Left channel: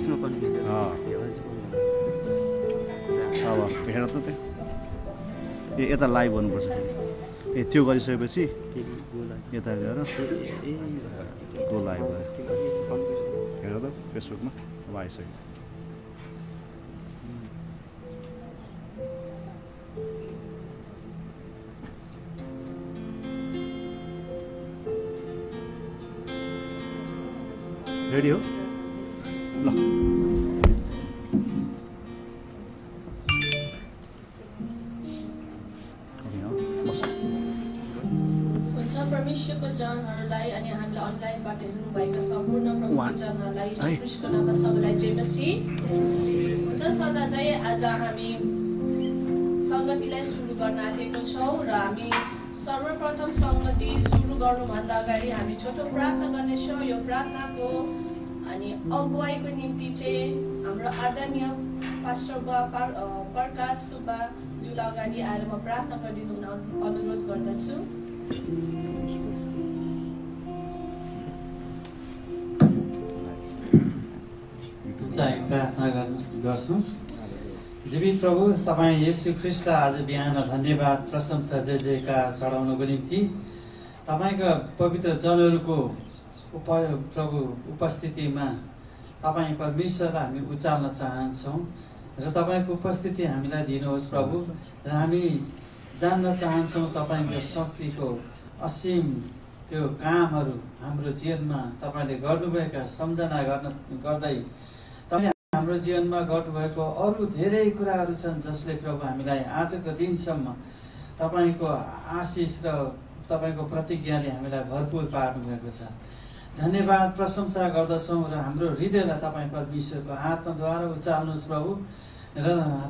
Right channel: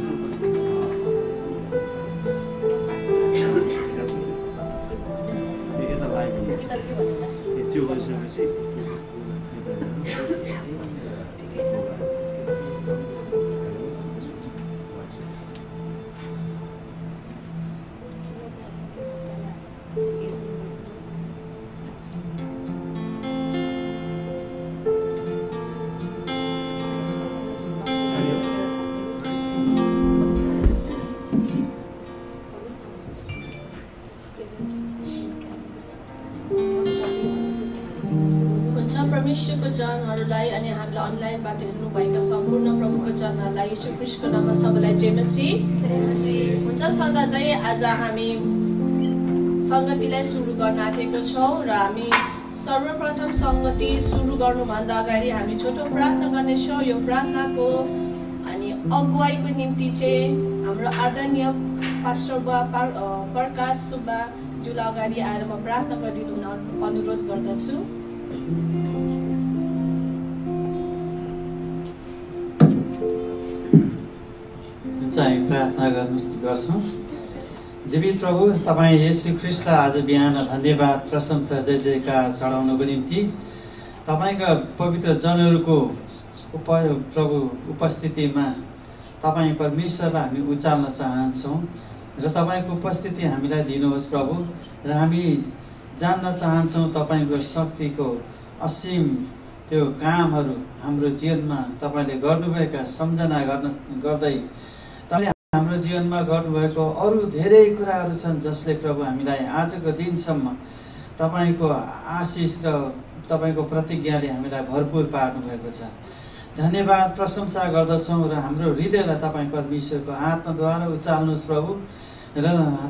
23 मा कन्फ्युज यता लाइभ भन्नुपर्छ त्यो गरिसकेपछि यता हेर त्यो लाइभ हेर त फेसबुकमा लगाइसक्यो रेडी हो परमेश्वरको जनहरूलाई अनि हामीलाई अनलाइनबाट हेर्नुभएका सम्पूर्ण प्रभुको जनहरूलाई यीशु ख्रीष्टको नाममा सबैलाई जय मसीह हुन्छ। सदा चाहिँ आज हामी संगतिलाई सुरु गर्न आँटेको छौँ र हामी सर्वप्रथम संगति सुरु गर्नुभन्दा अगाडि हामी छोटो प्रार्थना गर्नेछौँ। यो प्रार्थनाको अनि अगुवाईको निम्ति चाहिँ हाम्रो आदरणीय पास्टर प्रकाश सुब्बाज्यूलाई अगाडि आएर म प्रार्थना गरिदिनु अनुरोध गर्दछु। चाहिँ प्रार्थना गर्छौँ। जीवित प्रभु तपाईँ येशू ख्रीष्टलाई आज बिहान धन्यवाद प्रशंसा जय जयकार चढाउनको निम्ति तपाईँका पवित्र जनहरूको प्रभु उपस्थितिमा तपाईँ परमेश्वरलाई हामी उचाल्न चाहन्छौँ र तपाईँको उपस्थिति हामीलाई दिनुहोस् प्रभु। र हामी जान्न चाहन्छौँ तपाईँको शक्तिको असीम त्यो कामहरू हाम्रो जीवनमा तपाईँले गर्नुभएका सम्झना गर्दै तपाईँले हाम्रो जीवनमा गर्नुभएको अरू धेरै कुराहरू छन् जसले प्रभु हामीलाई आजको दिनसम्म तपाईँको आशिष र तपाईँको प्रतिज्ञाले हामीलाई भरपुर पार्नुभएको छ। धन्यवाद प्रशंसा गर्दछौँ र हाम्रो हृदयलाई तपाईँ परमेश्वरको आत्माद्वारा उचाल्नुहोस् प्रभु र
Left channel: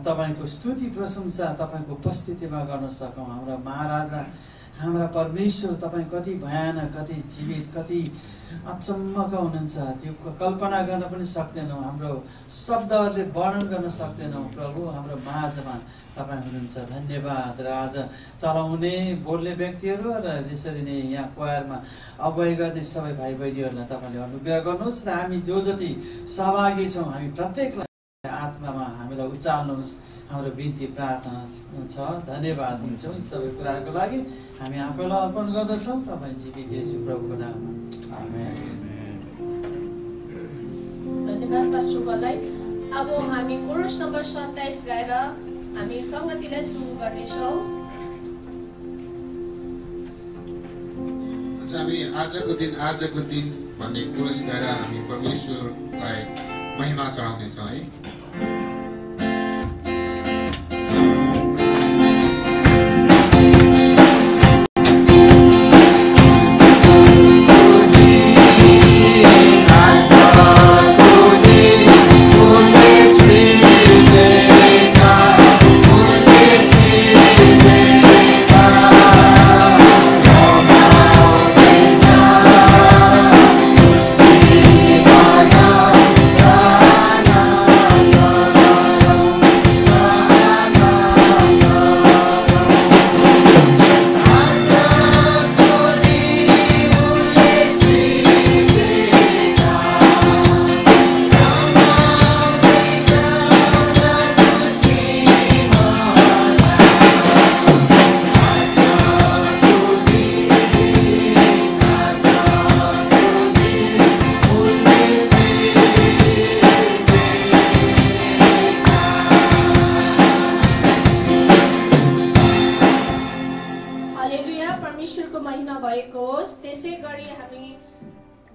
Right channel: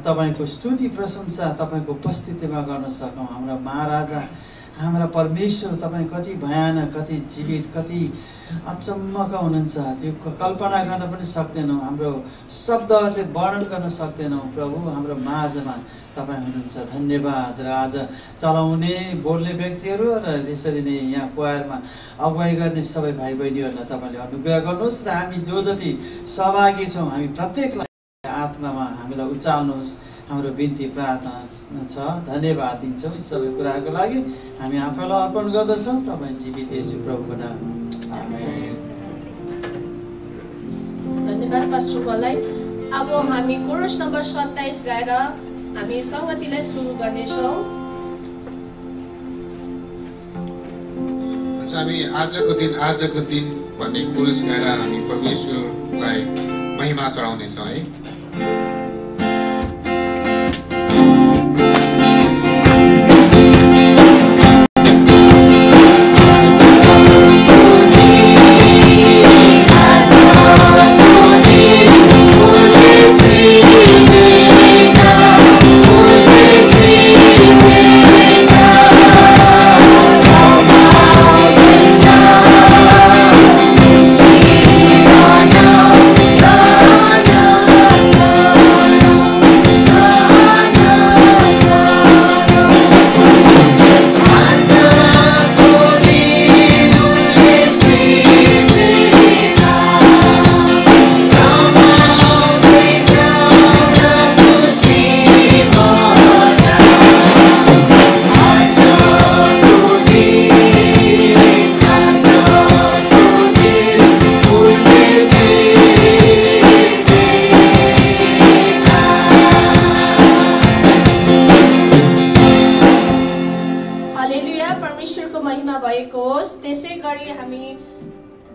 तपाईँको स्तुति प्रशंसा तपाईँको उपस्थितिमा गर्न सकौँ। हाम्रा महाराजा हाम्रा परमेश्वर तपाईँ कति भयानक कति जीवित कति अचम्मका हुनुहुन्छ त्यो कल्पना गर्न पनि सक्दैनौँ। हाम्रो शब्दहरूले वर्णन गर्न सक्दैनौँ प्रभु। हाम्रो माझमा तपाईँ हुनुहुन्छ। धन्यवाद। र आज चलाउने बोल्ने व्यक्तिहरू र त्यसरी नै यहाँ क्वायरमा अगुवाई गर्ने सबै भाइ बहिनीहरूलाई तपाईँले अनुग्रह गर्नुहोस् र हामी जो जति सहभागी छौँ हामी प्रत्येकलाई आत्मामा हामीलाई उचाल्नुहोस्। हाम्रो बिन्ती प्रार्थना छ। धन्यवाद दिन्छौँ यी सबै कुराहरूको लागि। हामी आफूलाई अर्पण गर्दछौँ तपाईँ जीवित येशू प्रभुको नाममा आमेन। धन्यवाद पास्टरलाई। अब हामी कोरस नम्बर 27 गाएर हामी संगतिलाई सुरु गर्नेछौँ। हामी आजको दिन भन्ने कोरस गाएर हामी परमेश्वरलाई महिमा चढाउनेछौँ है।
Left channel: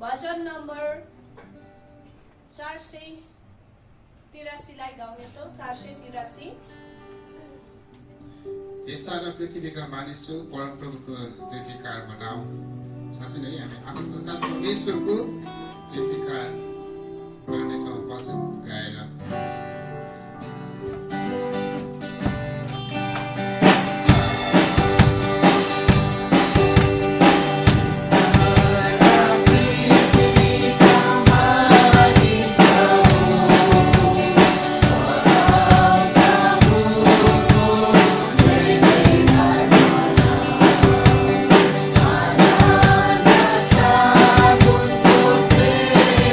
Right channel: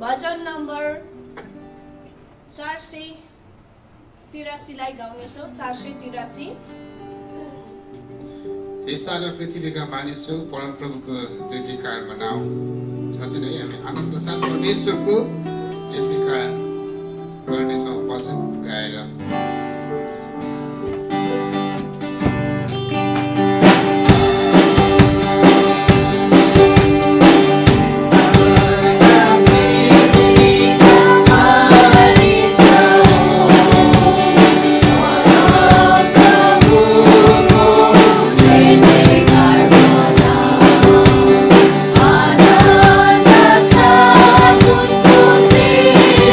भजन नम्बर 483 लाई गाउनेछौँ। 483 यसैले पृथ्वीका मानिसहरू परमप्रभुको जय जयकार मनाऊ। साथै नै हामी आनन्द साथ परमेश्वरको जय जयकार गर्नेछौँ भजन गाएर। See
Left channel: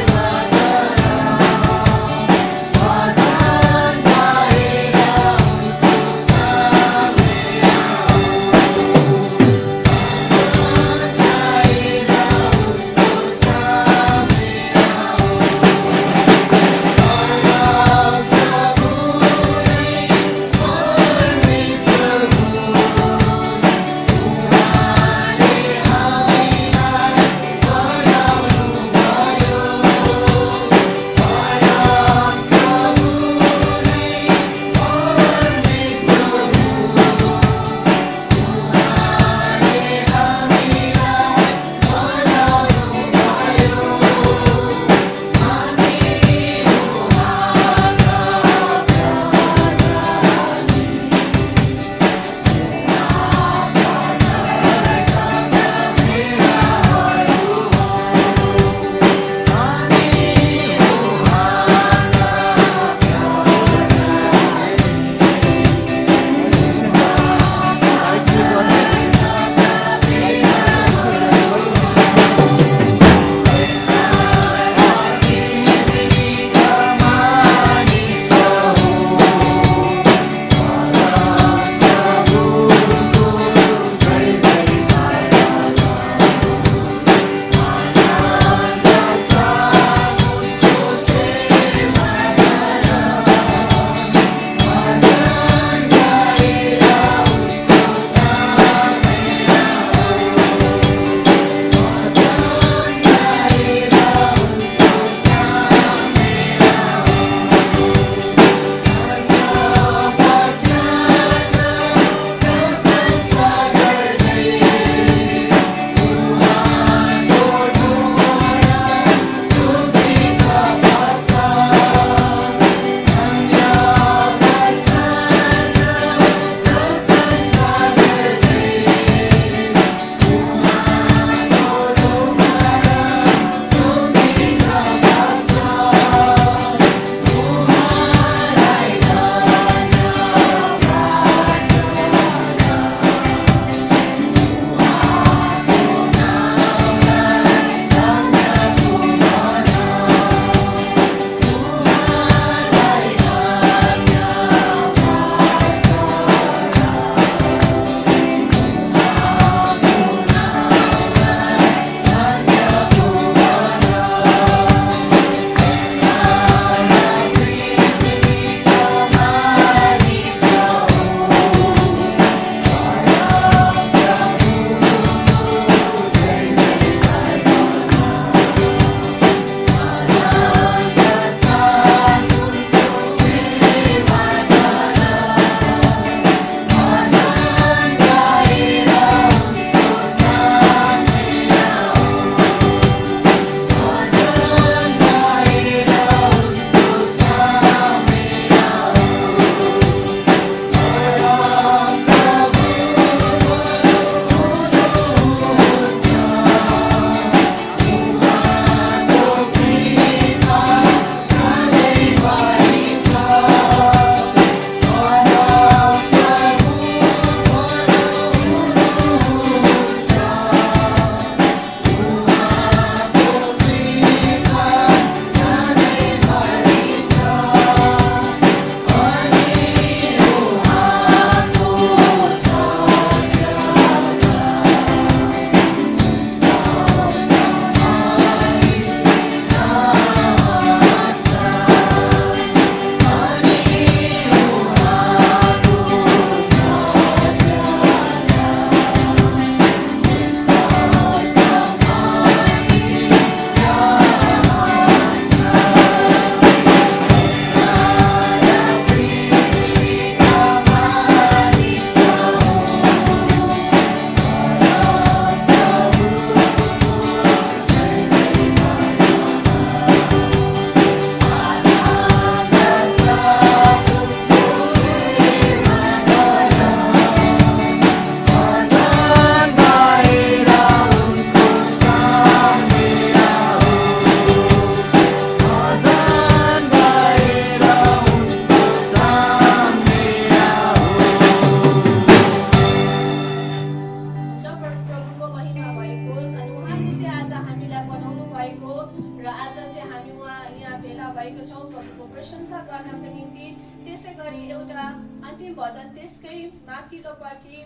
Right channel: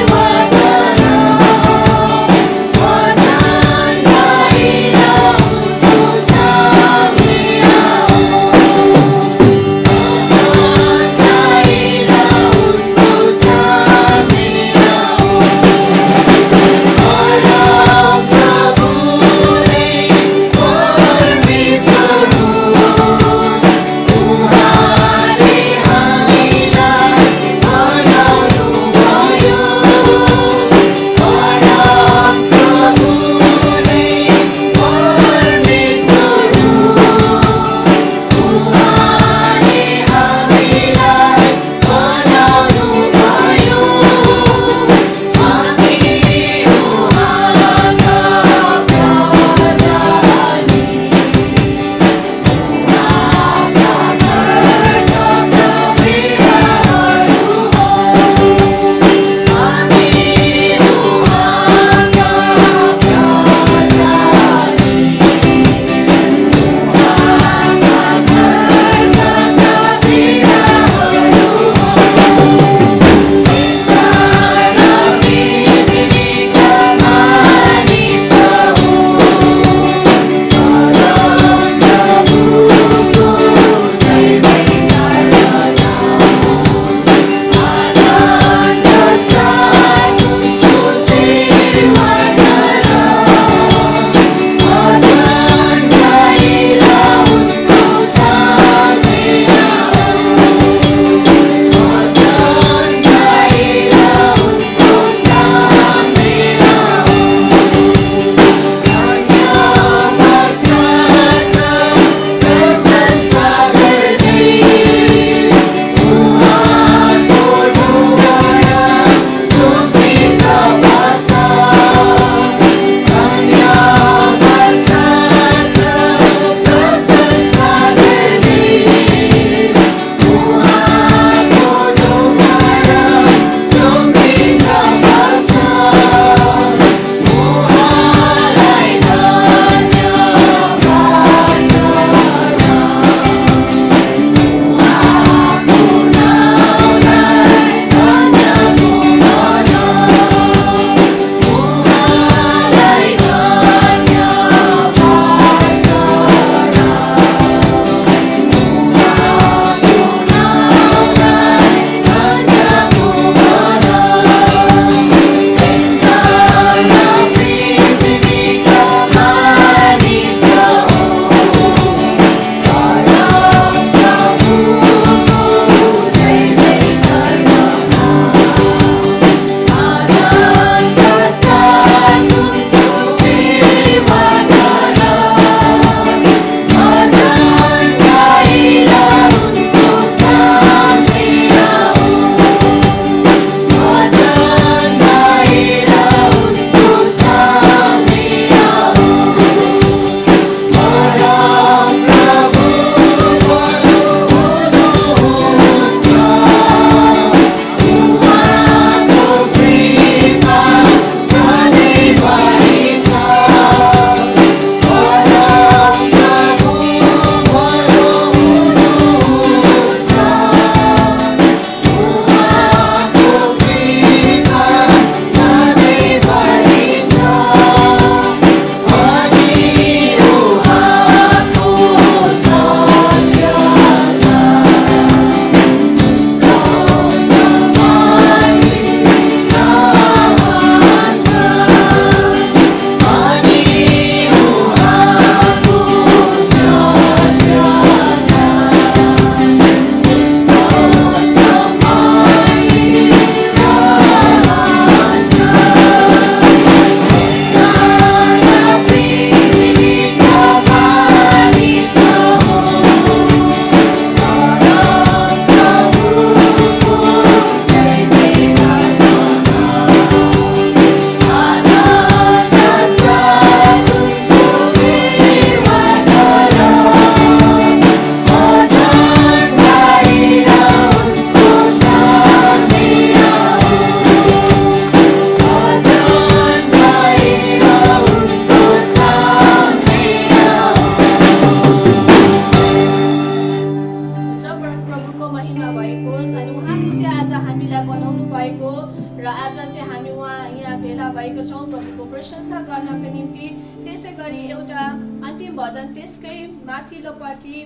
भएका छौँ प्रभुको प्रशंसा गर्नको निम्ति। त्यसै गरी एउटा अन्तिम भजन त्यसकै माथिल्लोपट्टि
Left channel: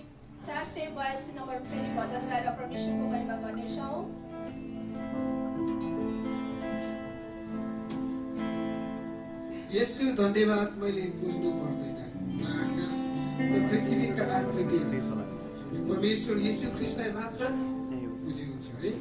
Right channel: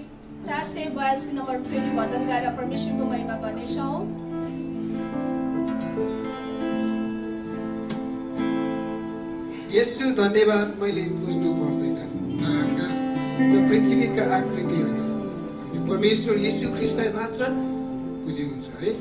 482 नम्बर फेरि भजन गाएर परमेश्वरको महिमा गर्नेछौँ। यसु धन्यवाद मैले बुझ्नु पर्दैन न आकाश न पृथ्वीका आकृतिहरू परमेश्वर यीशु ख्रीष्टलाई मात्र बुझे हुन्छ है।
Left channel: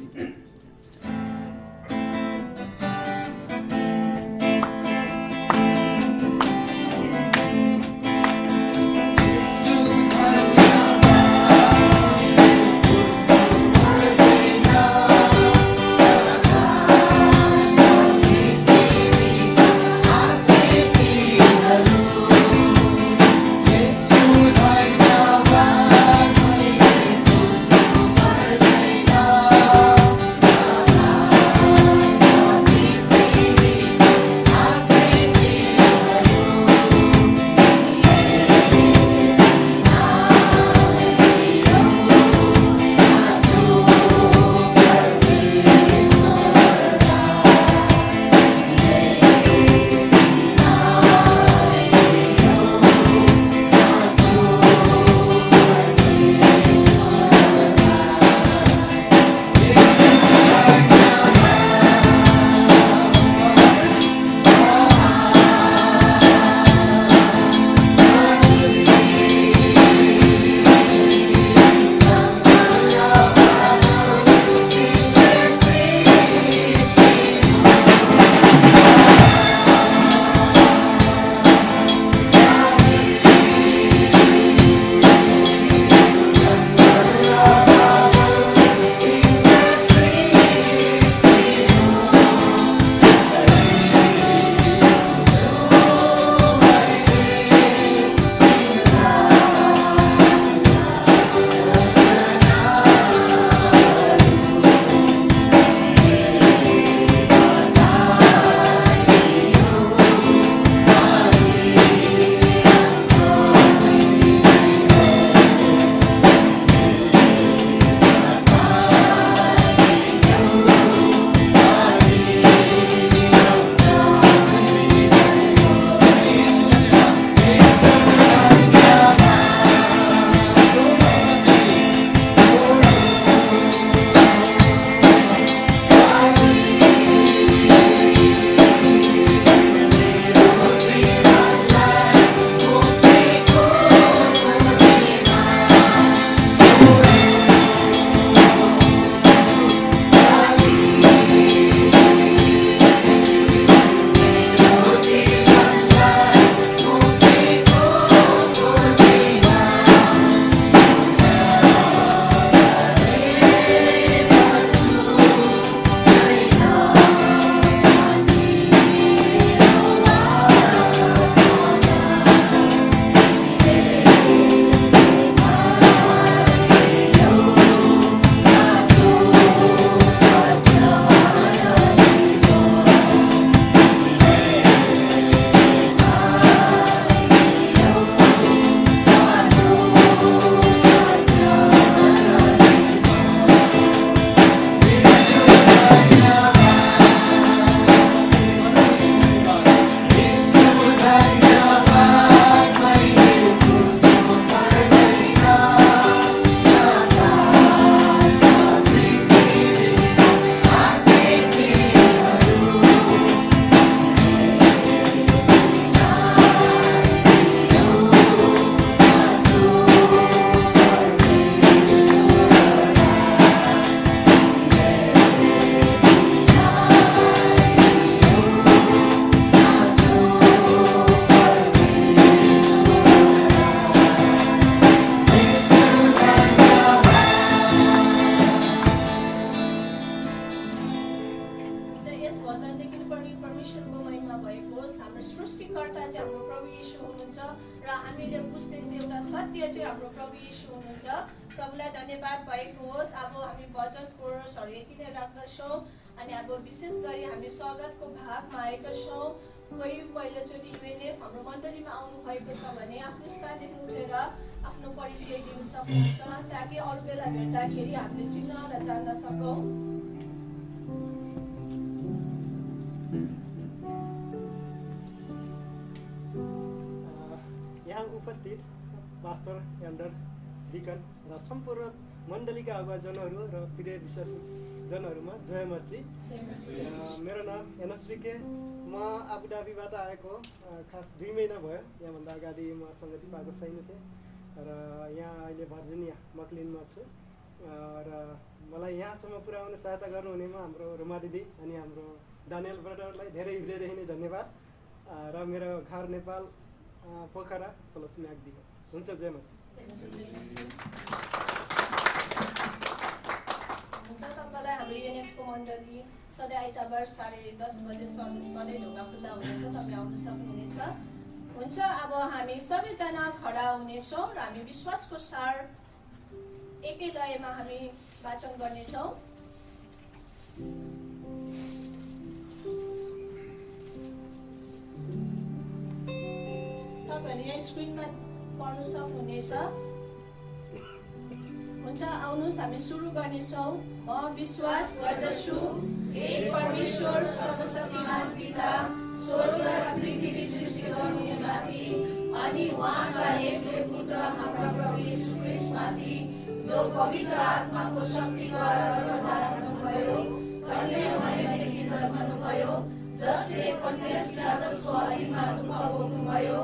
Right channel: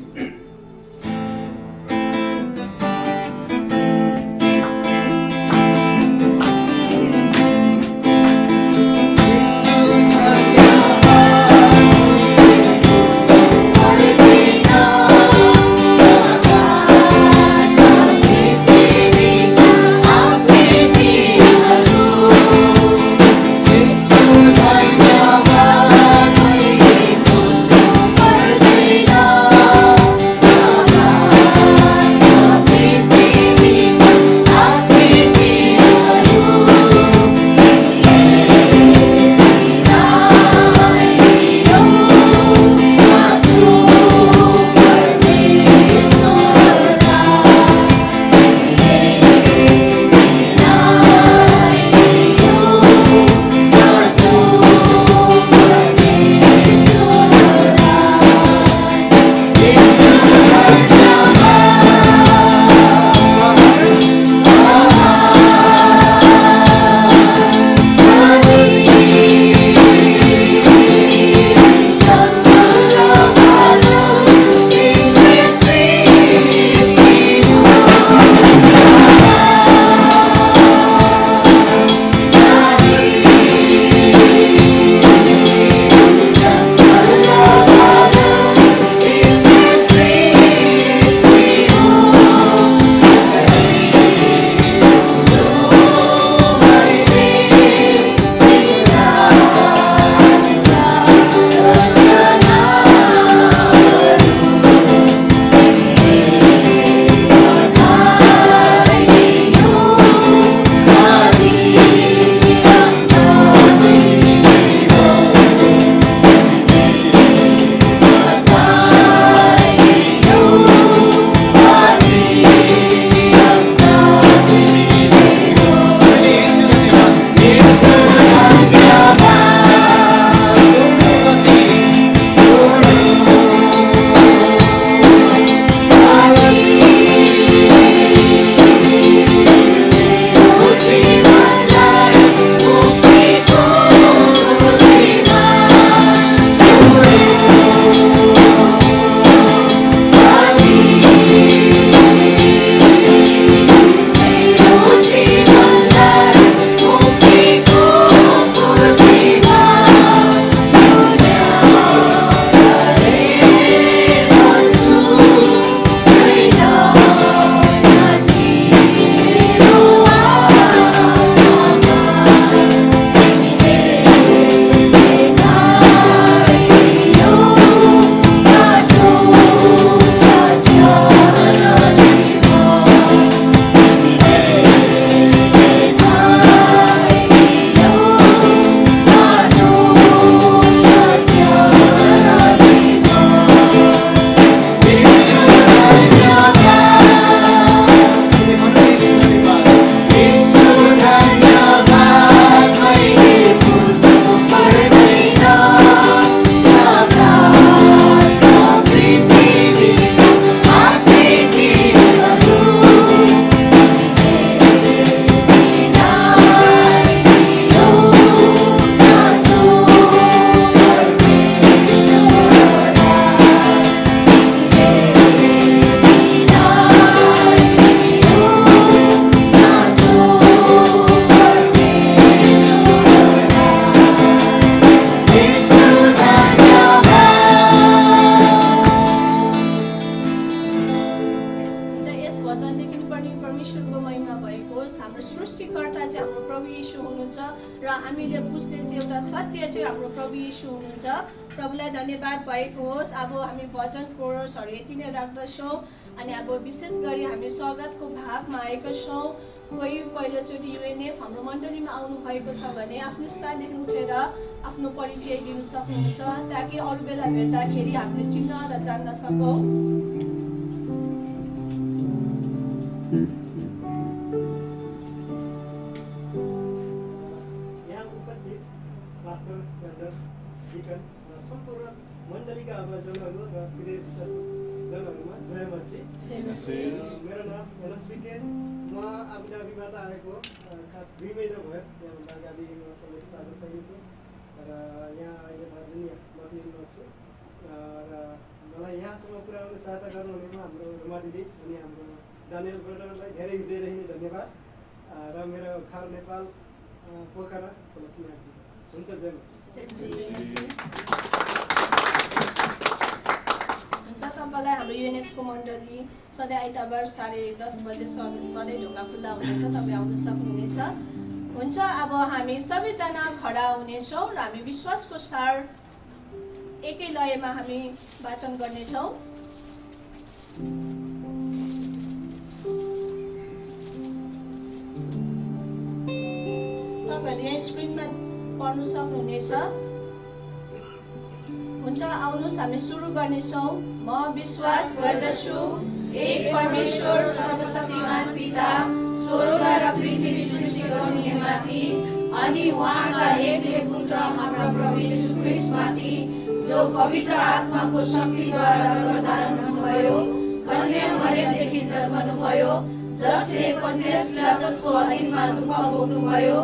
प्रभुलाई धन्यवाद भएको होस्। अब हामी भजन कोरसहरू यति नै राख्दछौँ अनि अब विशेष गरी हामी स्वागतको भागमा आएका छौँ। कोही पहिलोचोटि युएनएफ हाम्रो मण्डलीमा आउनु भएको छ भने आफ्नो स्थानदेखि उठेर आफ्नो परिचय दिनु सक्नुहुन्छ ताकि अरू बेला भेट्दाखेरि हामीले चिन्न र जान्न सकौँ। पास्टर एल्डर डिकन र सम्पूर्ण मण्डलीका अगुवाजनहरू र प्रिय विश्वासजनहरूमा जय मसी। मेरो नाम एनएसबीके, म आबुधाबीबाट आएको। खास 2 महिना भयो। यहाँभन्दा अगाडि म समेत पाएको छैन थिएँ र यहाँ अहिले भर्जिनिया मक्लिनमा छु र मलाई यहाँसम्म पुर्याउने सहायता गर्नुहुनेमा हाम्रो रुमा दिदी अनि हाम्रो दानियल ब्रदरलाई धेरै हृदयदेखि नै धन्यवाद र मेरो घर नेपाल पोखरा पलसम्याग्दी हुन्छ। जय मसी। हुन्छ। तपाईँलाई हाम्रो युएनएफको मण्डली सधैँ आइतबार 10:30 बजे सधैँ ढोका खुल्ला हुनेछ, तपाईँ आउन सक्नुहुनेछ। हुन्छ। अब हामी सबैजना खडा हुनेछौँ र हामी विश्वासको सार एकै लयमा हामी वाचन गर्नेछौँ। तपाईँहरूले यहाँ स्क्रिनमा पढ्नु सक्नुहुनेछ। हुन्छ। आउनुहोस् हामी सुरु गर्नेछौँ। म विश्वास गर्दछु एक परमेश्वर सर्वशक्तिमान पिता, स्वर्ग र पृथ्वी सृष्टि गर्नुहुनेमाथि अनि उहाँका एकले पुत्र हाम्रा प्रभु येशू ख्रीष्टमाथि, जो पवित्र आत्माको शक्तिद्वारा गर्भधारण हुनुभयो, कन्या मरियमदेखि जन्मनुभयो, जसले पन्तियस पिलातसको अधीनमा दुःख भोग्नुभयो,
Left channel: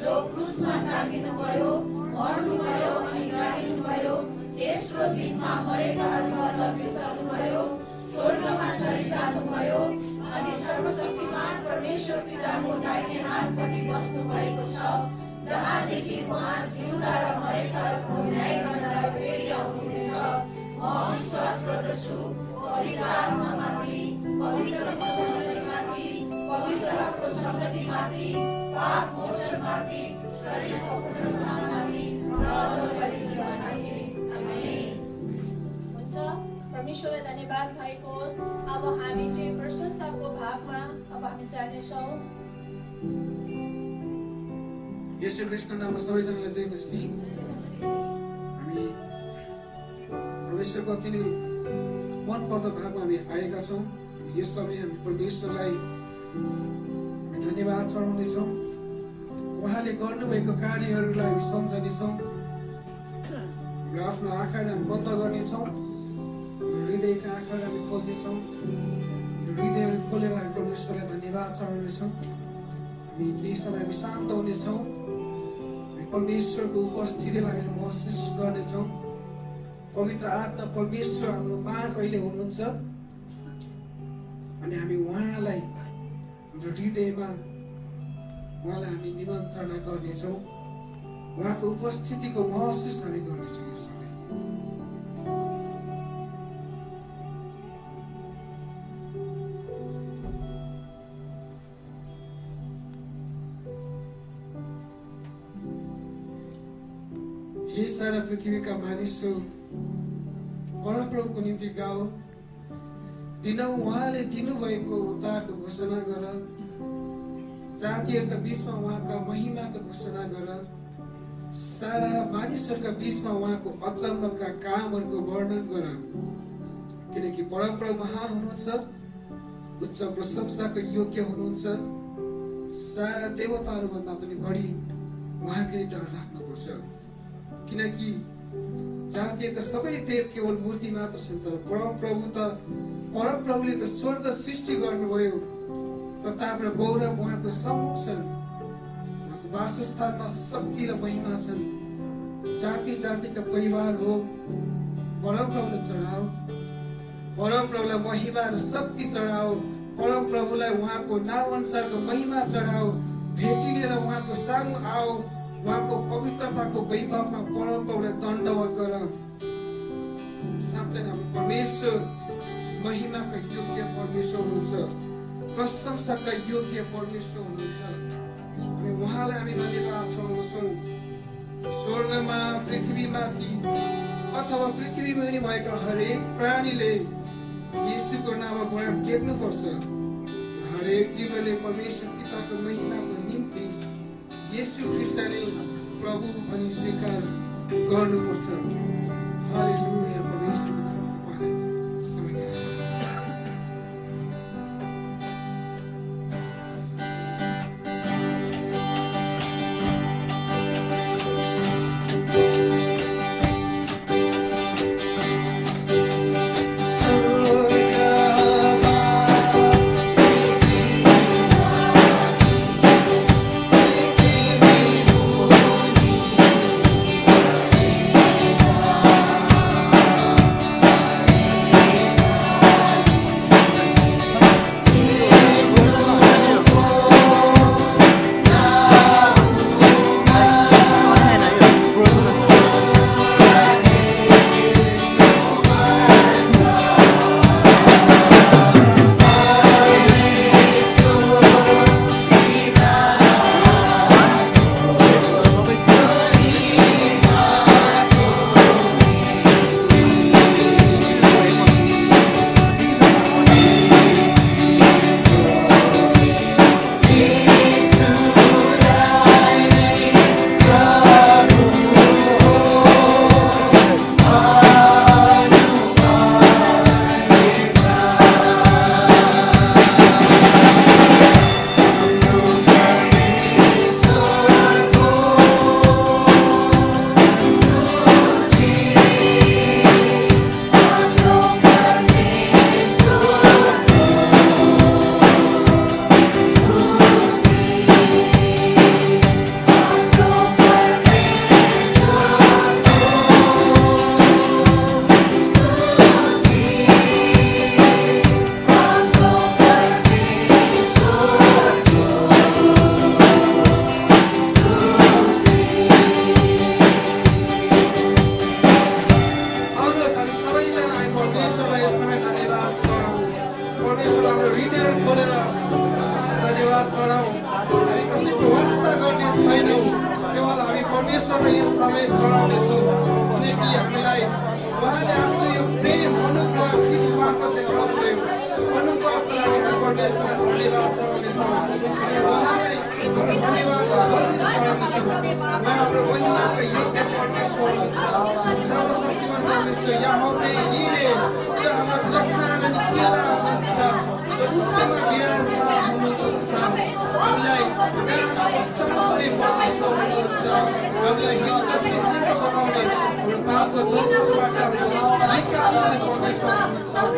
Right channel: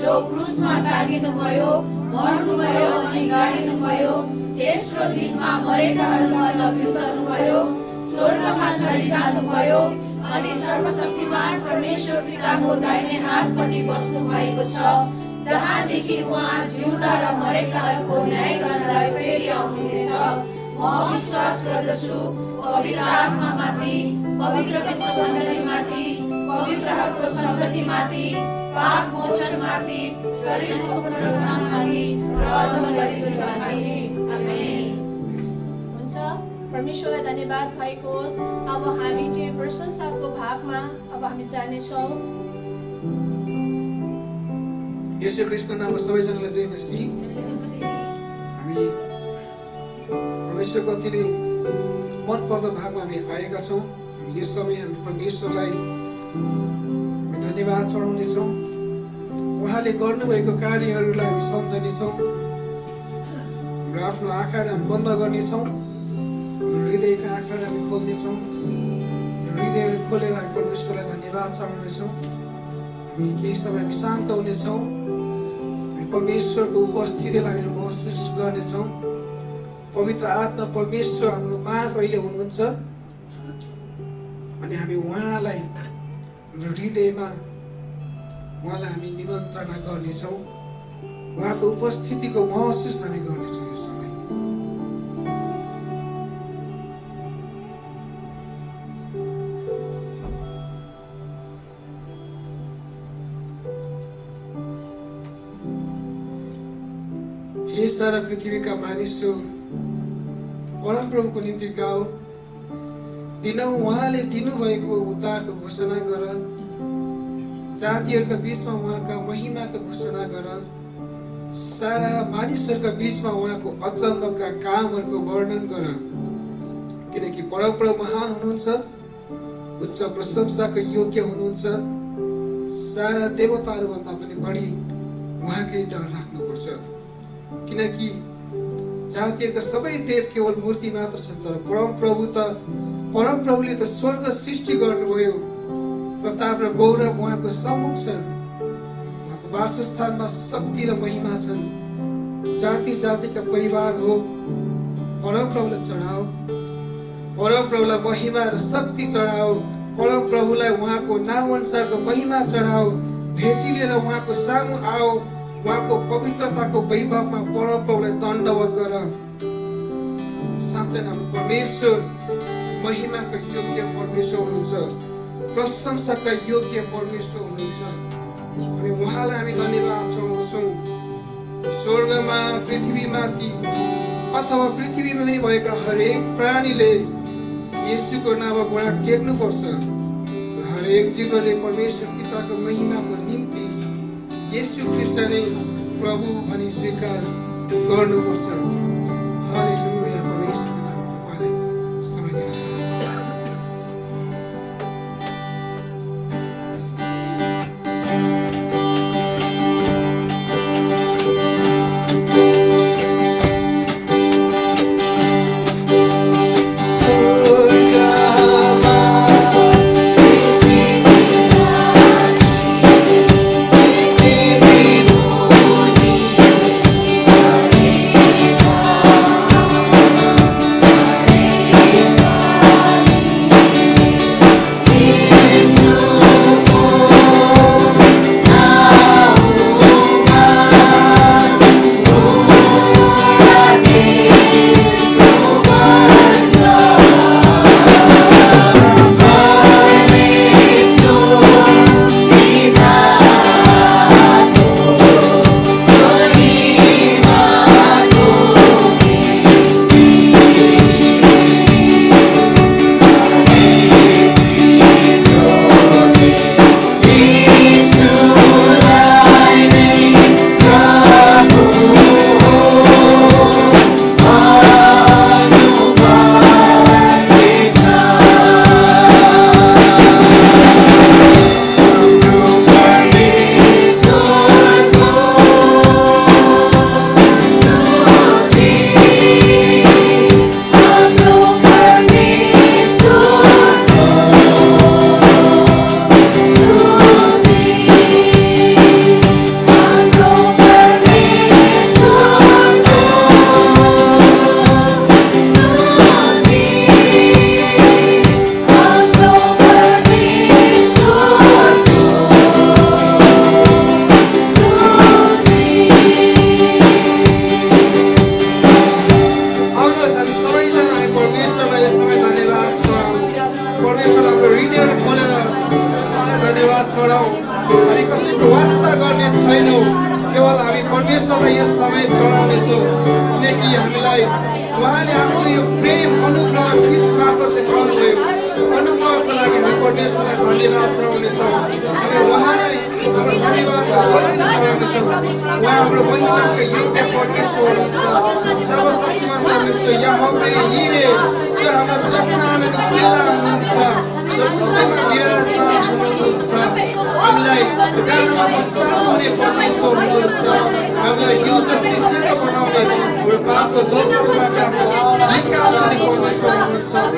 जो क्रुसमा टाँगिनुभयो, मर्नुभयो अनि गाडिनुभयो, तेस्रो दिनमा मरेकाहरूबाट उठ्नुभयो, स्वर्गमा चढिजानुभयो अनि सर्वशक्तिमान परमेश्वर पिताको दाहिने हातपट्टि बस्नु भएको छ, जहाँदेखि उहाँ जिउँदा र मरेकाहरूको न्याय गर्नलाई फेरि आउनुहुनेछ। म विश्वास गर्दछु पवित्र आत्मामाथि, पवित्र विश्वासमाथि, पवित्रहरूको सङ्गतिमाथि, पाप मोचनमाथि, शरीरको पुनरुत्थानमाथि र अझै जीवनमाथि। आमेन। हुन्छ। परमेश्वरलाई धन्यवाद भएको होस्। अब हामी चाहिँ प्रशंसाको भागमा अब हामी जानेछौँ। येशू ख्रीष्टको नाममा सबैजनालाई जय मसी। हामी परमेश्वरको अति नै मनपर्दो भागमा हामी आएका छौँ। यो समय हामी परमेश्वरलाई धन्यवाद चढाउनेछौँ। उहाँले गर्नुभएको कार्यहरूलाई हामी सम्झनेछौँ र आफ्नो आँखाहरू हामी बन्द गर्नेछौँ। हृदयका आँखाहरू हामी खोल्नेछौँ। हृदयहरू खोलेर हामी परमेश्वरलाई धन्यवाद चढाउनेछौँ। हामी केही समय हामी शान्त हुनेछौँ। हामी परमेश्वरको उपस्थितिलाई हामीले महसुस गर्नेछौँ। पवित्र आत्मा परमेश्वर हाम्रो माझ अहिले हुनुहुन्छ अनि हामी उहाँलाई हाम्रो हृदयमा उहाँलाई हामी निमन्त्रणा गर्नेछौँ। उहाँको उपस्थितिको महसुस हामी गर्नेछौँ। यो समय हे सारा पृथ्वीका मानिसहरू, परमप्रभुको निम्ति गाओ, दिनौ उहाँले दिनुभएको उद्धारको घोषणा गर, जातिहरूका बीचमा उहाँका महिमाको घोषणा गर, सारा मानिसहरूका बीचमा उहाँको अचम्मका कामहरूको वर्णन गर, किनकि परमप्रभु महान हुनुहुन्छ, उच्च प्रशंसाको योग्य हुनुहुन्छ। सारा देवताहरूभन्दा पनि बढी उहाँकै डर राख्नुपर्छ, किनकि जातिहरूका सबै देव केवल मूर्ति मात्र छन्, तर परमप्रभुले त स्वर्ग सृष्टि गर्नुभयो। प्रताप र गौरव उहाँको सम्मुख छन्। उहाँको वासस्थानमा शक्ति र महिमा छन्। जाति जातिका परिवार हो, परमप्रभुलाई चढाओ, परमप्रभुलाई महिमा र शक्ति चढाओ, परमप्रभुलाई उहाँको नाउँ अनुसारको महिमा चढाओ। भेटी लिएर उहाँको सामु आओ, उहाँको पवित्रताको वैभवमा परमप्रभुलाई दण्डवत गर। साँच्चै हाम्रो परमेश्वर महिमाका योग्य परमेश्वर हुनुहुन्छ, प्रशंसाका योग्य परमेश्वर हुनुहुन्छ। अनि उहाँलाई हामी धन्यवाद चढाउँछौँ। स्वर्गमा, पृथ्वीमाथि अथवा पृथ्वीमा पनि भएका हरेक प्राणीले येशूको नाममा घोडा टेक्नुपर्छ। हरेक जीवले परमेश्वर पिताको महिमाको निम्ति येशू ख्रीष्टले प्रभु भनी स्वीकार गर्नुपर्छ। हालेलुया। परमेश्वर केवल हामी परमेश्वरलाई यस समय चढाउनेछौँ किनकि हामीलाई उहाँले आफ्नो यो प्रेम अनुग्रह ख्रीष्ट मार्फत देखाउनुभयो अनुग्रहको लागि हामी परमेश्वरलाई धन्यवाद चढाउनेछौँ हामी उहाँलाई धन्यवाद चढाउनेछौँ उहाँ हाम्रो बलिदानका योग्य परमेश्वर हुनुहुन्छ सर्वशक्तिमान परमेश्वर यहोवा निरे जो हाम्रो जन्मनामा पिता हुनुहुन्छ जो सदैव विराजमान हुनुहुन्छ हामीलाई प्रेरणा सार्ने परमेश्वर हुनुहुन्छ हामीलाई यो जस्तै सेवा बनाउने हाम्रो पापको दोषहरूबाट निकाल्ने परमेश्वर हुनुहुन्छ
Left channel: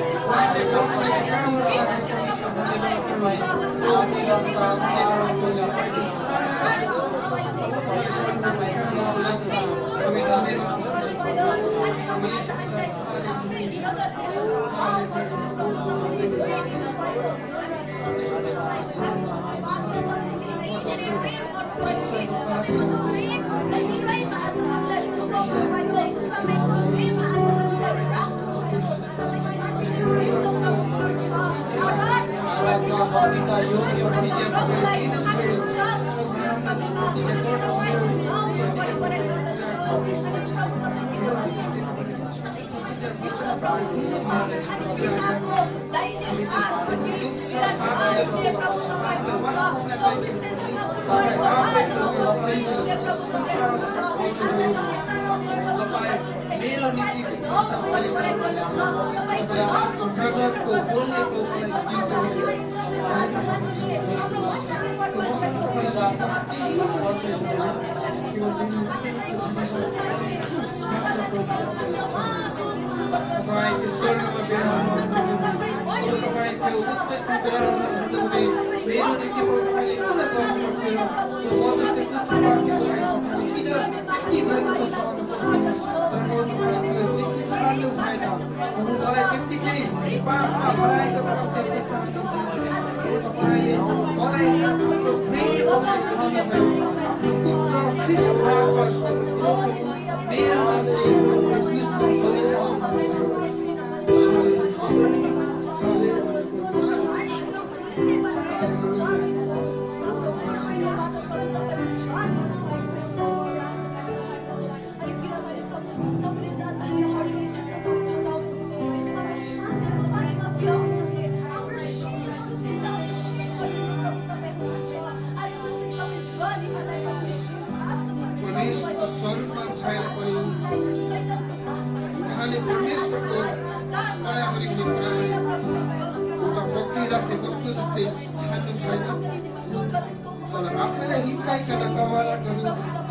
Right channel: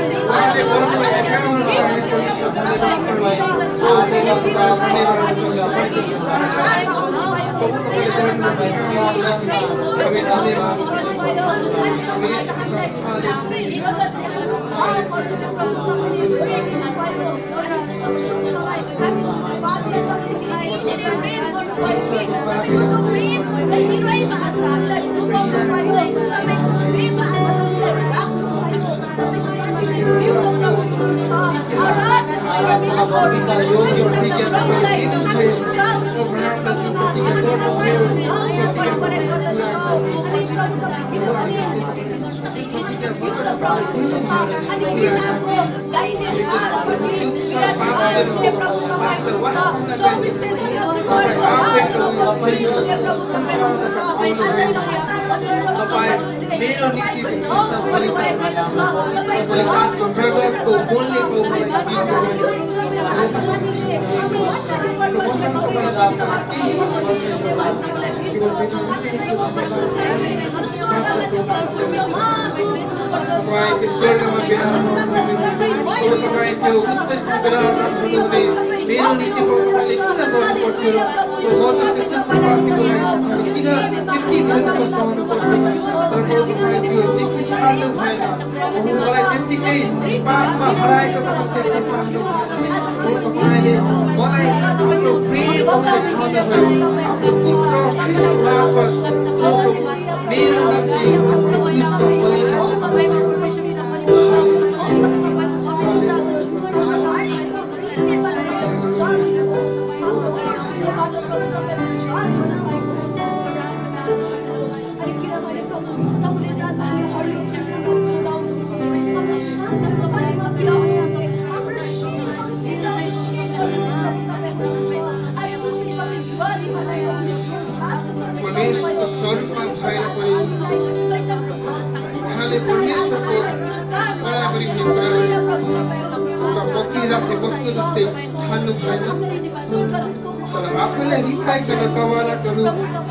उहाँले गर्नुभएका कामहरू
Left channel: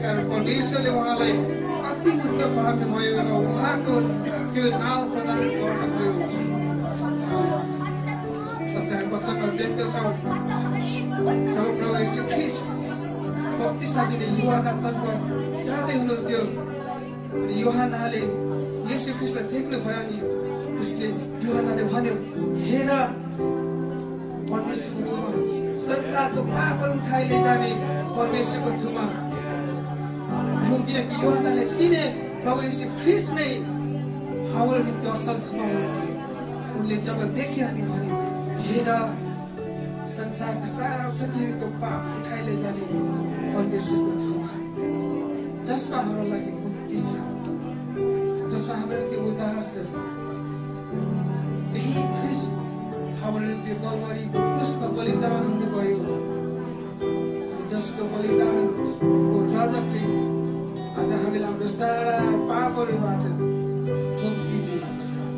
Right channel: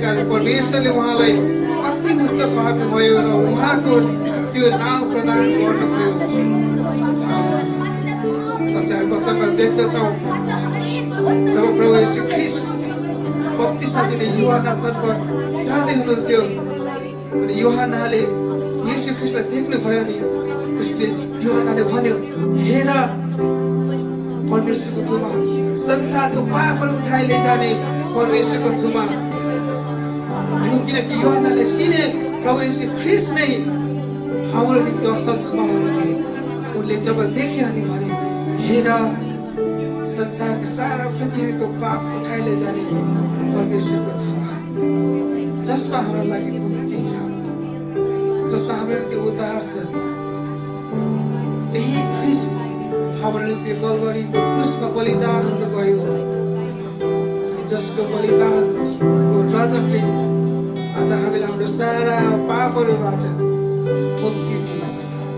हामी परमेश्वरले उहाँलाई अति उच्च पार्नुभयो र उहाँको त्यो नाउँ प्रदान गर्नुभयो सच्चाइ वचनमा देख्दछौँ जब प्रभु यीशु ख्रीष्ट बत्तीसले युहन्नातर्फ जाँदै हुनुहुन्थ्यो युहन्नाले यीशु ख्रीष्टलाई देख्नुभयो नि उसले युहन्नाले भन्यो हेर परमेश्वरको थुमा संसारको पापहरू उठाइ लैजाने परमेश्वरको थुमा किनकि युहन्नाले चिने प्रभु यीशु ख्रीष्ट नै हाम्रो निम्ति असल थुमा हुनुहुन्थ्यो उनले जब देखे अनि भने हेर संसारका सारा पृथ्वीको पाप उठाइ लैजाने परमेश्वरको थुमा जसमा हाम्रो लागि मुक्ति छ जसमा हाम्रो निम्ति उद्धार छ त्यही ख्रीष्ट हाम्रो निम्ति कल्वरीको क्रुसमा बलिदान हुनुभयो जसको बलिदानको रगतले आज हामीले हाम्रो सारा पापहरूबाट मुक्ति दिएको छ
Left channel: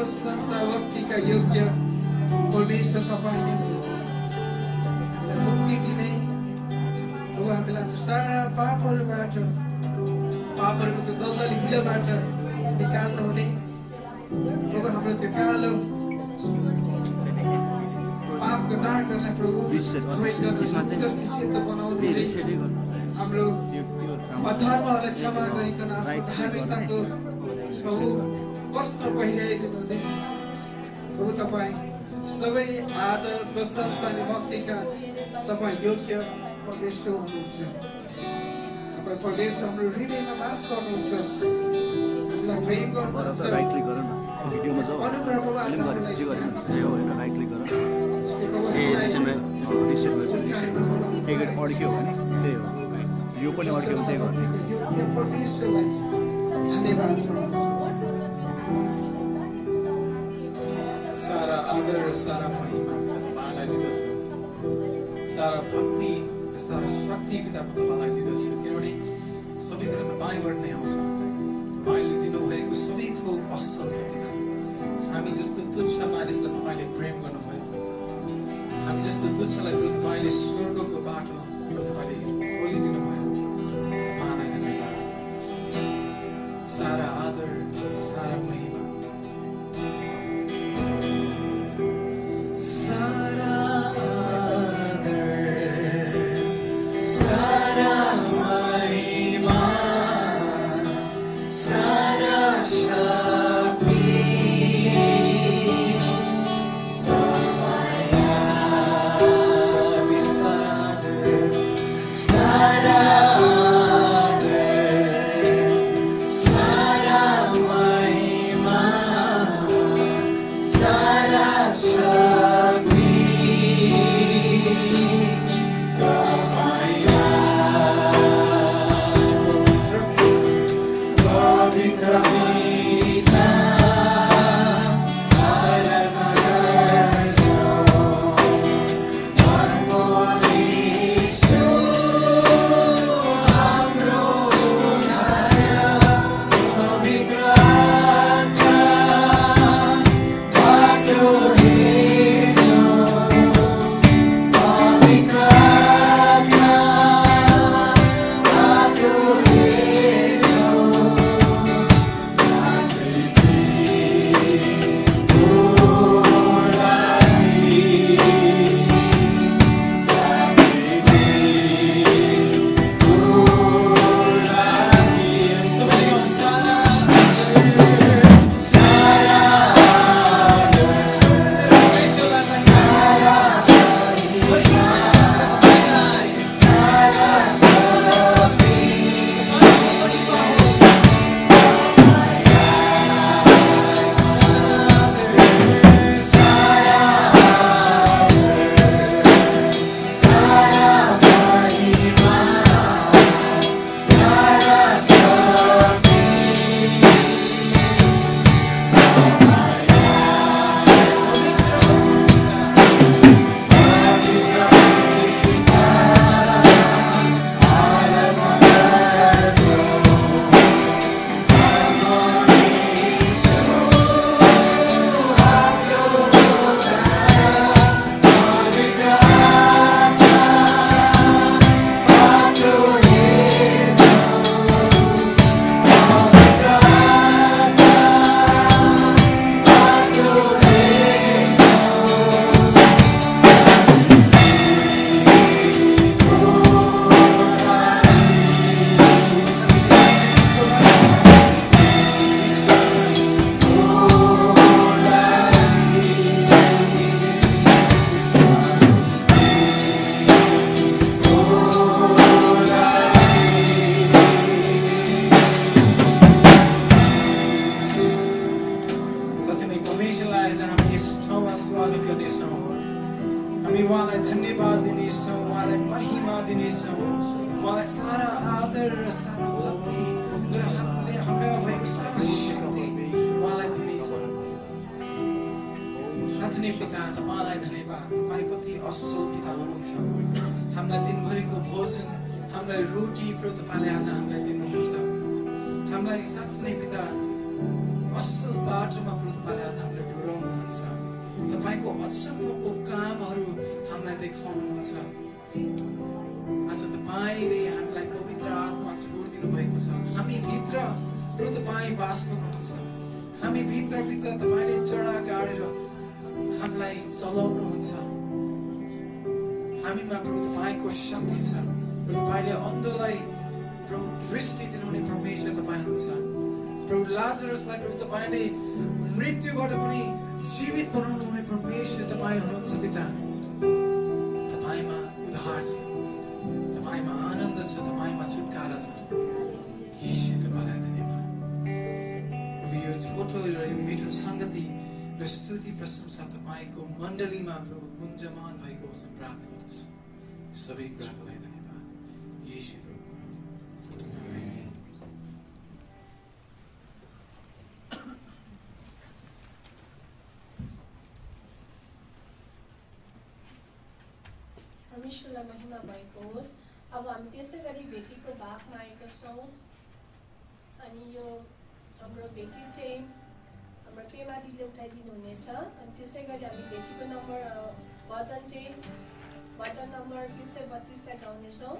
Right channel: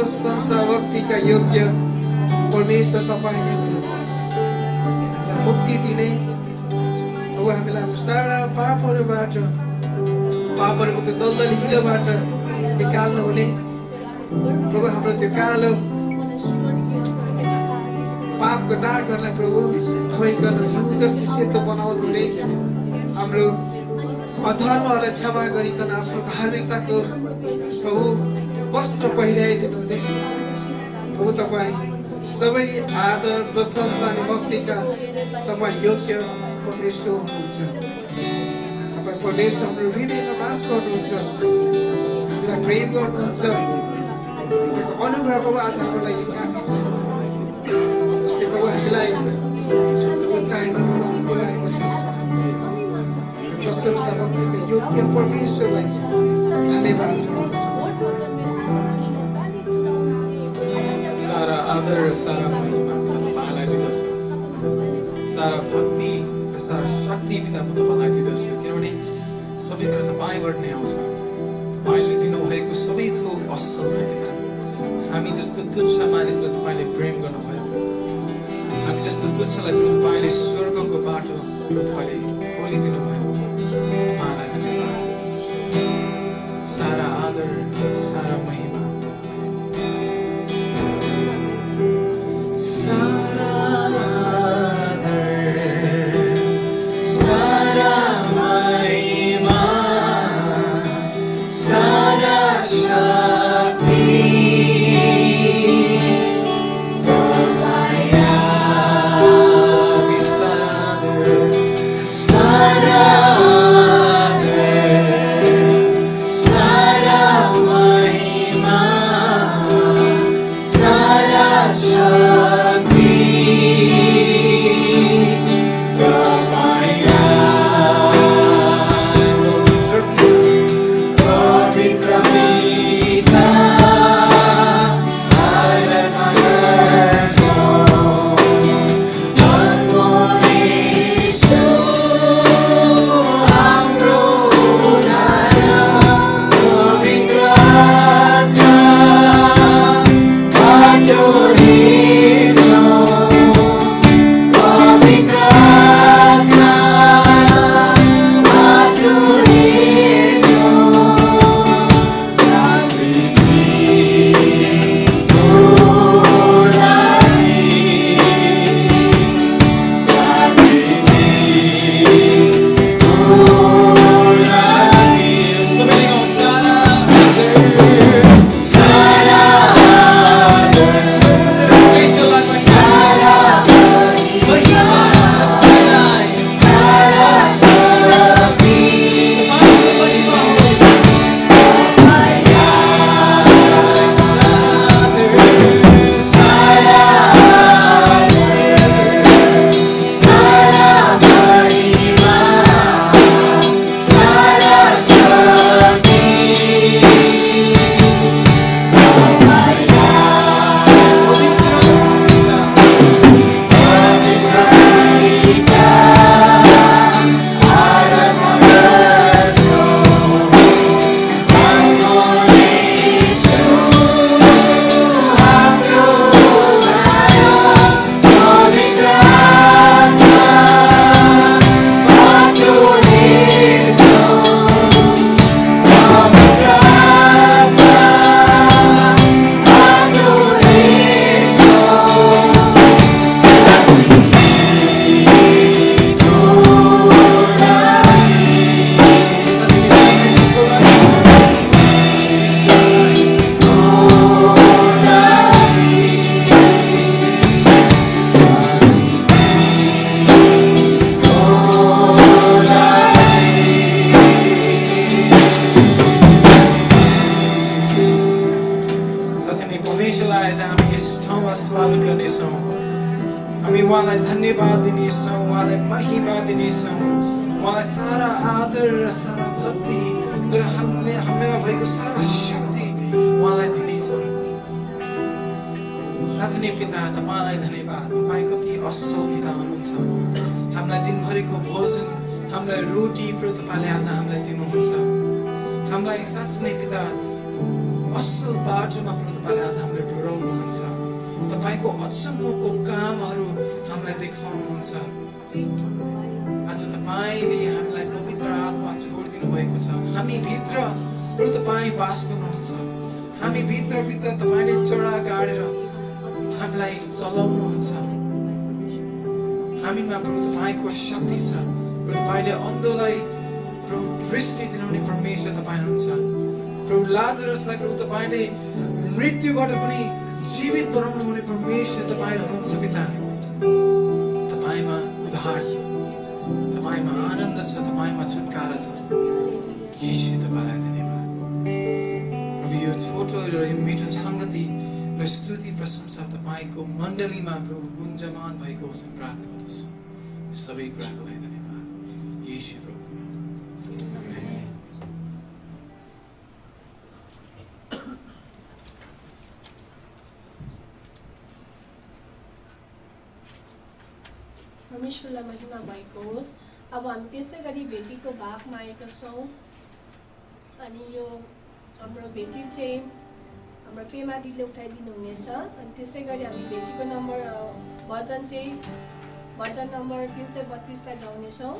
प्रशंसा भक्तिका योग्य परमेश्वर तपाईँ नै हुनुहुन्छ। मुक्ति दिने प्रभु, हामीलाई सारा पापहरूबाट, पापहरूको त्यो दलदली हिलोबाट निकाल्नु हुने प्रभु, हाम्रो त्यो कालो पापको दागहरूलाई प्रभु क्षय गर्नु, जसले सेतो बनाउनु हुने, हाम्रो अधर्महरूलाई क्षमा गरिकन आफ्नो धार्मिकताको प्रभु वस्त्र पहिर्याइदिनुहुन्छ। प्रभु, तपाईँ सबै आदर प्रशंसा अनि भक्तिका तपाईँ योग्य परमेश्वर हुनुहुन्छ। तपाईँ परमेश्वर हाम्रो हृदयमा वास गर्नुहुन्छ, हामीलाई प्रेम गर्नुहुन्छ। अनुग्रह प्रभु आज हाम्रो लागि योग्य परमेश्वरलाई धन्यवाद। सारा आदर र सारा महिमा तपाईँलाई दिँदछु, सारा भक्ति र सारा शक्ति पिता म तपाईँलाई दिँदछु, किनभने सबै कुरा तपाईँबाट नै आउँछ। तपाईँले दिनुभएको सबै थोक असल छ पिता। हामी जस्तो तुच्छ मानिसलाई तपाईँले प्रेम गर्नुभयो, हामी जस्तो तुच्छलाई तपाईँले स्वर्गको बाटो तपाईँले खोलिदिनु भयो। तपाईँलाई धन्यवाद। सारा आदर सारा महिमा असल बाटोमा प्रभु तपाईले आज हामीलाई डोराउनुहुन्छ। तपाईको अचम्मको कामहरू हामीलाई देखाउनुहुन्छ। आज तपाईले हामीलाई पवित्र आत्मा जोड दिनुभएको छ। हामी भित्र प्रभु तपाई वास गर्नुहुन्छ। हामी भित्र तपाईले चढा गाडेर हामीलाई चलाउनुहुन्छ। हामीमा प्रभु तपाईको शक्ति छ। प्रभु तपाईले अन्धोलाई प्रभु दृष्टि दिनुहुने परमेश्वर तपाई हुनुहुन्छ। प्रभु लाजरसलाई प्रभु तपाईले मृत्युबाट पनि जीवित बनाउनु हुने परमेश्वर तपाई हुनुहुन्छ पिता। तपाईमा उद्धार छ, तपाईमा आनन्द छ, तपाईमा छुटकारा छ। यीशु तपाईलाई धन्यवाद। प्रभु यो छोटो र मिठो संगति र स्तुति प्रशंसा तपाईको मण्डलीमा प्रभु गुन्जमान भएको होस् प्रार्थना गर्दछु। सबै कुराको लागि धन्यवाद। यीशु प्रभुको नाममा। आमेन। परमेश्वरलाई महिमा भएको होस्। अब हामी त्यसै गरी भेटीको भागमा आएका छौँ अनि यो हाम्रो भेटी चाहिँ हाम्रो पेमा दिदीले उठाइदिनु हुनेछ। अनि त्यसै गरी हामी भेटीको नम्बर भजन नम्बर 332 लाई गाउनेछौँ।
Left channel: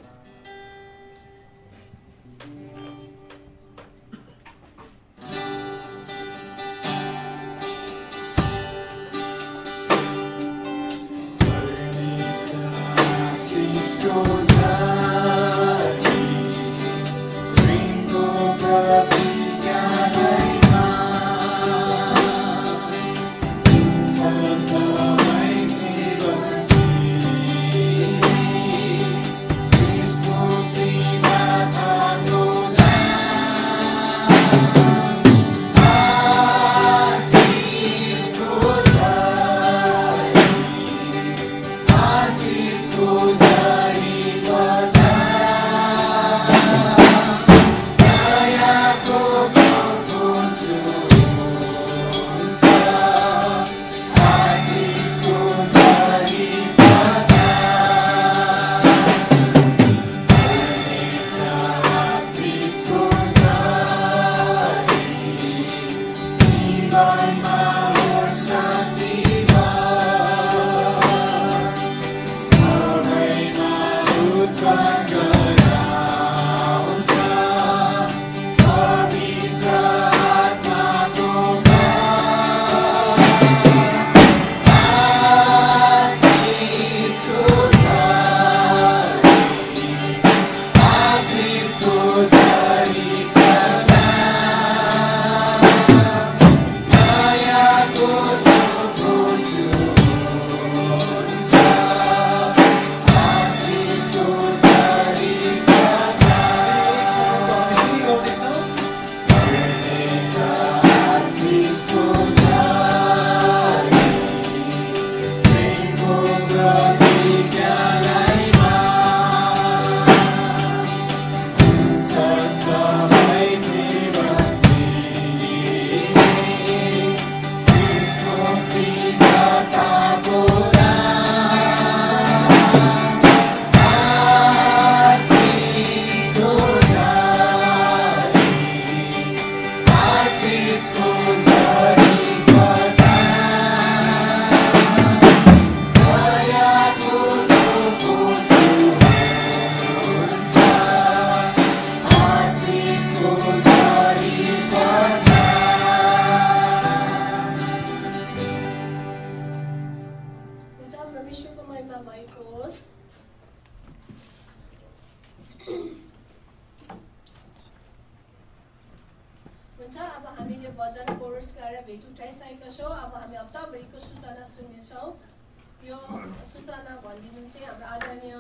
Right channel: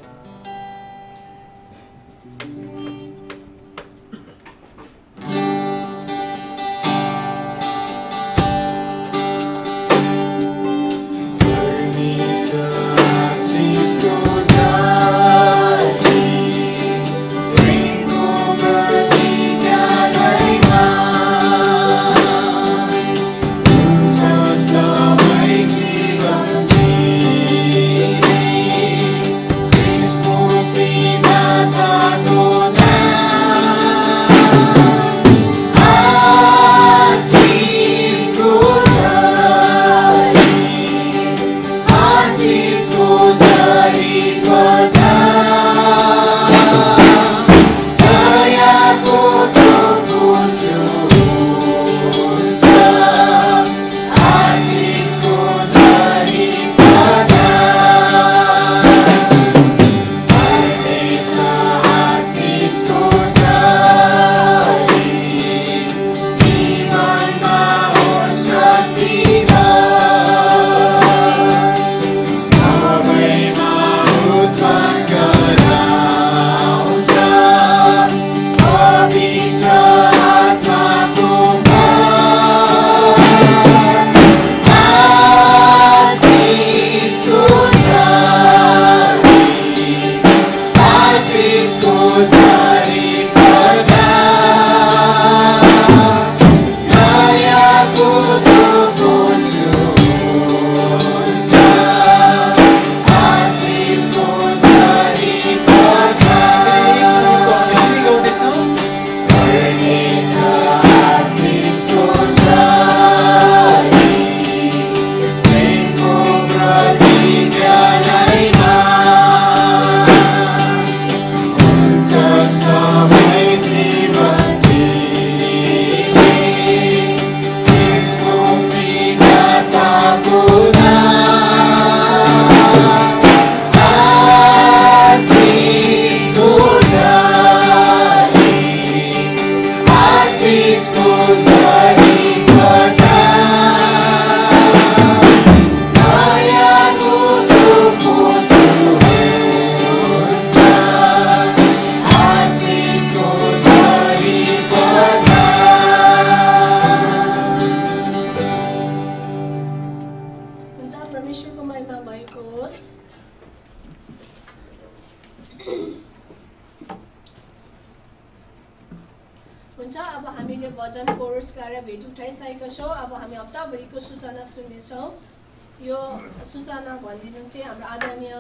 सूचना भनिदिनु चाहिँ हाम्रो आदरणीय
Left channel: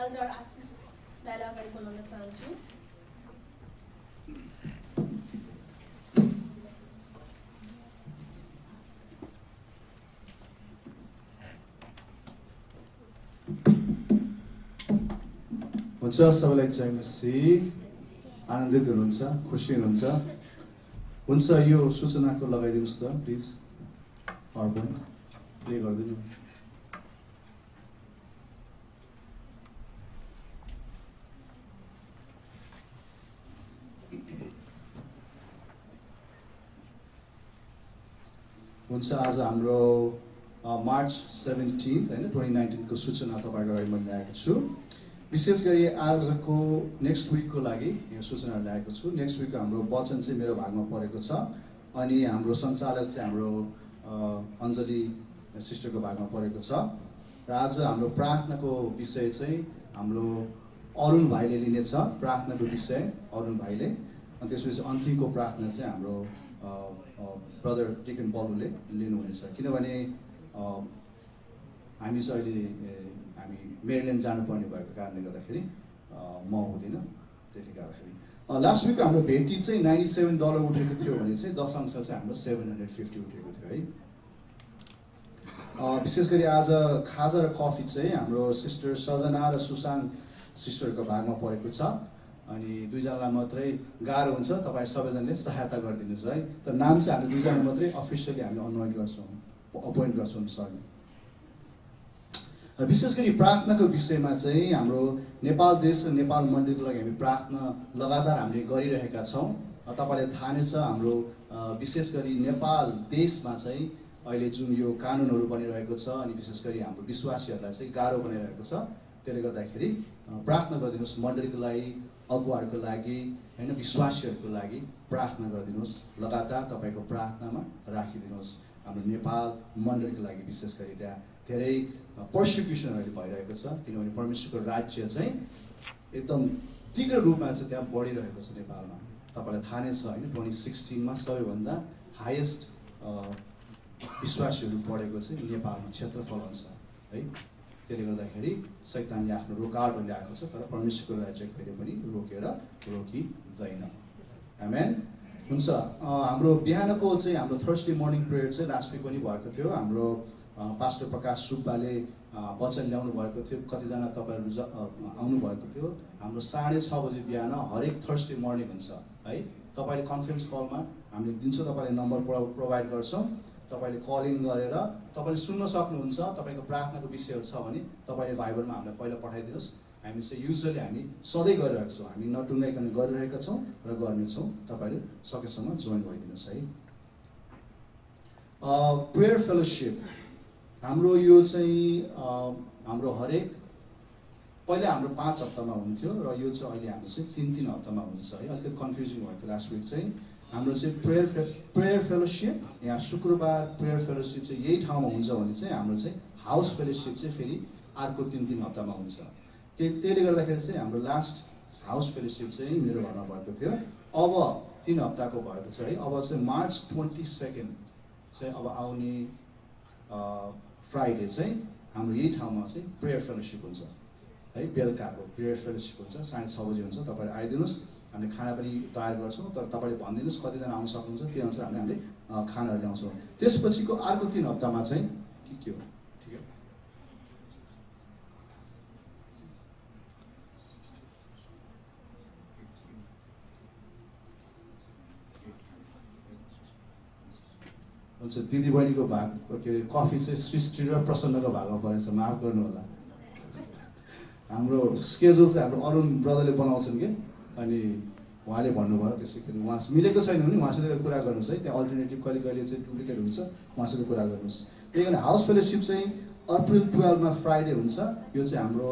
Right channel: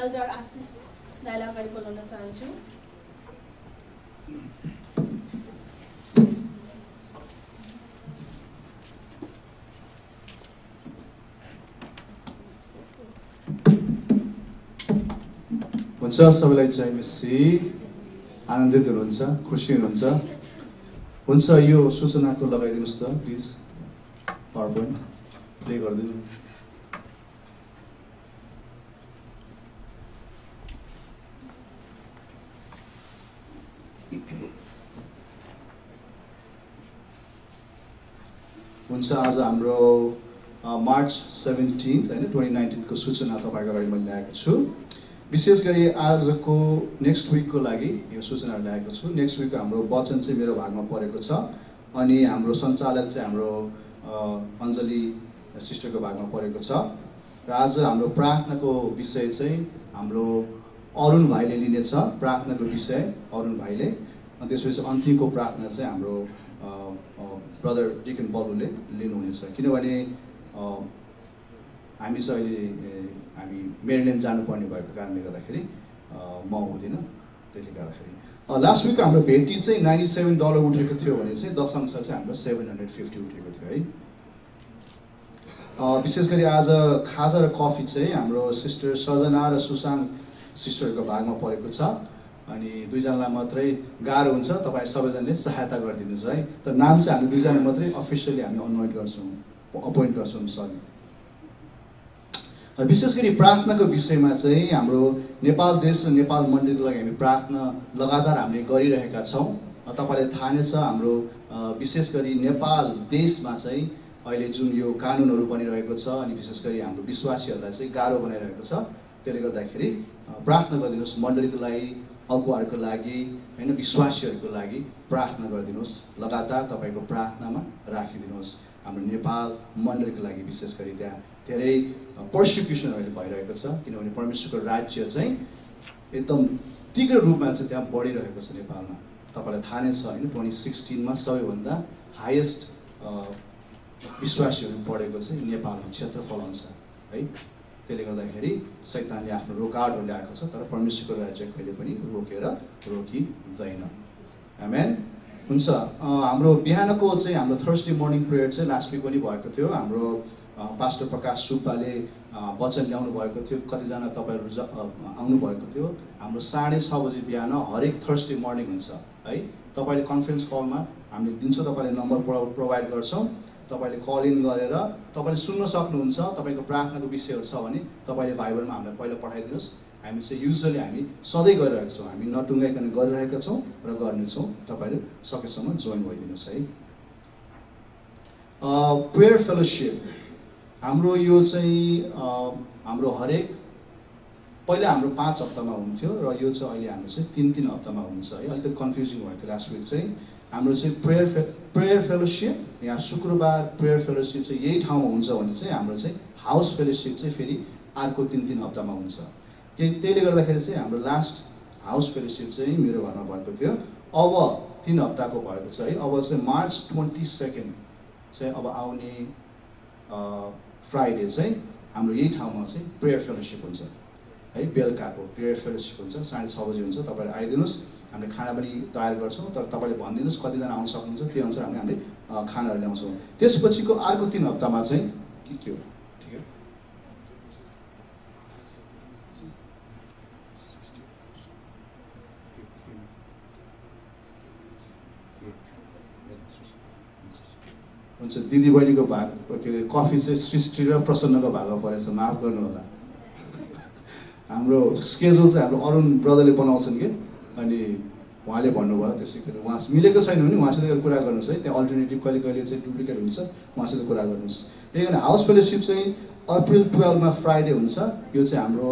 एल्डर आशिष दाइलाई अगाडि बोलाउन चाहन्छु। हुन्छ, सबैलाई जय मसीह। आनन्दित हुनुहुन्छ, खुसी हुनुहुन्छ? हुन्छ, यो सूचनाको लगाइदिनुहोस् त प्लिज। पावर पोइन्ट प्ले गरिदिनु। हुन्छ आज हाम्रो मार्च 17 होइन 2019 को सूचना तपाईँको अगाडि मैले ल्याएको छु। विशेष गरी आजको नेक्स्ट विकको लागि यो सूचना ल्याएको छु। नेक्स्ट विकको हाम्रो वचन चाहिँ मेरो भागमा परेको छ अनि हाम्रो सञ्चालक चाहिँ हाम्रो अञ्जली सिस्टरको भागमा परेको छ र आज हाम्रो प्रार्थनाको विषय चाहिँ हाम्रो अरुण भाइले लिनेछ। प्रार्थनाको विषय अरुण भाइले, अनि त्यसपछि अन्तिमको प्रार्थना चाहिँ हाम्रो ब्रदर डिकन बलुले लिनुहुनेछ। किनभने हामी चाहिँ हामी मेरील्यान्ड जानुपर्ने भएको कारणले गर्दाखेरि म हुँदिनँ। त्यसले गर्दाखेरि लास्ट विकको हाम्रो भेटी चाहिँ $97 उठेको थियो भने चाहिँ दशंश चाहिँ हाम्रो 750 उठेको थियो है। विशेष गरी आज खाजा र कफी चाहिँ हाम्रो सिस्टर सजना र सुशान्त सिस्टरको भागमा परेको छ अनि दुईजनालाई मात्रै गाह्रो हुन्छ। तपाईँ सबैजनाले सहायता गरिदिनुहोस् है। तर नाम चाहिँ हामी दुईजना मात्रै अफिसियली हामी अनुमोदन गर्छौँ, अपोइन्ट गर्छौँ सरी। विशेष गरी प्रार्थनाको विषयमा चाहिँ हाम्रो नेपाल देश र नेपाल मण्डलीको लागि हामी प्रार्थना लगातार हामीले गरिरहेका छौँ। तपाईँलाई थाहा नै छ हाम्रो विशेष गरी नेपाल देशमा चाहिँ अहिले जुन यो कानुनहरू बनिरहेको छ अनि विशेष गरी हाम्रो विश्वासीहरूलाई चाहिँ गाह्रो बनाइरहेको छ। त्यसले गर्दाखेरि प्रार्थना गरिदिनुहोस्, मण्डलीको लागि, अगुवाहरूको लागि होइन, विश्वासीहरूको लागि प्रार्थना गरिदिनुहोस्। लगातार तपाईँको प्रार्थनामा राखिदिनुहोस्। हाम्रो नेपाल मण्डलीको लागि विशेष गरी त्यहाँ धेरै पर्सिक्युसनहरू भइरहेको छ किनभने परमेश्वरको राज्य चाहिँ एकदम तीव्र रूपमा चाहिँ त्यहाँ बढिरहेको छ नेपालमा। तपाईँलाई थाहा नै छ होइन, 2016 सबैभन्दा हाइएस्ट विश्वासीहरू बढेको चाहिँ नेपालमा क्षेत्रफल अनुसार है। त्यसले गर्दाखेरि शैतानले आफ्नो रोकावटहरू ल्याएको छ तर परमेश्वरको राज्य कहिले पनि रोकिँदैन। आमेन। हुन्छ, हाम्रो बिहानको चाहिँ हाम्रो थर्सडे मर्निङ प्रेयर चाहिँ लास्ट विक पनि भएको थियो। हाम्रो पास्टर प्रकाश सुब्बाले वचन ल्याउनु भएको थियो। कतिजना तपाईँहरू आउनुभएको थियो। हाम्रो 6:30 बजे बिहान हरेक थर्सडे मर्निङ हुन्छ है। तपाईँले कन्फरेन्स कलमा हामीले दिन्छौँ, तपाईँले नम्बर प्रोभाइड गर्छौँ। तपाईँले कल इन गरेर तपाईँले सुन्न सक्नुहुन्छ। तपाईँको प्रार्थनाको विषयहरू छ भने तपाईँले भाइबरमा हामीलाई पहिला पठाइदिनुहोस्। हामी चाहिँ युजली हामी सधैँ गरिरहेका छौँ, हामी नटुङ्गाइकन गरिरहेका छौँ र गर्नेछौँ। तपाईँहरू सकेसम्म जोइन भइदिनुहोस् है। प्रेयर फेलोसिप हाम्रो यो चाहिँ हाम्रो हरेक पहिला हाम्रो 5 हप्तामा हुन्थ्यो र यो चाहिँ अहिले हाम्रो चाहिँ 3-3 हप्तामा हुन्छ है। अलिकति कन्फ्युजिङ भएको थियो लास्ट विक चाहिँ। हाम्रो चाहिँ प्रेयर फेलोसिप यहाँ शुक्रबार प्रेयर फेलोसिप चाहिँ यही ठाउँमा हुन्छ भने चाहिँ हाम्रो चाहिँ हाउस फेलोसिप चाहिँ फेरि अर्को 3-3 हप्तामा हुन्छ। त्यसले गर्दाखेरि चाहिँ हाम्रो लास्ट हाउस फेलोसिप चाहिँ मेरो घरमा भएको थियो। अब 3 हप्ताको भएको छ है। अब चाहिँ मार्च 22 चाहिँ अब आउने फ्राइडे चाहिँ हाम्रो यही ठाउँमा चाहिँ प्रेयर फेलोसिप हुन्छ है। बेलुकाको प्रेयर फेलोसिप हुन्छ, 6:30 बजे हुन्छ। तपाईँहरू आइदिनुहोस्। हामीले खाना पनि तयार गर्छौँ तर तपाईँले भनिदिनुहोस् कतिजना आउन सक्नुहुन्छ, त्यही अनुसार हामीले खानाहरू ल्याउँछौँ। त्यसपछिको अर्को 3 हप्तामा चाहिँ के हो ठिक है। हुन्छ, दिदी बहिनीको भाग के अरे कफी चाहिँ सृष्टि र प्रसन्नको भागमा परेछ, माफ गर्नु होला। हाम्रो स्केड्युल चाहिँ हाम्रो अरुण ब्रदरले बनाउँछन् कि अनि उहाँले भन्नुभयो त्यसै गरी उहाँ मिलेको छैन भने उहाँसित कुरा गर्नुहोस् है। त्यहाँ अल्टरनेटिभ कहिले कहिले चाहिँ डुप्लिकेट हुन्छ, उहाँसित कुरा गर्नुहोस्। त्यही भएर हाउस फेलोसिप चाहिँ अप्रिल 12 फ्राइडे हुन्छ। यो चाहिँ हाम्रो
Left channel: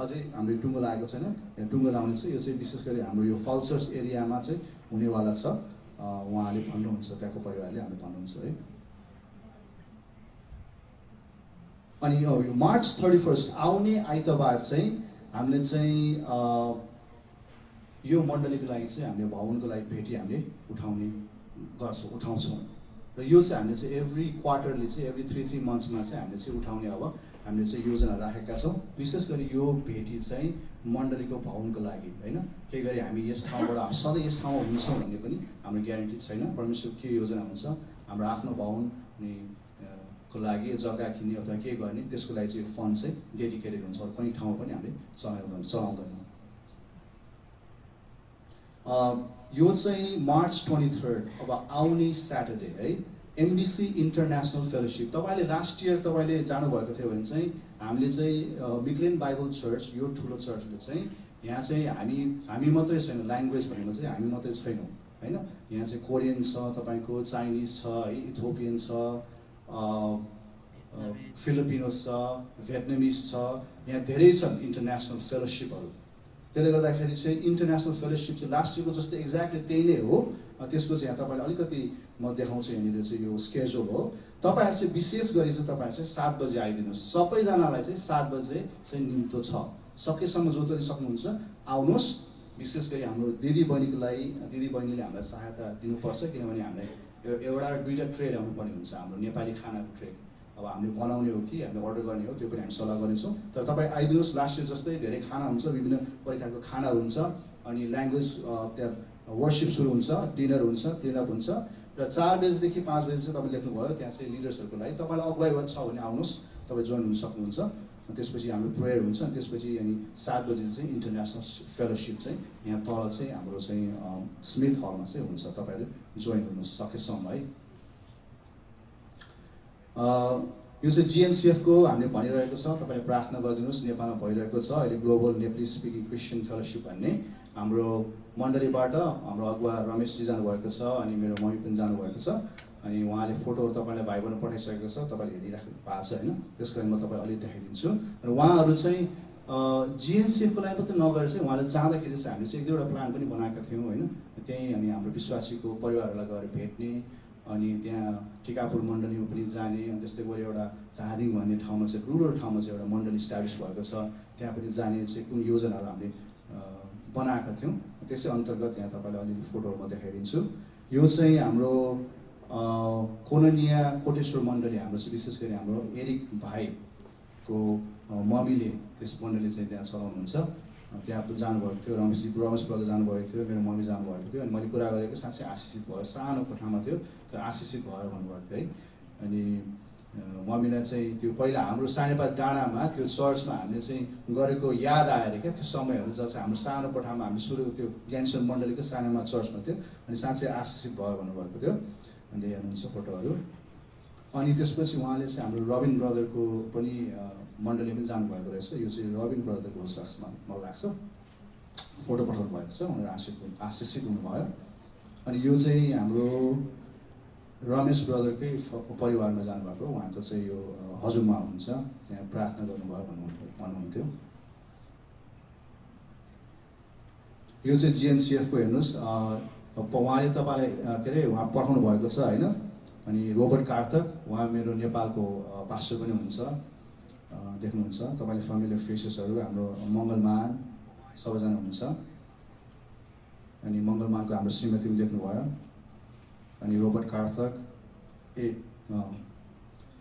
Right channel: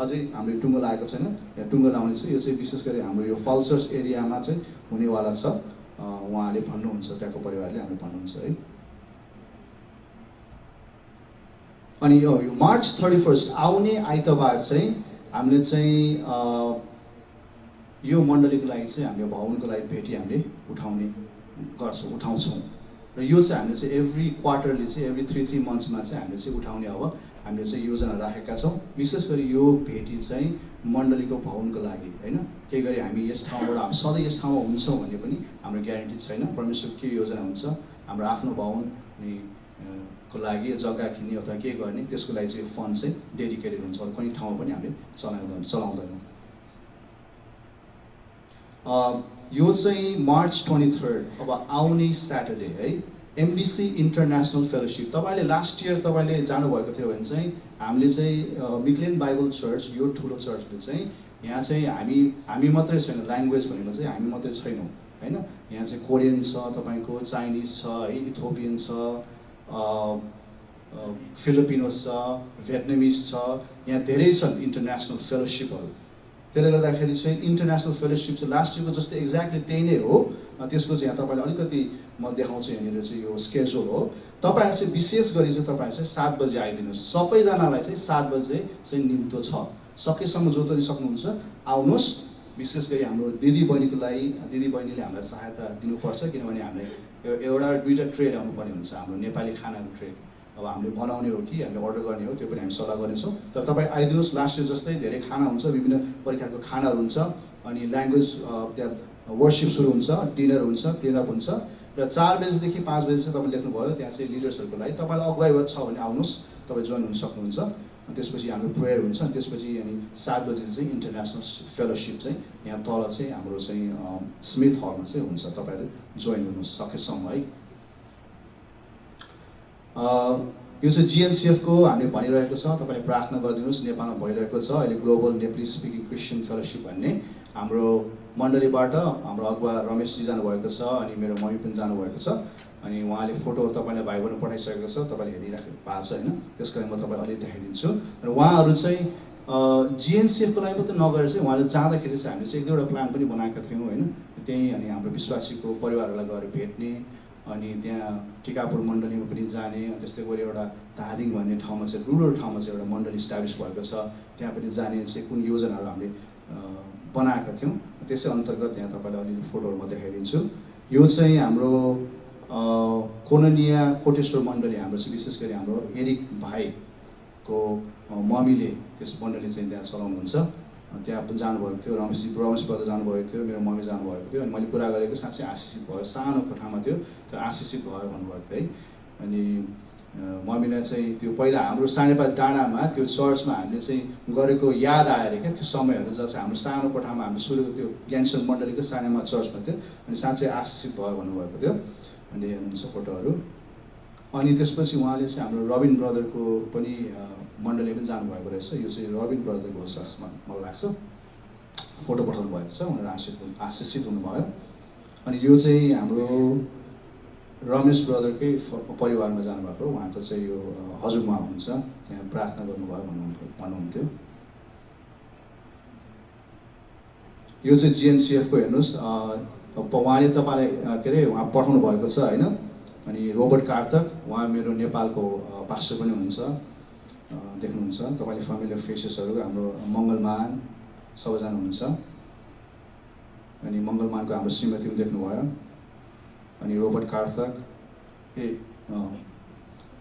अझै हाम्रो टुङ्गो लागेको छैन, यहाँ टुङ्गो लाउने छ। यो चाहिँ विशेष गरी हाम्रो यो फल्सर्स एरियामा चाहिँ हुनेवाला छ। उहाँले भन्नुहुन्छ, त्यहाँको परिवारले हामीले भन्नुहुन्छ है। अनि यो मार्च 31 आउने आइतबार चाहिँ हामीले चाहिँ यो मण्डलीको लागि चाहिँ हामीले भवनको लागि भेटी हामीले उठाउँछौँ र यो चाहिँ हामीले चाहिँ एभ्री क्वार्टरली चाहिँ एभ्री 3 मन्थ्समा चाहिँ हामीले चाहिँ उठाउने अब हामीले चाहिँ योजना राखेका छौँ। विशेष गरी यो भेटी चाहिँ मण्डलीको भवनको लागि होइन। केही गरी हामी यस ठाउँबाट सधैँ यस ठाउँमा हुन्छौँ भन्ने पनि हाम्रो ग्यारेन्टी छैन। परमेश्वर के योजना हुन्छ, हाम्रो आफ्नो भवन को लागि जग्गा किन्ने अथवा के गर्ने त्यसको लागि चाहिँ फन्ड चाहिँ डेडिकेटेड हुन्छ। कुनै ठाउँमा पनि हामीले चलाउँदैनौँ। यो चाहिँ मार्च 23 अब आउने स्याटरडे है। एमडिसी इन्टरनेसनल फेलोसिप तपाईँले लास्ट इयर तपाईँले जानुभएको थियो भने चाहिँ हामीले चाहिँ मिक्लेन बाइबल चर्च यो ठुलो चर्चले चाहिँ यहाँ चाहिँ हामी मात्रै छैनौँ। ल्याङ्ग्वेज भनेको चाहिँ हामी मात्रै छैनौँ हैन। यहाँ चाहिँ कोरियन छ, तपाईँको चाइनिज छ है, इथियोपियन छ, फिलिपिनोस छ, भियतनामिज छ, यहाँ धेरै छन् इन्टरनेसनल फेलोसिपहरू। त्यसले गर्दाखेरि चाहिँ इन्टरनेसनल फेलोसिप चाहिँ लास्ट इयरको जस्तै एक्ज्याक्टली त्यही नै हो। त्यसको चाहिँ यहाँ तपाईँले अलिकति म देखाउँछु यहाँनिर चाहिँ यो स्केड्युल हो। तपाईँहरू चाहिँ विशेष गरी चाहिँ तपाईँहरू चाहिँ 7 बजे आइदिनुहोस्। सबैजनालाई चाहिँ 7 बजे चाहिँ निम्तो छ, सकेसम्म जो पनि सक्नुहुन्छ आउनुहोस्। विशेष गरी हाम्रो दिदीबहिनीको लागि दिदीबहिनीले हामीलाई सहायता दिनुपर्छ, किनभने हामीलाई एउटा 2टा ट्रे ल्याउनु पर्ने हुन्छ। हाम्रो नेपाली खानाको ट्रे अब हामीले बनाउने हो कि हामीले अर्डर गर्ने हो त्यो पनि हामी सल्लाह गर्नेछौँ। तर तपाईँ आइदिनुहोस्। लास्ट इयर जस्तै धेरै खाना हुन्छ, विभिन्न प्रकारको खानाहरू हुन्छ, अनि ल्याङ्ग्वेज त्यहाँ वर्सिप सुरु हुन्छ, डिनर हुन्छ, क्लिनअप हुन्छ, र 4 बजेदेखि 5 बजे चाहिँ तपाईँ लेख्नुभयो त्यहाँ चाहिँ लिडर्सहरूको लागि तपाईँलाई अगुवाई छ भने आउनुहोस्, तपाईँ जोइन हुन सक्नुहुन्छ। त्यसपछि हाम्रो प्रेयर हुन्छ, अनि त्यसपछि अनि 7 बजे चाहिँ इन्टरनेसनल फेलोसिप चाहिँ यहाँ तल चाहिँ हाम्रो चाहिँ स्मिथ हलमा चाहिँ हुन्छ। तपाईँहरू जोइन हुनु सकेसम्म है। यो चाहिँ जिएनसिएफको हामीले भनिरहेको छ, तपाईँले प्रार्थना गरिदिनुहोस्। नेपालमा भइरहेको छ अहिले global Nepalese speaking Christian fellowship भन्ने। हाम्रो मण्डलीबाट हाम्रो अगुवा रमेशजी जानुभएको छ, अनि मेरो मम्मी पनि जानुभएको छ, अनि उहाँले फोटोहरू तपाईँलाई भाइ बहिनी पठाइसकेको छ, तपाईँले हेरिराख्नु भएको छ होइन। त्यस कारण म तपाईँलाई अलिक देखाइदिन्छु। र उहाँहरू चाहिँ जिएनसिएफको लागि मात्रै नगरेर चाहिँ उहाँले जाँदाखेरि चाहिँ हामीले चाहिँ 1-2वटा प्लान पनि बनाएका थियौँ होइन। त्यहीँ अनि हाम्रो विश्वासीको परिवारहरूलाई गएर भेट्ने, अनि त्यहाँ टिकापुर मण्डलीमा पनि जाने, अनि त्यस्तै गरी एउटा धादिङ भन्ने ठाउँमा चाहिँ रुरल ठाउँमा चाहिँ एउटा मण्डली इस्टाब्लिस भएको छ, त्यहाँ पनि जाने चाहिँ कुन योजनाहरू हामीले बनाएका थियौँ। त्यसै अन्तर्गत यहाँ तपाईँलाई अलिअलि फोटोहरू म देखाइदिन्छु। यो चाहिँ हाम्रो कोननिया कोटेश्वर मण्डली हाम्रो चाहिँ विशेष गरी हाम्रो एरिक भाइको मम्मीले त्यस मण्डली चाहिँ त्यहाँ चलाउनुहुन्छ। त्यहाँ जानुभएको थियो, रमेश ब्रदर जानुभएको थियो, मेरो मम्मी जानुभएको थियो, अनि मैले कुरा गरेको साँच्चै आशिषित भयो। सानो कोठामा थियो तर आशिषित भयो भन्नुभएको थियो है। अनि मम्मीलाई चाहिँ त्यो पहिला हाम्रो सानेपाल डाँडामा त्यो चर्चमा हामीले चाहिँ गरेको याद आएर क्या, त्यो समयहरू जहाँ चाहिँ हाम्रो सानो कोठामा हामीले सुरु त्यो ज्ञानसन मण्डलीको सानोमा चर्चमा थियो, अनि साँच्चै आशिषित भयो भन्नुभएको थियो। अनि हेर्नुहुन्छ फोटोहरू। अनि त्यसपछि उहाँले चाहिँ हाम्रो रबिन ब्रदरको पनि मण्डली पनि जानुभएको रहेछ। यो चाहिँ रबिन ब्रदरको जस्तो मलाई लाग्छ, फोटो पठाउनु भएको छ, उनीहरू आशिषित हुनुभयो। अनि यो चाहिँ हाम्रो रमेश ब्रदरकै परिवारमा जानुभएको, उहाँको चाहिँ यो हजुरमा हुनुहुन्छ, त्यहाँ प्रार्थना गर्नुभयो भन्नुहुन्थ्यो। यो चाहिँ जिएनसिएफको हेर्नुहोस्, उहाँले तपाईँलाई के अरे उहाँ पठाउनु भएको छ होइन। अनि रोबर्ट कार्तक, उहाँ मेरो नेपालको पास्टर पनि हुनुहुन्छ, देख्नुहुन्छ तपाईँले फ्यामिलियर फेसेसहरू। हाम्रो मङ्गलमान सबैजना हुनुहुन्छ, अनि मङ्गलमानको हाम्रो श्रीमती पनि देख्नुभयो। अनि रोबर्ट कार्तक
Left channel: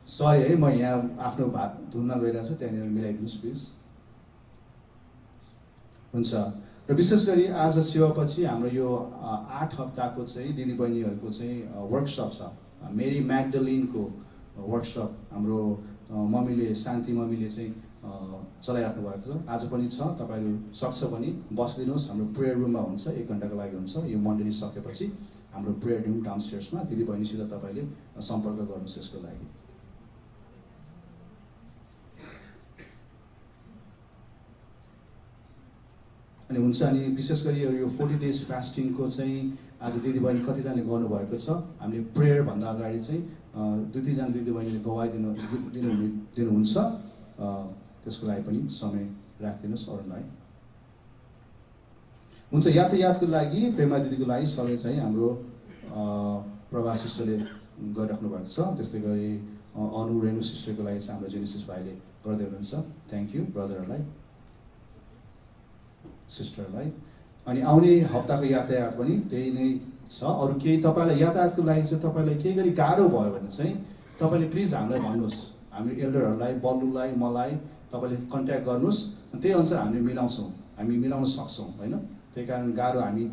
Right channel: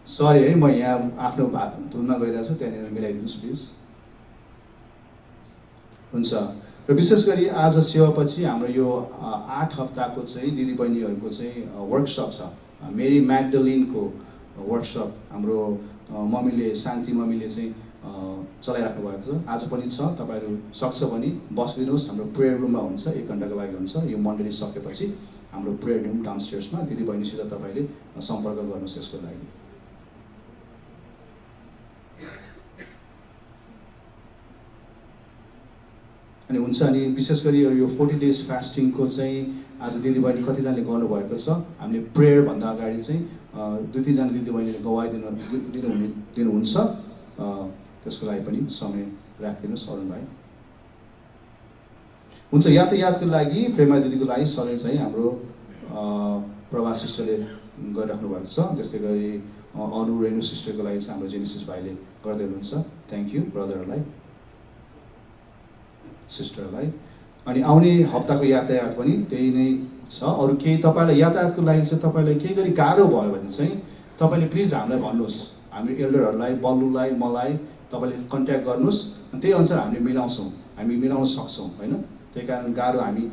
सरी है, म यहाँ आफ्नो धुनमा गइरहेको छु, त्यहाँनिर मिलाइदिनुहोस् प्लिज। हुन्छ। र विशेष गरी आज सेवापछि हाम्रो यो 8 हप्ताको चाहिँ दिदीबहिनीहरूको चाहिँ वर्कसप छ। मेरी म्याग्डलिनको वर्कसप हाम्रो मम्मीले, शान्ति मम्मीले चाहिँ चलाइराख्नु भएको छ। आज पनि छ, तपाईँहरू सक्छ भने बसिदिनुहोस्। हाम्रो प्रेयर रुममा हुन्छ, 1 घन्टाको लागि हुन्छ। यो मण्डली सकेपछि हाम्रो प्रेयर रुम डाउनस्टेयर्समा दिदीबहिनीसित तपाईँले सम्पर्क गर्नुहोस् यसको लागि। अनि हुन्छ। अनि विशेष गरी यो 40 डेज फास्टिङको चाहिँ आज दिदीबहिनी कतिजनाले गर्नुभएको छ। हामीले प्रेयरभन्दा अगाडि चाहिँ 2-3 जना दिदीबहिनीले गवाई दिनुहुन्छ। त्यसको लागि पनि समय राखिदिनुहोस् अरुण भाइ। हुन्छ। यातायातको लागि प्रेमा दिदीको लागि सधैँ चाहिँ हाम्रो प्रभा सिस्टरले गरिराख्नु भएको छ। त्यस्तै गरी अनु रेणु सिस्टरको लागि चाहिँ हाम्रो जेनेसिस भाइले गर्दै हुनुहुन्छ। थ्याङ्क यू ब्रदरहरूलाई, सिस्टरलाई। अनि आउने हप्ताको यातायात पनि त्यही नै छ। अरू केही तपाईँलाई यातायातको लागि चाहिँ तपाईँलाई केही गरी गाह्रो भयो भने चाहिँ तपाईँले प्लिज हामीलाई भन्नुहोस्। हामी एल्डरहरूलाई, बल्लुलाई, मलाई तपाईँले कन्ट्याक्ट गर्नुहोस्, अनि त्यही अनुसार हामीले मिलाउँछौँ, हामी मिलाउन सक्छौँ होइन। त्यही कारण गाह्रो हामी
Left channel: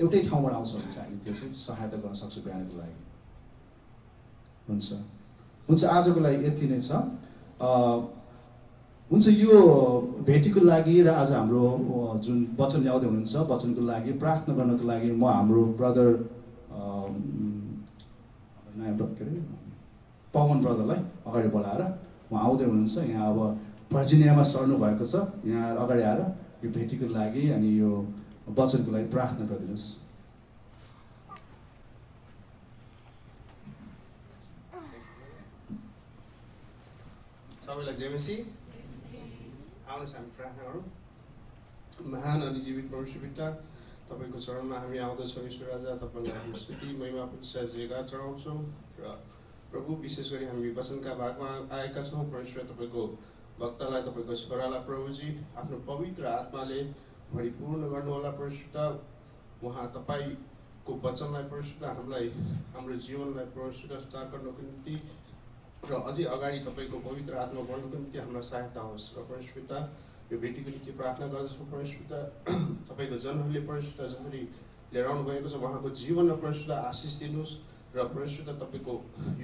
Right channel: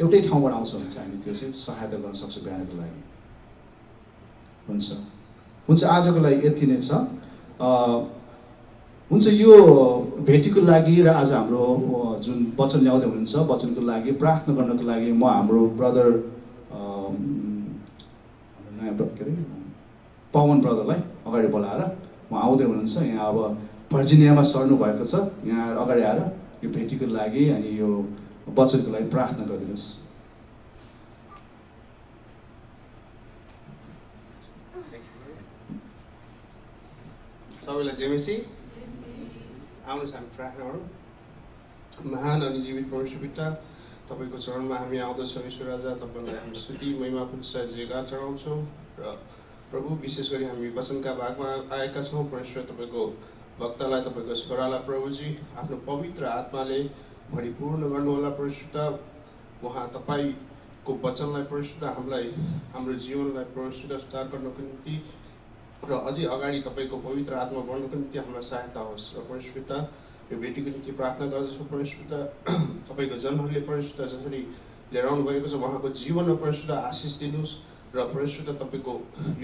एउटै ठाउँबाट आउँछौँ भने चाहिँ हामी त्यो चाहिँ सहायता गर्न सक्छौँ बिहानको लागि। हुन्छ। हुन्छ। आजको लागि यति नै छ। हुन्छ। यो भेटीको लागि र आज हाम्रो जुन वचन ल्याउँदै हुनुहुन्छ वचनको लागि प्रार्थना गर्नको लागि म हाम्रो ब्रदर नयाँ के अरे पवन ब्रदरलाई अगाडि बोलाएर उहाँ आउँदै हुनुहुन्छ। यहाँ अब भर्जिनियामा सर्नु भएको छ, यहाँ अगाडि आएर यो भेटीको लागि अनि यो वचनको लागि प्रार्थना गरिदिनुहोस्। सबैलाई जेमेसी आउनुहोस् हामी प्रार्थना गरौँ। महान अनि जीवित परमेश्वर पिता, तपाईँको चरणमा हामी आउँदछौँ। ईश्वर राजा, तपाईँलाई हाम्रो स्तुति महिमा पुरस्कार जयगान चढाउँछौँ। र प्रभु, विशेष गरी हामी वचनका भागमा आएका छौँ। परमेश्वर, तपाईँको भक्तलाई, तपाईँको छोरालाई प्रभुजी आफ्नो पवित्र आत्माले भरिपूर्ण गर्नुहोला। परमेश्वर, उहाँ तपाईँको वचनलाई परमेश्वर हामीलाई, हाम्रो जीवनलाई परमेश्वर सुधार गर्नको निम्ति र अझै अगाडि तपाईँको पवित्र आत्मा बढ्नको निम्ति हामीलाई सहायता होस्। र परमेश्वर, यो भेटीको निम्ति प्रार्थना गर्दछौँ। परमेश्वर, तपाईँको जनहरूले परमेश्वर जसरी लिएर आउनु भएको छ उहाँको जीवनमा परमेश्वर आशिष दिनुहोस्। र परमेश्वर, तपाईँको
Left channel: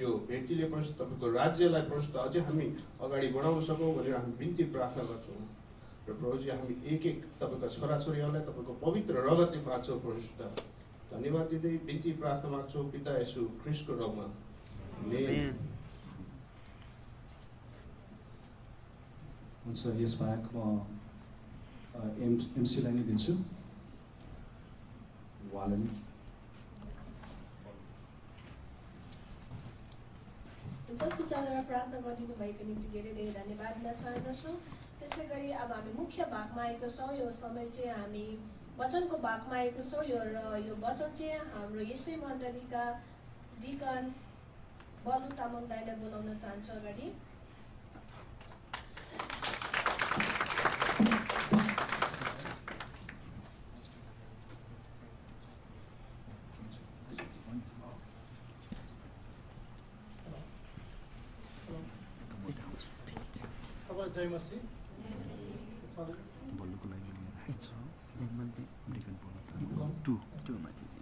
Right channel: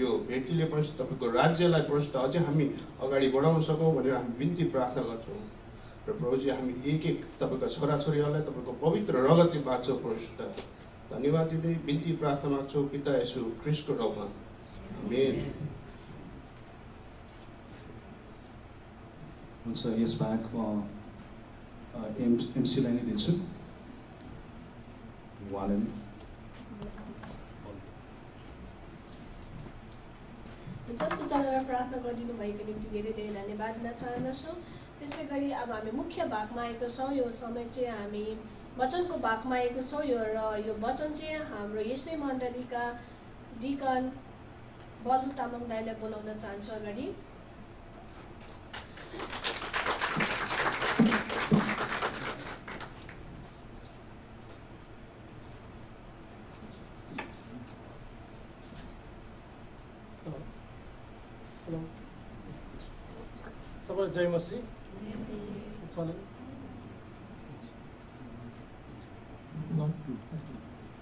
यो भेटीले परमेश्वर तपाईँको राज्यलाई परमेश्वर अझै हामी अगाडि बढाउन सकौँ भनेर हामी बिन्ती प्रार्थना गर्छौँ। र प्रभुजी, हामी एक एक तपाईँका छोराछोरीहरूलाई तपाईँको पवित्र रगतले बाँच्छौँ। परमेश्वर, धन्यवाद दिँदै बिन्ती प्रार्थना माग्छौँ पिता येशू ख्रीष्टको नाममा, आमेन। हुन्छ, यसबाहेक म एमसीलाई नै दिन्छु। उहाँलाई नै सुचालेर प्रार्थना गरिदिनु भएको निम्ति धेरै धेरै धन्यवाद दिन चाहन्छौँ। त्यसै गरी अब हामी मुख्य भागमा आएको छौँ। यो समय चाहिँ हामी वचनको भागमा आएको छौँ। र यो वचन चाहिँ हाम्रो यसै मण्डलीका डिकन बल्लु तामाङ दाइलाई बोलाउन चाहन्छु अगाडि। सबैलाई जय मसी।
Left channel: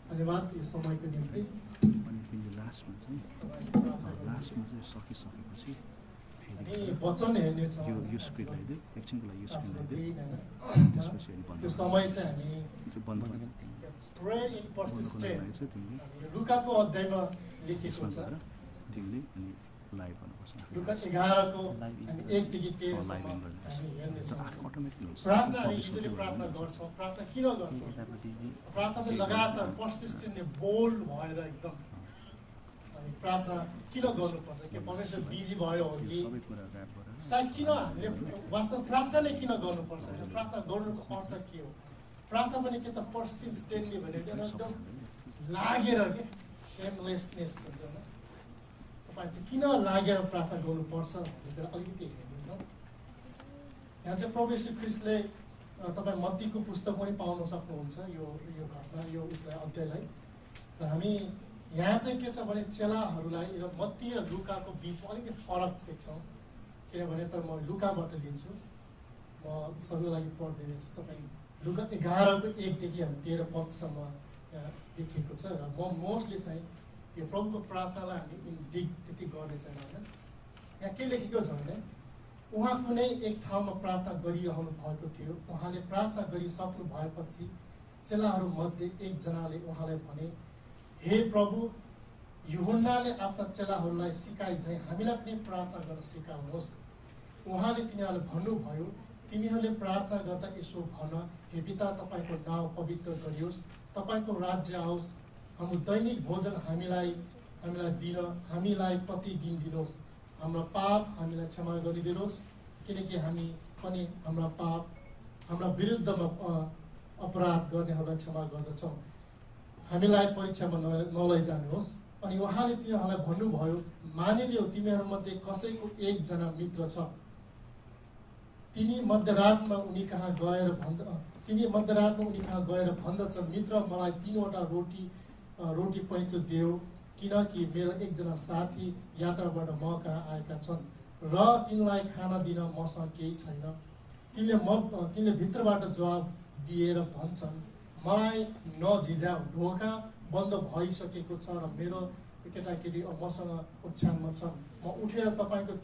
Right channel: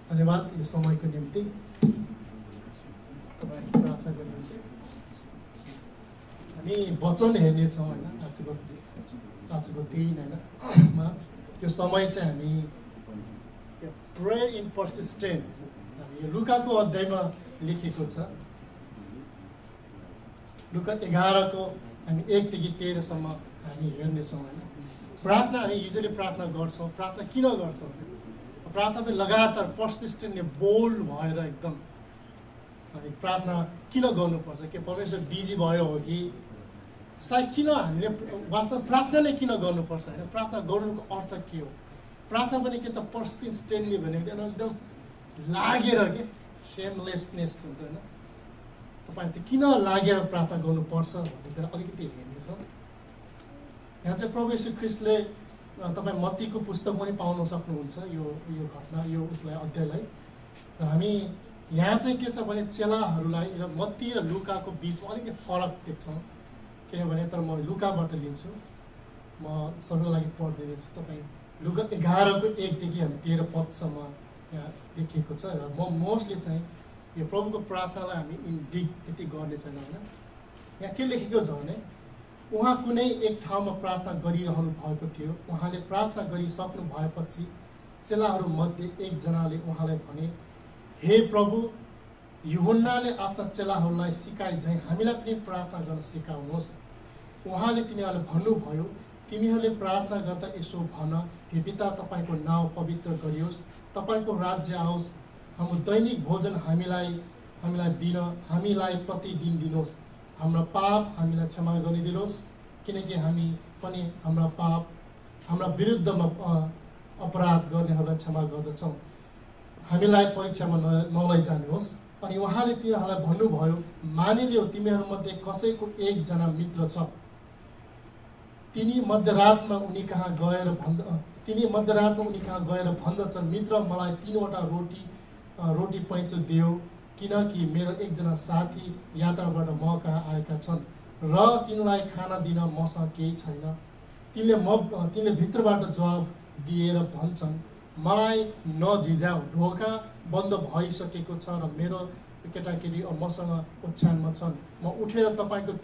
धन्यवाद यो समयको निम्ति। तपाईँको प्रार्थना गर्नेछु। हामी वचन हेर्नेछौँ आजको दिन होइन। यो समय चाहिँ हामी प्रेयर इन पर्सिस्टेन्ट, यो लुकाको अध्यायमा लेखेको छ। लुका 11को हामी 1 देखि 13सम्म हामी हेर्नेछौँ। प्रार्थना हामी युजली प्रार्थना गर्छौँ। प्रार्थना किन गर्छौँ? प्रार्थना पनि लगातार पर्सिस्टेन्टली बोल्ड भएर एकदम अनि प्रार्थना किन गर्नुपर्छ? के परमेश्वर बिजी भयो हो कि सायद किन हामीले वास्तव प्रार्थनाले किन गर्नुपर्छ? होइन, प्रार्थना गर्नुको अर्थ के हो? प्रार्थना पनि के छ? पर्सिस्टेन्टली भनेको एकदम लागेर के सेमलेसनेस हुन्छ होइन। तपाईँ चाहिँ किन लागेर प्रार्थना गर्नुपर्छ भन्ने कुरा अलिकति हेर्नेछौँ। यहाँ चाहिँ प्रभु येशू ख्रीष्टले तपाईँ मत्तीको पुस्तक पनि पाउन सक्नुहुन्छ यो घटना, यो उसलाई अध्यायलाई। र हामी यहाँ चाहिँ के छ भने चेलाहरूलाई र मत्ती र लुकाको बिचमा अलिकति फरक देख्छौँ। किनभने तर म लुकाबाट लिन्छु, म सबैको लागि पढिदिनेछु। तपाईँ लुका 11को 1 देखि हामी 13 पदसम्म यहाँ लेखिएको छ। र म मोस्टली चाहिँ यो प्रभुको प्रार्थनालाई हामी इन्डिग त्यति गर्ने छैन होइन। यहाँ के लेखेको छ भने उहाँ कुनै एक ठाउँमा प्रार्थना गरिरहनु भएको थियो। उहाँले प्रार्थना गरिसक्नु भएपछि चेलाहरूमध्ये एकजनाले उहाँलाई भने, हे प्रभु, यूहन्नाले आफ्ना चेलाहरूलाई सिकाए झैँ हामीलाई पनि प्रार्थना गर्न सिकाउनुहोस्। उहाँले तिनीहरूलाई भन्नुभयो, तिमीहरूले प्रार्थना गर्दा यसो भन, हे पिता, तपाईँको नाउँ पवित्र गरियोस्, तपाईँको राज्य आओस्, हाम्रो दैनिक भोजन हामीलाई प्रतिदिन दिनुहोस्, हाम्रो पाप हामीलाई क्षमा गरिदिनुहोस्, किनकि हामी पनि हाम्रा विरुद्धमा अपराध गर्नेहरूलाई क्षमा गर्दछौँ, हामीलाई परीक्षामा नलैजानुहोस्। अनि उहाँले तिनीहरूलाई भन्नुभयो, मानिलियो तिमीहरूमध्ये कसैको एकजना मित्र छ, तिनी मध्यरातमा उनी कहाँ गएर भन्दछ, मित्र, मलाई 3वटा रोटी पैँचो देऊ, किनकि मेरो एकजना साथी यात्राबाट म कहाँ आएका छन् र तिनलाई खाना दिन मसँग केही छैन। तिनले भित्रबाट जवाब दिएर भन्छन्, मलाई नझिझाऊ, ढोका बन्द भइसकेको छ र मेरो केटाकेटी मसँग ओछ्यानमा छन्। म उठेर तपाईँलाई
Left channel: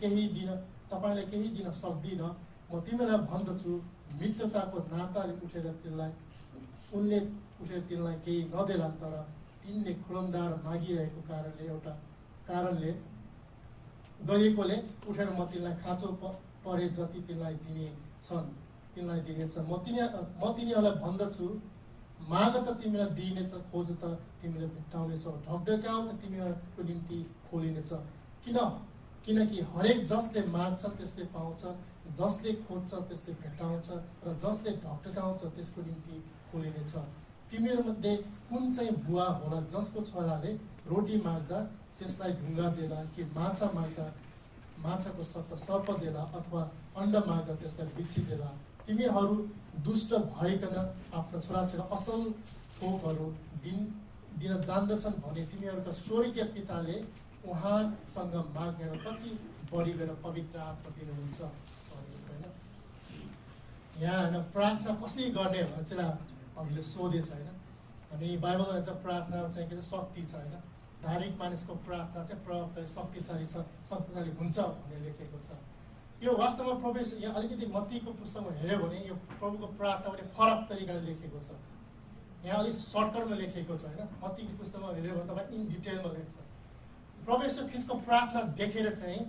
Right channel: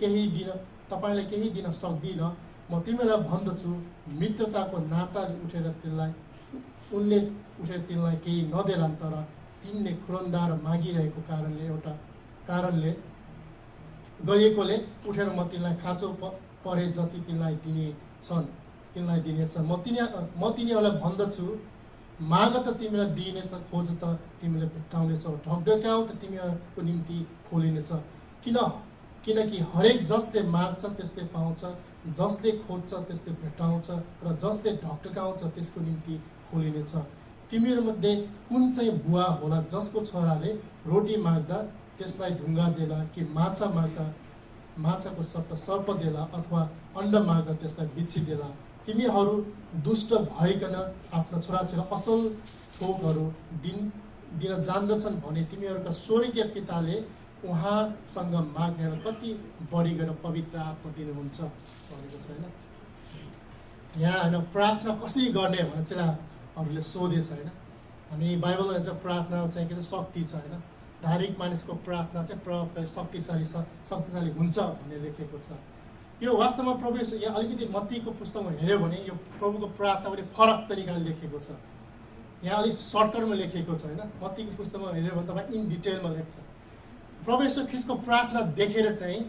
केही दिन सक्दिनँ। म तिमीलाई भन्दछु, मित्रताको नाताले उनले उठेर तिनलाई केही नदेलान्, तर तिनले खुरन्दार मागिरहेको कारणले गएकोले उठेर म तिनलाई खाँचो परे जति तिनलाई दिनेछ। म तिनीहरूलाई भन्दछु, माग त तिमीलाई दिइनेछ, खोज त तिमीले भेट्टाउनेछौ, ढकढक्याउ त तिमीहरूको निम्ति खोलिनेछ। किनकि हरेक जसले माग्छ त्यसले पाउँछ, जसले खोज्छ त्यसले भेटाउँछ र जसले ढकढकाउँछ त्यसको निम्ति खोलिनेछ। तिमीहरूमध्ये कुन चाहिँ बुवा होला जसको छोराले रोटी माग्दा त्यसलाई ढुङ्गा देला, कि माछा माग्दा माछाको सट्टा सर्प देला, अथवा अन्डा माग्दा त्यसलाई बिच्छी देला? तिमीहरू दुष्ट भइकन आफ्ना छोराछोरी असल थोकहरू दिन जान्दछन् भने तिमीहरूका स्वर्गीय पिताले उहाँसँग माग्नेलाई कति बढी गरेर पवित्र आत्मा दिनुहुन्छ भनेको छ होइन। यहाँ होइन प्रार्थना कसरी गर्ने भनेर चाहिँ अरूले सोधेछ होइन। हामी बाइबलमा भन्छ प्रार्थना चाहिँ के शक्ति छ होइन। धार्मिक मानिसको प्रार्थना चाहिँ प्रभावकारी शक्तिशाली हुन्छ भनेर लेखेको छ। यो वास्तवमा प्रभु यहाँ अलिकति मत्तीको पुस्तकमा हेऱ्यो भने यो प्रभुको प्रार्थना पनि फरक तरिकाले लेखेको छ। यहाँ अलिक सर्टकटमा लेखेको छ होइन। मत्तीको पुस्तकमा हेऱ्यो भने तपाईँ इन डिटेलमा लेख्छ। प्रभु यीशु ख्रीष्टको प्रार्थना देखेर चाहिँ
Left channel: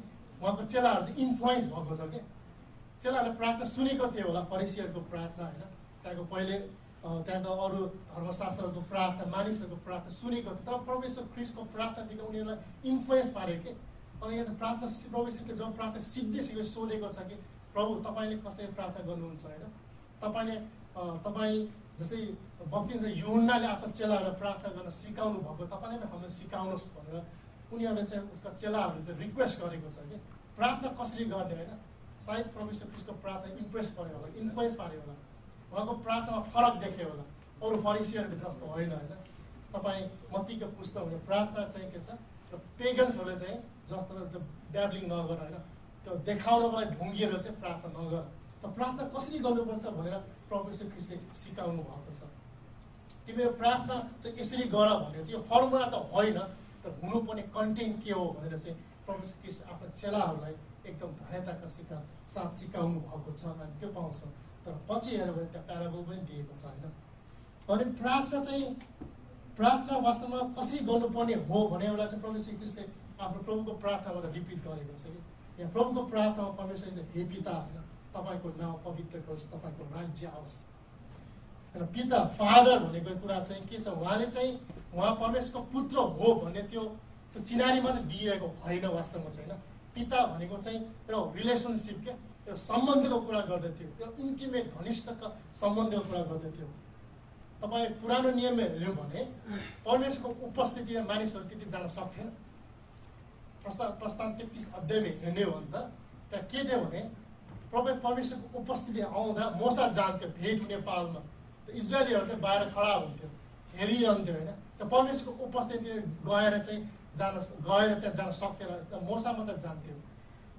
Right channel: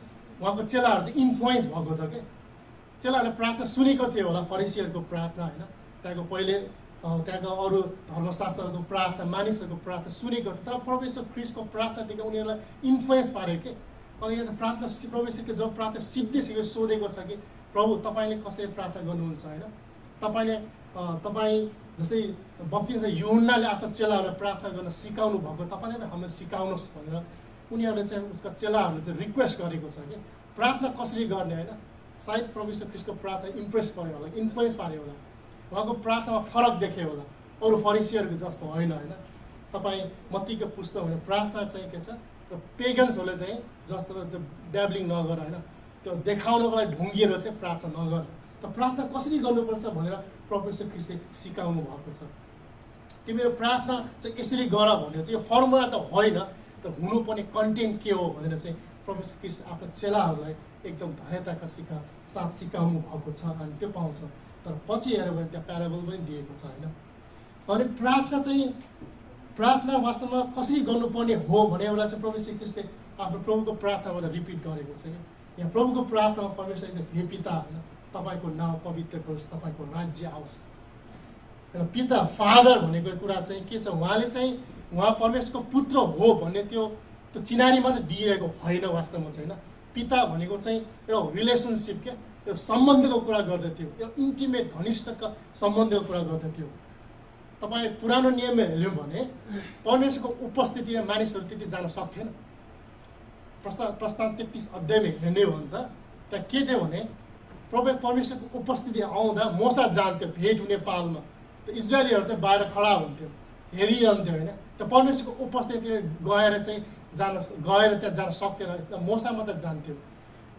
उहाँको चेलाहरू चाहिँ इन्फ्लुएन्स भएको छ क्या। चेलाहरूले प्रार्थना सुनेको थियो होला, फरिसीहरूको प्रार्थना होइन, त्यहाँको अरू धर्मशास्त्रहरूको प्रार्थना, मानिसहरूको प्रार्थना सुनेको थियो। तर प्रभु यीशु ख्रीष्टको प्रार्थनादेखि उनीहरूलाई इन्फ्लुएन्स पार्यो कि। अनि यहाँ चाहिँ प्रार्थना प्रभु यीशुले जब प्रार्थना सिद्धिसक्यो सोधेको छ कि प्रभु तपाईँले कसरी प्रार्थना गर्नुहुन्छ होइन। तपाईँ जस्तै बप्तिस्मा यूहन्नाले आफ्नो चेलाहरूलाई प्रार्थना गर्न सिकाउनु भएको, तपाईँले पनि हामीलाई सिकाउनुहोस् भनेर उनीहरूले चाहिँ उसका चेलाहरूले चाहिँ रिक्वेस्ट गरेको छ कि प्रार्थना कसरी गर्ने होइन। सायद प्रभु यीशु ख्रीष्टको प्रार्थना इम्प्रेस पार्यो होला, इन्फ्लुएन्स पार्यो होला, उहाँको प्रार्थनामा फरक देख्यो होला, अरू फरिसीहरूको जस्तो होइन होइन। तपाईँ मत्तीको पुस्तक भने प्रार्थना चाहिँ के छ, र पेगन्सहरूले चाहिँ जस्तो त्यो ड्याब्लिङ नगर होइन, त्यो देखाउनको लागि ढुङ्गिएर चाहिँ प्रार्थना नगर। त प्रार्थना कसरी गर्नुपर्छ भनेर प्रभु यीशु ख्रीष्टले सिकाउनु भएको छ। तिमीहरू प्रार्थना चाहिँ यसरी गर भनेर चाहिँ यो फर्मुला त होइन, तर हुनुपर्ने कन्टेन्ट के हो भनेर चाहिँ प्रभु यीशु ख्रीष्ट आफ्नो चेलाहरूलाई एकदम धैर्यताका साथ सिकाउनु भएको छ। अनि त्यो पाउँछ। तर पछि हेऱ्यो भने त्यहाँ प्याराबल पनि दिएको छ होइन। अनि प्रार्थना वास्तवमा कसरी गर्नुपर्ने हो भने एउटा चाहिँ प्रभु यीशु ख्रीष्टले आफ्नो प्रभुको प्रार्थनाबाट रिपिट गरेको छ कि यहाँ प्रभुको प्रार्थनामा परमेश्वरले चाहिँ हे पिता होइन, तपाईँको नाउँ पवित्र होस्, तपाईँको राज्य आओस्। र पिता फादर भनेको कुरा चाहिँ के छ, उहाँले चाहिँ उहाँ परमेश्वरको पुत्र हो भन्ने त्यो चिनारी मात्रै दिइरहेको होइन वास्तवमा चाहिँ होइन। पिता भनेको चाहिँ एउटा रिलेसनसिप क्या, एउटा सम्बन्धको कुरा गर्दथ्यो, एउटा इन्टिमेट घनिष्ठका सम्बन्धको कुरा गर्दथ्यो। तपाईँ पुरानो नियममा हेऱ्यौँ भने परमेश्वरको उपस्थितिमा मानिसहरू त्यति जान सक्थेन। प्रस्थान 33 अध्यायमा हेर्ने हो भने त त्यहाँ के थियो भने परमेश्वरको उपस्थिति आउँदा मोसा जान्थ्यो भेट हुने पालमा, त इजरायलीहरू चाहिँ बाहिर खडा हुन्थ्यो, हेरिरहन्थ्यो होइन। त परमेश्वरको उपस्थिति गएर त्यहाँ जान सक्थेन, मोसा मात्र जान्थ्यो।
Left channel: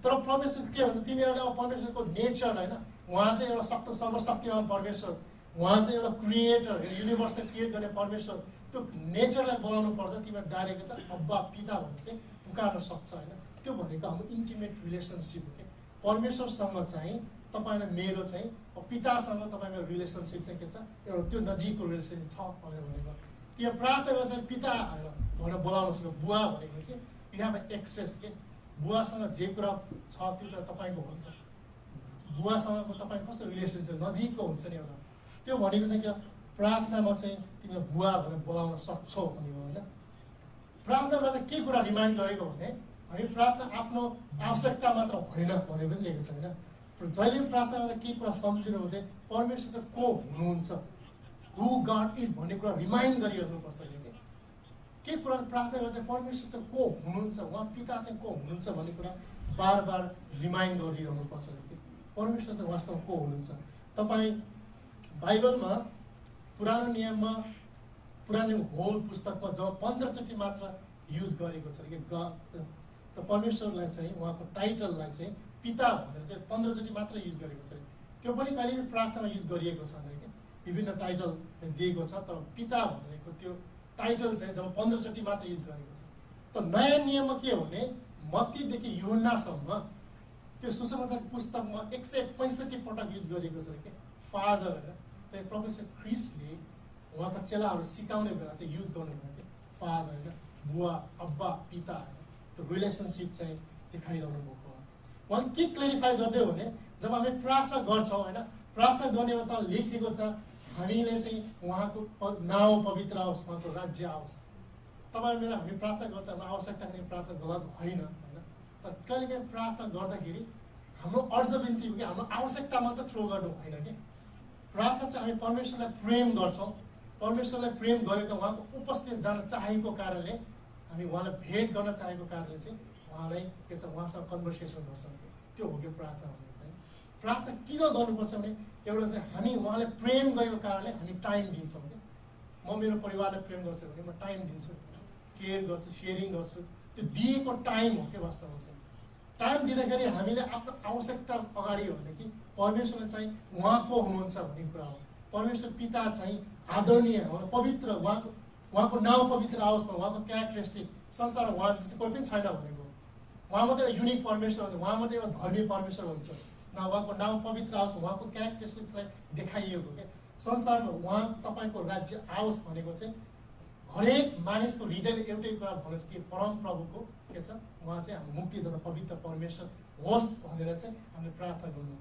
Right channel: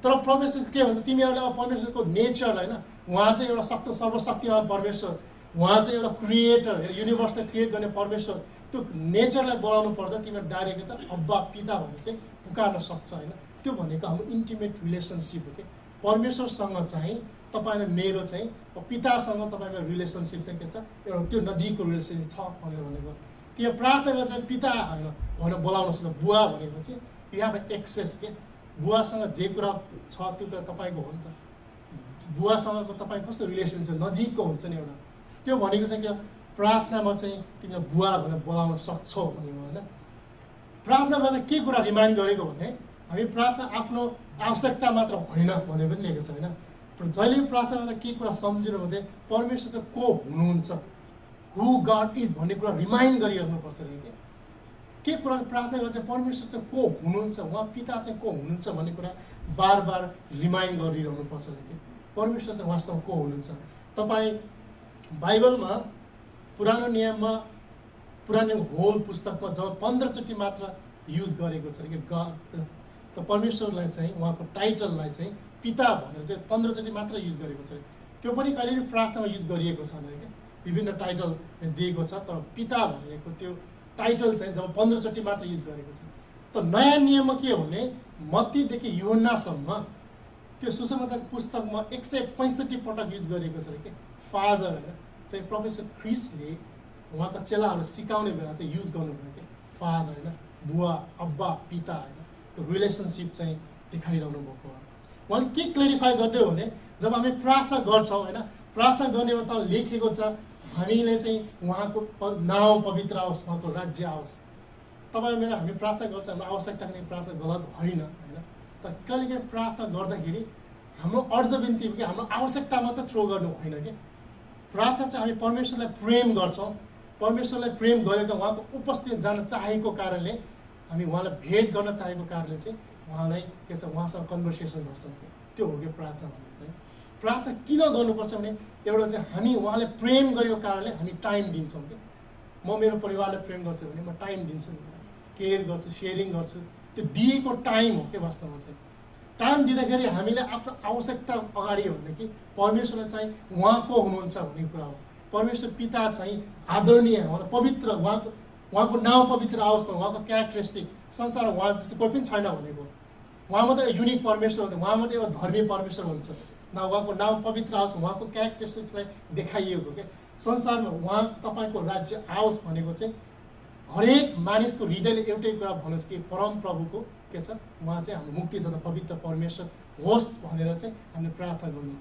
तर परमेश्वर के भन्छ, तिमीहरूले अब परमेश्वरको नेचर होइन, उहाँ चाहिँ एउटा सर्वशक्तिमान परमेश्वर, उहाँ चाहिँ एउटा क्रिएटर, युनिभर्सलाई क्रिएट गर्ने परमेश्वर, त्यो नेचरलाई बोलाउनु पर्दा तिमीहरू डाइरेक्ट चाहिँ अब्बा पिता भनेर चाहिँ पुकार्न सक्छ होइन। त्यो भनेको हाम्रो इन्टिमेट रिलेसनसिप हो कि परमेश्वरसँग चाहिँ तपाईँ र मेरो चाहिँ पितासँग तपाईँको रिलेसनसिप चाहिँ के छ, एउटा त्यो नजिकको रिलेसनसिप छ भनेको। त्यो प्रार्थना चाहिँ पिता होइन भनेर बोलाउन सक्छ। बुवा भनेको चाहिँ यु हेभ एक्सेस के, बुवासँग जे कुरा छ त्यो कुरा तपाईँको हो नि त। बुवासँगको तपाईँ कस्तो रिलेसनसिप नजिकको हुन्छ नि एउटा, त्यो भनेको चाहिँ क्या प्रार्थनामा चाहिँ तिमीले बुवा भनेर बोलाउन सक्छौ भनेको होइन। प्रार्थनामा चाहिँ के कुरा रिमाइन्ड गरेको भने हामी प्रार्थना आफ्नो आवश्यकता मात्र होइन भनेर पनि लेखेको छ होइन। जहिले प्रार्थनामा के कुरा सम्झिनु भने परमेश्वर चाहिँ को हुनुहुन्छ, हु गड इज भन्ने कुरा रिमाइन्ड गरिरहनुपर्छ कि के कुरा प्रार्थना गर्दा चाहिँ परमेश्वर चाहिँ को हुनुहुन्छ, उहाँ पिता चाहिँ को हुनुहुन्छ भन्ने कुरा बार बार रिमाइन्ड गरिरहनुपर्छ कि परमेश्वर चाहिँ वास्तवमा को हुनुहुन्छ। तपाईँ बाइबलमा पुरानो नियममा होल पुस्तकमा जब 15 चोटि मात्र युज गरेको छ कि त परमेश्वरलाई चाहिँ उहाँको टाइटललाई चाहिँ पिता भनेर चाहिँ 15 चोटि मात्र युज गरेको छ। त्यो पनि कहिले पनि प्रार्थनामा युज गरिएको छैन क्या, विभिन्न टाइटल दिएको छ, तर पिता भनेको त्यो टाइटल चाहिँ जब 15 चोटि मात्र युज गरेको छ। त नयाँ नियममा के हो भने मत्तीदेखि यूहन्नासम्म त्यो सुसमाचार पुस्तकमा 165 पटक युज गरेको छ कि फादर होइन। त्यही प्रोफेसर ख्रिस्टले उहाँका चेलाहरूलाई सिकाउने बेला चाहिँ युज गर्नुभयो कि फादर होइन, बुवा अब्बा पिता होइन, त्यो रिलेसनसिप चाहिँ देखाइरहनु भएको हो। उहाँले के क्लेरिफाई गर्दै हो भने जब हामी प्रार्थना गर्छौँ होइन, प्रार्थना गर्नेमा त लेखेको छ हामीले चाहिँ उहाँको नाउँ पवित्र आओस्, उहाँको राज्य आओस्। तपाईँ मेरो हामी प्रार्थना गर्छ, हाम्रो आवश्यकताको निम्ति प्रार्थना गलत होइन होइन, तर कहिलेकाहीँ प्रार्थना गर्दाखेरि हाम्रो अर्जबिन्ती कि हाम्रो आवश्यकता मात्र थ्रो गर्नु होइन कि प्रार्थना चाहिँ हामी परमेश्वरलाई प्रेम गर्छौँ परमेश्वरलाई प्रेम गरेर उहाँको उपस्थिति जान चाहेको कारणले हामी उहाँलाई भेट गर्न चाहेको कारणले चाहिँ उहाँलाई के छ उहाँसँग कन्भर्सेसन गर्छौँ त्यो हो कि प्रार्थना भन्ने चाहिँ प्रार्थना किन गर्नुपर्छ भने एउटा चाहिँ हामी उहाँले प्रेम गरेको कारणले हामी टाइम दिन्छौँ कि म मेरो परिवारलाई प्रेम गर्छु भने म टाइम दिन्छु केयर गर्छु सेयरिङ गर्छु त्यो दिएको टाइम हो के वास्तवमा चाहिँ टाइम दिँदाखेरि हामीले आफ्नो आवश्यकता अगाडि हो भने कि परमेश्वरलाई चाहिँ उहाँको हुनुहुन्छ भन्ने कुरा हो परमेश्वर पिता चाहिँ आदरणीय पवित्र उहाँको नाउँ पवित्र आओस् न उहाँको क्यारेक्टरिस्टिक संसारमा उहाँ जस्तो कोही पनि छैन भनेको उहाँ मात्रै युनिक परमेश्वर हुन्छ उहाँ मात्रै एउटा धर्मी परमेश्वर हुन्छ न उहाँको नाउँ पवित्र आओस् उहाँको क्यारेक्टरिस्टिक्सलाई देखाइएको क्या संसारमा उहाँ तपाईँको राज्य आओस् भनेको चाहिँ हरेक मानिसको हृदयले एउटै कुरा भन्नुहोस् कि परम प्रभुको के छ उहाँ चाहिँ हाम्रो मुक्तिदाता पवित्र परमेश्वर होस् भनेर चाहिँ हामीले प्रार्थना गर्नु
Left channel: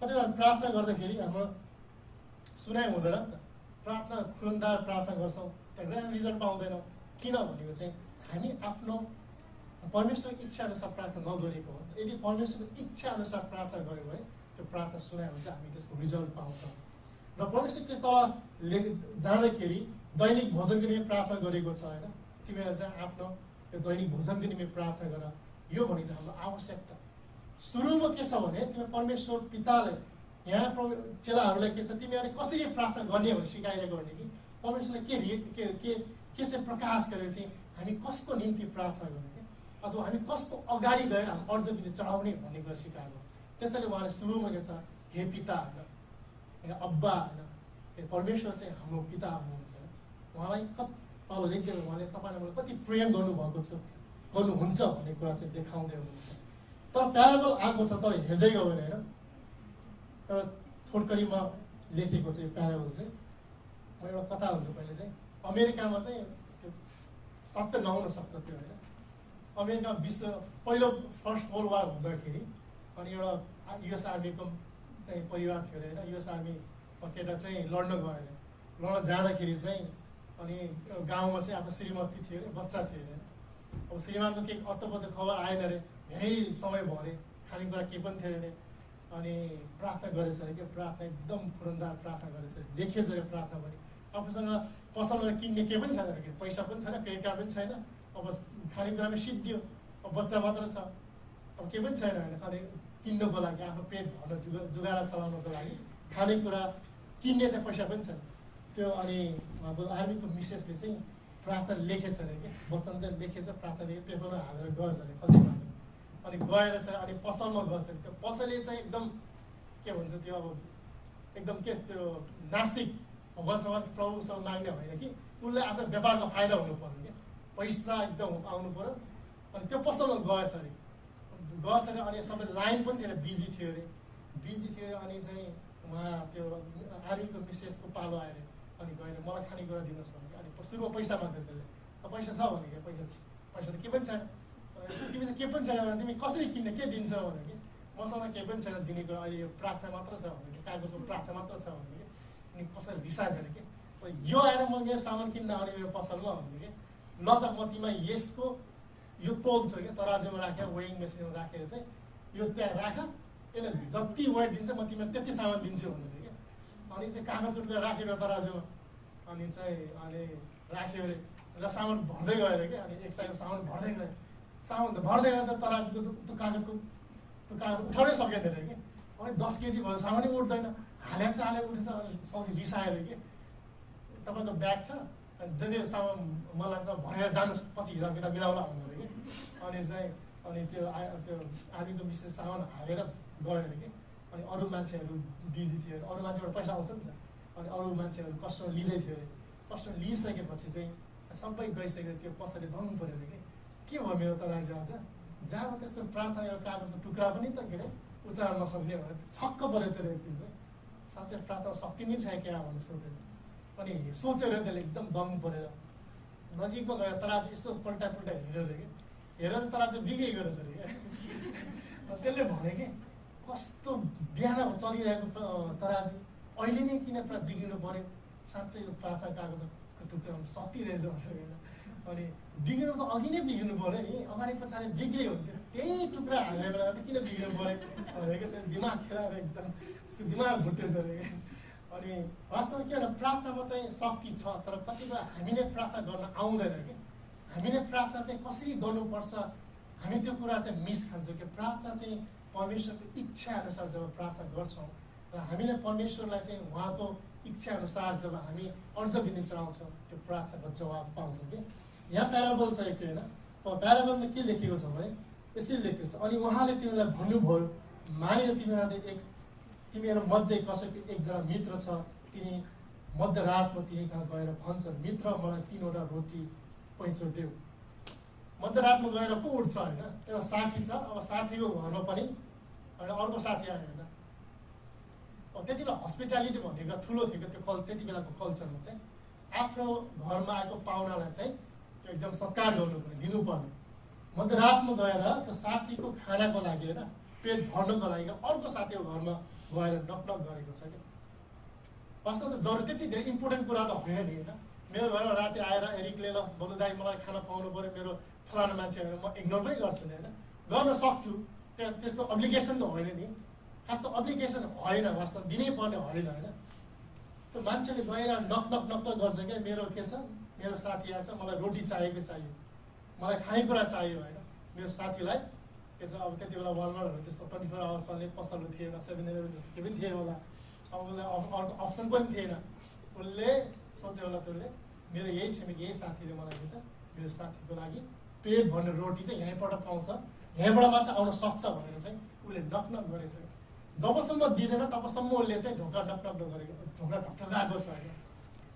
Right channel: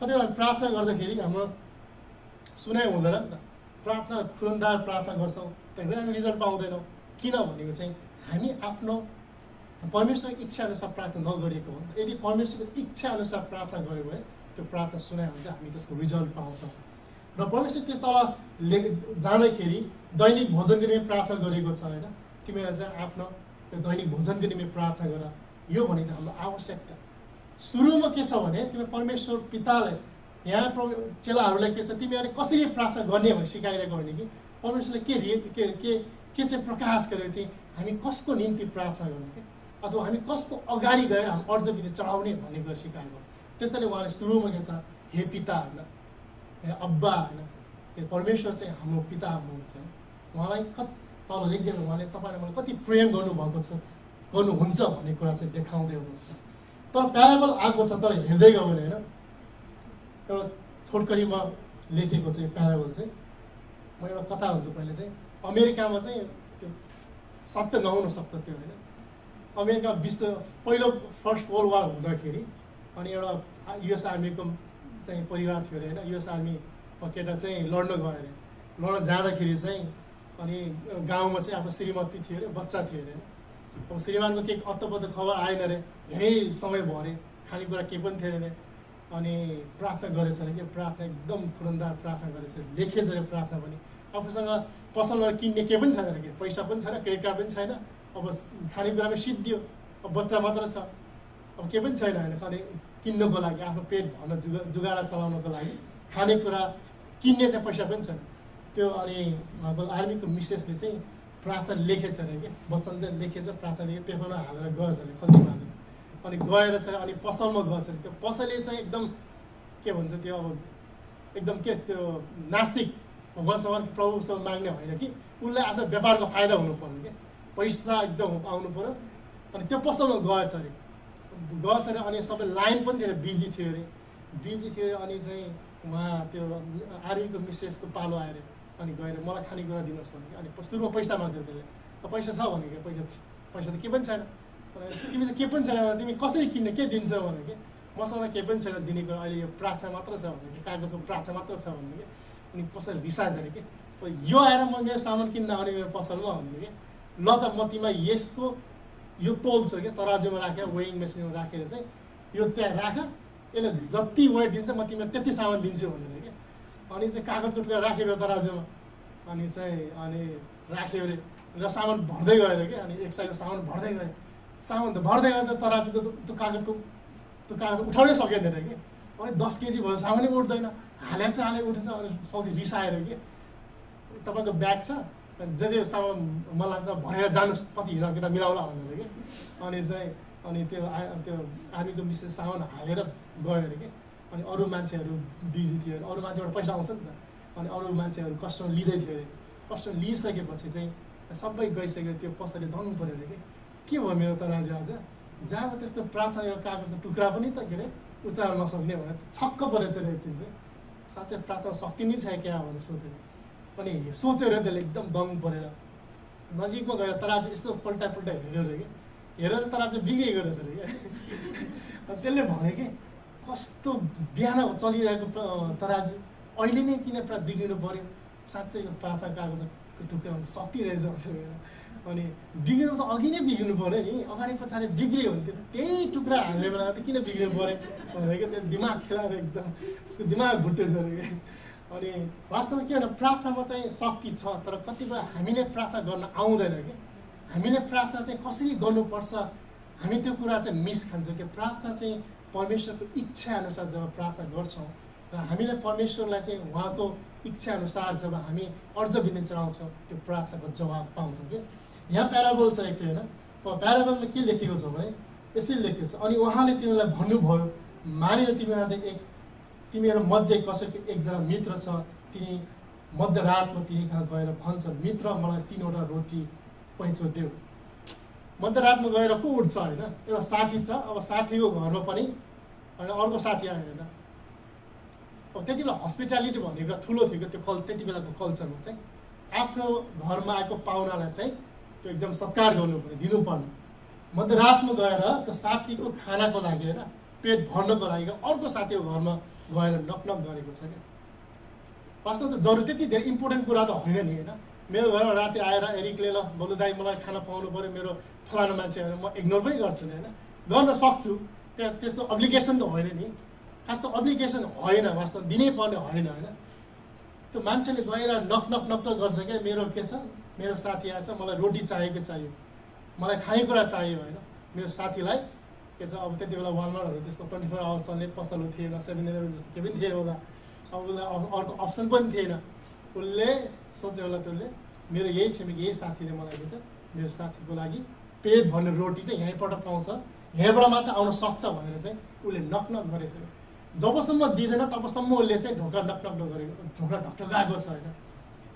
कतिपय हामी प्रार्थना गर्दाखेरि हाम्रो सुनाइ हुँदैन नि त प्रार्थना खुरुन्दार प्रार्थना गर्छौँ त्यहाँदेखि हामी रिजल्ट पाउँदैनौँ किन भनेको चाहिँ हामी आफ्नो परमेश्वरको इच्छा अनुसार प्रार्थना नगरेको हो यदि परमेश्वरको इच्छा अनुसार प्रार्थना गऱ्यो भने त्यो प्रार्थना सुनाइ हुन्छ हामी त्यसको रिजल्ट पाउँछौँ र परमेश्वरको तल जाँदाखेरि दैनिक भोजनको निम्ति प्रार्थना गरेको छ होइन तिमीलाई चाहिँ आफ्नो त्यो दैनिक भोजनको निम्ति प्रार्थना गर यो भने चाहिँ हाम्रो आवश्यकता सुरुमा के छ भने तिमी परमेश्वर पितालाई यहाँ चेलाहरूलाई के छ तिमीहरूले कसरी प्रार्थना गर्ने भनेर सिकाइरहेको भने कि परमेश्वरले के चाहिँ प्रकाश गरेर चाहिँ हामी कसको निम्ति प्रार्थना गर्ने क्या अथवा हामी कसको अगाडि गएर हामी अर्जविधि चढाउने भन्ने कुरा सिकाएको त्यसैले उहाँले सुरुमा के छ हे पिता होइन अब्बा होइन परमेश्वर चाहिँ हाम्रो पिता हुनुहुन्छ उहाँलाई तल लेखिदिनु उहाँले तपाईँले मलाई कति प्रेम गर्नुभएको छ गर्नुहुन्छ भन्ने कुरा चाहिँ देखाउँदै हुनुहुन्छ तर प्याराबल आएको छ तर हेर्दै गयो भने होइन एउटा छोटकरीमा लेखेको चाहिँ प्याराबल चाहिँ म एउटा कथा हुन्छु पहिले चाहिँ अमेरिकामा चाहिँ त्यो सत्य नहुन सक्छ त्यो होइन अमेरिका विश्व पहिलो फर्स्ट वर्ल्ड वार हुँदाखेरि अनि एउटा युएस आर्मीको चाहिँ परिवार थियो अरे होइन युएस आर्मी केटा चाहिँ लड्न गयो अरे लड्न जाँदाखेरि चाहिँ अनि गाउँमा चाहिँ आफ्नो श्रीमती थियो अरे बच्चा थियो अरे अब श्रीमानको केही अत्तपत्त खबर आएन अरे धेरै समय भयो अरे खानेकुरा केही पनि थियो अरे अनि प्रार्थना गरेछ अरे कि प्रार्थना एकदम तुरन्दार प्रार्थना गरेछ लेखेछ अरे प्रार्थना पनि आफूसँग पसलमा किन्ने केही पनि छैन अरे कि पैसा पनि छैन क्रेडिट कार्ड पनि छैन अब खानेकुरामा सिद्धियो अब बच्चा मात्र छ अब केही पनि छैन होइन अनि किन्नुको लागि आफ्नो पेट भर्न जुगारा चलाउनको लागि खानेकुरा किन्ने चाहिँ पैसा पनि छैन त्यो अनि आर्मीको मिसेसले चाहिँ प्रार्थना लेखेछ अरे कि वचन चाहिँ लेखेछ प्रार्थना लेखे पेपरमा हालेर गएछ अरे खल्तीमा हालेर अनि गएर चाहिँ अनि पसलमा गएछ अरे त्यो पसलले चाहिँ एकदम के भन्छ त्यो अब एकदम के त्यो नास्तिक भगवान्सँग प्रभुसँग माग्ने होइन कि उसलाई आफ्नो व्यापारको फाइदा हुनु पर्यो क्या पैसा एकदम आउनु पर्यो अनि त्यो पसलमा गएछ अरे अनि सबै लाइन पनि थियो बिजी थियो अरे अनि चाहिँ उहाँ त्यो आर्मीको मिसेसको पालो आयो अरे अनि गएर मलाई खानेकुरा दिनुहोस् भने अनि सुरुमा पैसा माग्थ्यो त्यसले पैसा छ भने कि पैसा त केही पनि छैन तिमी चाहिँ केही पनि छैन भने तिमी कसरी किन्ने के दिन्छ भने कि मसँग केही पनि छैन दिने कुरा अहिले यो प्रार्थना मात्र छ भने कि कागजको प्रार्थना मात्र छ भने कि अनि कसरी रिसाएछ अरे कि यो आएर म मेरो सामान किन्न आउने मेरो पसलमा भने कि ल त म तिमीलाई यसको यो तोल्छु क्या तराजुमा राखेर वेइङ मेसिनमा राखेर चाहिँ यो त्यहाँ राख यसले जति वेट दिन्छ म तिमीलाई त्यति सामान दिन्छु भनेर क्या अनि चाहिँ कागजको टुक्रा राखेर तराजुमा अनि चाहिँ अनि राख्यो अरे र सामान भर्दै गएर क्या अनि एक साइडको सामान भर्दै गयो सामान त भर्दै गयो त तराजुको त्यो कागज उठाउनै सकिँदैन कि अनि 10 केजी भयो सामानै उठ्दैन हालेछ उठेछ अनि सौजी रिसाएर कि तपाईँको ब्याग छ जे सामान मलाई त भरेर जानुहोस् पछि हिसाब किताब मिलाउला भनेर कि अनि चाहिँ अनि त्यो आर्मीको मिसेस सामान हालेर गयो अरे कि अनि अरू मान्छेहरू बिजी थियो अरे अरू मान्छेबाट पैसा आउँछ नि त अनि अरू मान्छेहरू कस्टमर लिँदै थियो अरे कस्टमर लिइसकेपछि चाहिँ सबै गइसक्यो त्यो पसलले धनु पऱ्यो अरे के भयो मेरो त राजु आज जहाँ त्यस्तो प्रार्थना एउटा कागजको टुक्रा पनि त के अरे उच्चारण नसक्ने भनेर छक्क परेछ अरे त्यो चाहिँ साँच्चै प्रार्थना शक्ति नै छ क्या भनेर सोध्यो अनि सोच्यो अरे त्यसले एकदम दङ्ग परेर नजिकमा गएर तराजु यस्तो पल्टा हेऱ्यो अरे कि हेरेर तराजु बिग्रेको रहेछ अरे क्या त्यसले भने कि कस्तो बिहान चलिरहेको तराजु अहिले नै किन बिग्रिनु पर्यो साँच्चै यो प्रार्थना कागजको टुक्रा शक्ति रहेछ भनेर अनि बिग्रिनु त अघि नै बिग्रिनु पऱ्यो नि, अगाडि पछाडि बिग्रियो भने त्यो त्यही टुक्रा हाल्ने बेला त किन बिग्रिनु पऱ्यो भनेको त्यो दिमाग खेलाएर एकदम उसको दिमाग भुटेछ अरे। अनि वास्तवमा के भने प्रार्थनामा चाहिँ शक्ति छ, तर कतिपय हामीले प्रार्थना गर्न आउँदैन कि हामीले प्रार्थना चाहिँ कसरी गर्नुपर्छ हामी त्यो कुरा चाहिँ मिस खान्छौँ कि प्रार्थना चाहिँ परमेश्वरको इच्छा अनुसार जब प्रार्थना गर्छौँ र हामीले परमेश्वरलाई चाहिँ उहाँको इच्छा अनुसार जब हामी अर्ज बिन्ती चढाउँछौँ त्यो प्रार्थनाको जवाब पाउँछौँ कि। यहाँ प्याराबल छ एक चाहिँ होइन, प्याराबलमा के लेखेको छ भने यसरी लेखेको छ, अनि उहाँले तिमीलाई भन्नुभयो मानेर तिमीहरू मध्ये कसैको एकजना मित्र छ, तिनी मध्यरातमा तिनी कहाँ गएर भन्छ मित्र मलाई 3वटा रोटी पैँचो देऊ। मध्यरातमा गएर को उठ्छ होइन, एउटा साथी छ, अब साथीको घरमा पनि अर्को साथी आयो होइन। अब त्यति बेला हस्पिटालिटी भन्ने कुरा ठुलो थियो कि त्यो त्यति बेलाको कल्चरमा चाहिँ आफ्नो घरमा आएको पाहुनालाई चाहिँ त्यो एकदम सत्कार गर्नुपर्ने दिनुपर्ने। मध्यरातमा गएर त्यो साथीको खानाको लागि होइन पेट भर्नको लागि अर्को साथीको घरमा गएर नकनक गरेको छ क्या। वास्तवमा त जरुरी त्यति धेरै इम्पोर्टेन्ट कुरा त होइन नि होइन। मेरो घरमा राति आएर एरिकले ल बलु दाइ मलाई खाना पाउनु पऱ्यो मेरो फलानु मान्छे होइन म इग्नोर पनि गर्छु नि होइन, गर्न सक्छु, त्यहाँ त्यस्तो अब्लिगेसन त होइन नि, खास त अब्लिगेसन होइन, वास्तव दिनै पर्ने होइन होइन। त्यो मान्छेले गएर नक गर्छ क्या मेरो के छ मेरो साथी आएछ मलाई रोटी चाहियो मलाई खानेकुरा चाहियो होइन। मेरो साथीलाई के छ अब त्यति बेला वालमार्टहरू त्यस्तो 24 आवर्स चल्ने पसलहरू थिएन, 7-11 जस्तो केही पनि थिएन होला, अब उसलाई अर्को अप्सन पनि थिएन। उसले सोच्यो होला त्यसले मेरो यही छिमेकी यही साथीले मलाई के छ मेरो साथीको लागि पेट भर्ने रोटी चाहिँ यहीँबाट पाउँछ, यहीँबाट मात्र आउन सक्छ भनेर चाहिँ उसले नकनक गरेछ। जबसम्म दिँदैन तबसम्म उसले चाहिँ ढोका ढकढकाएको छ होइन।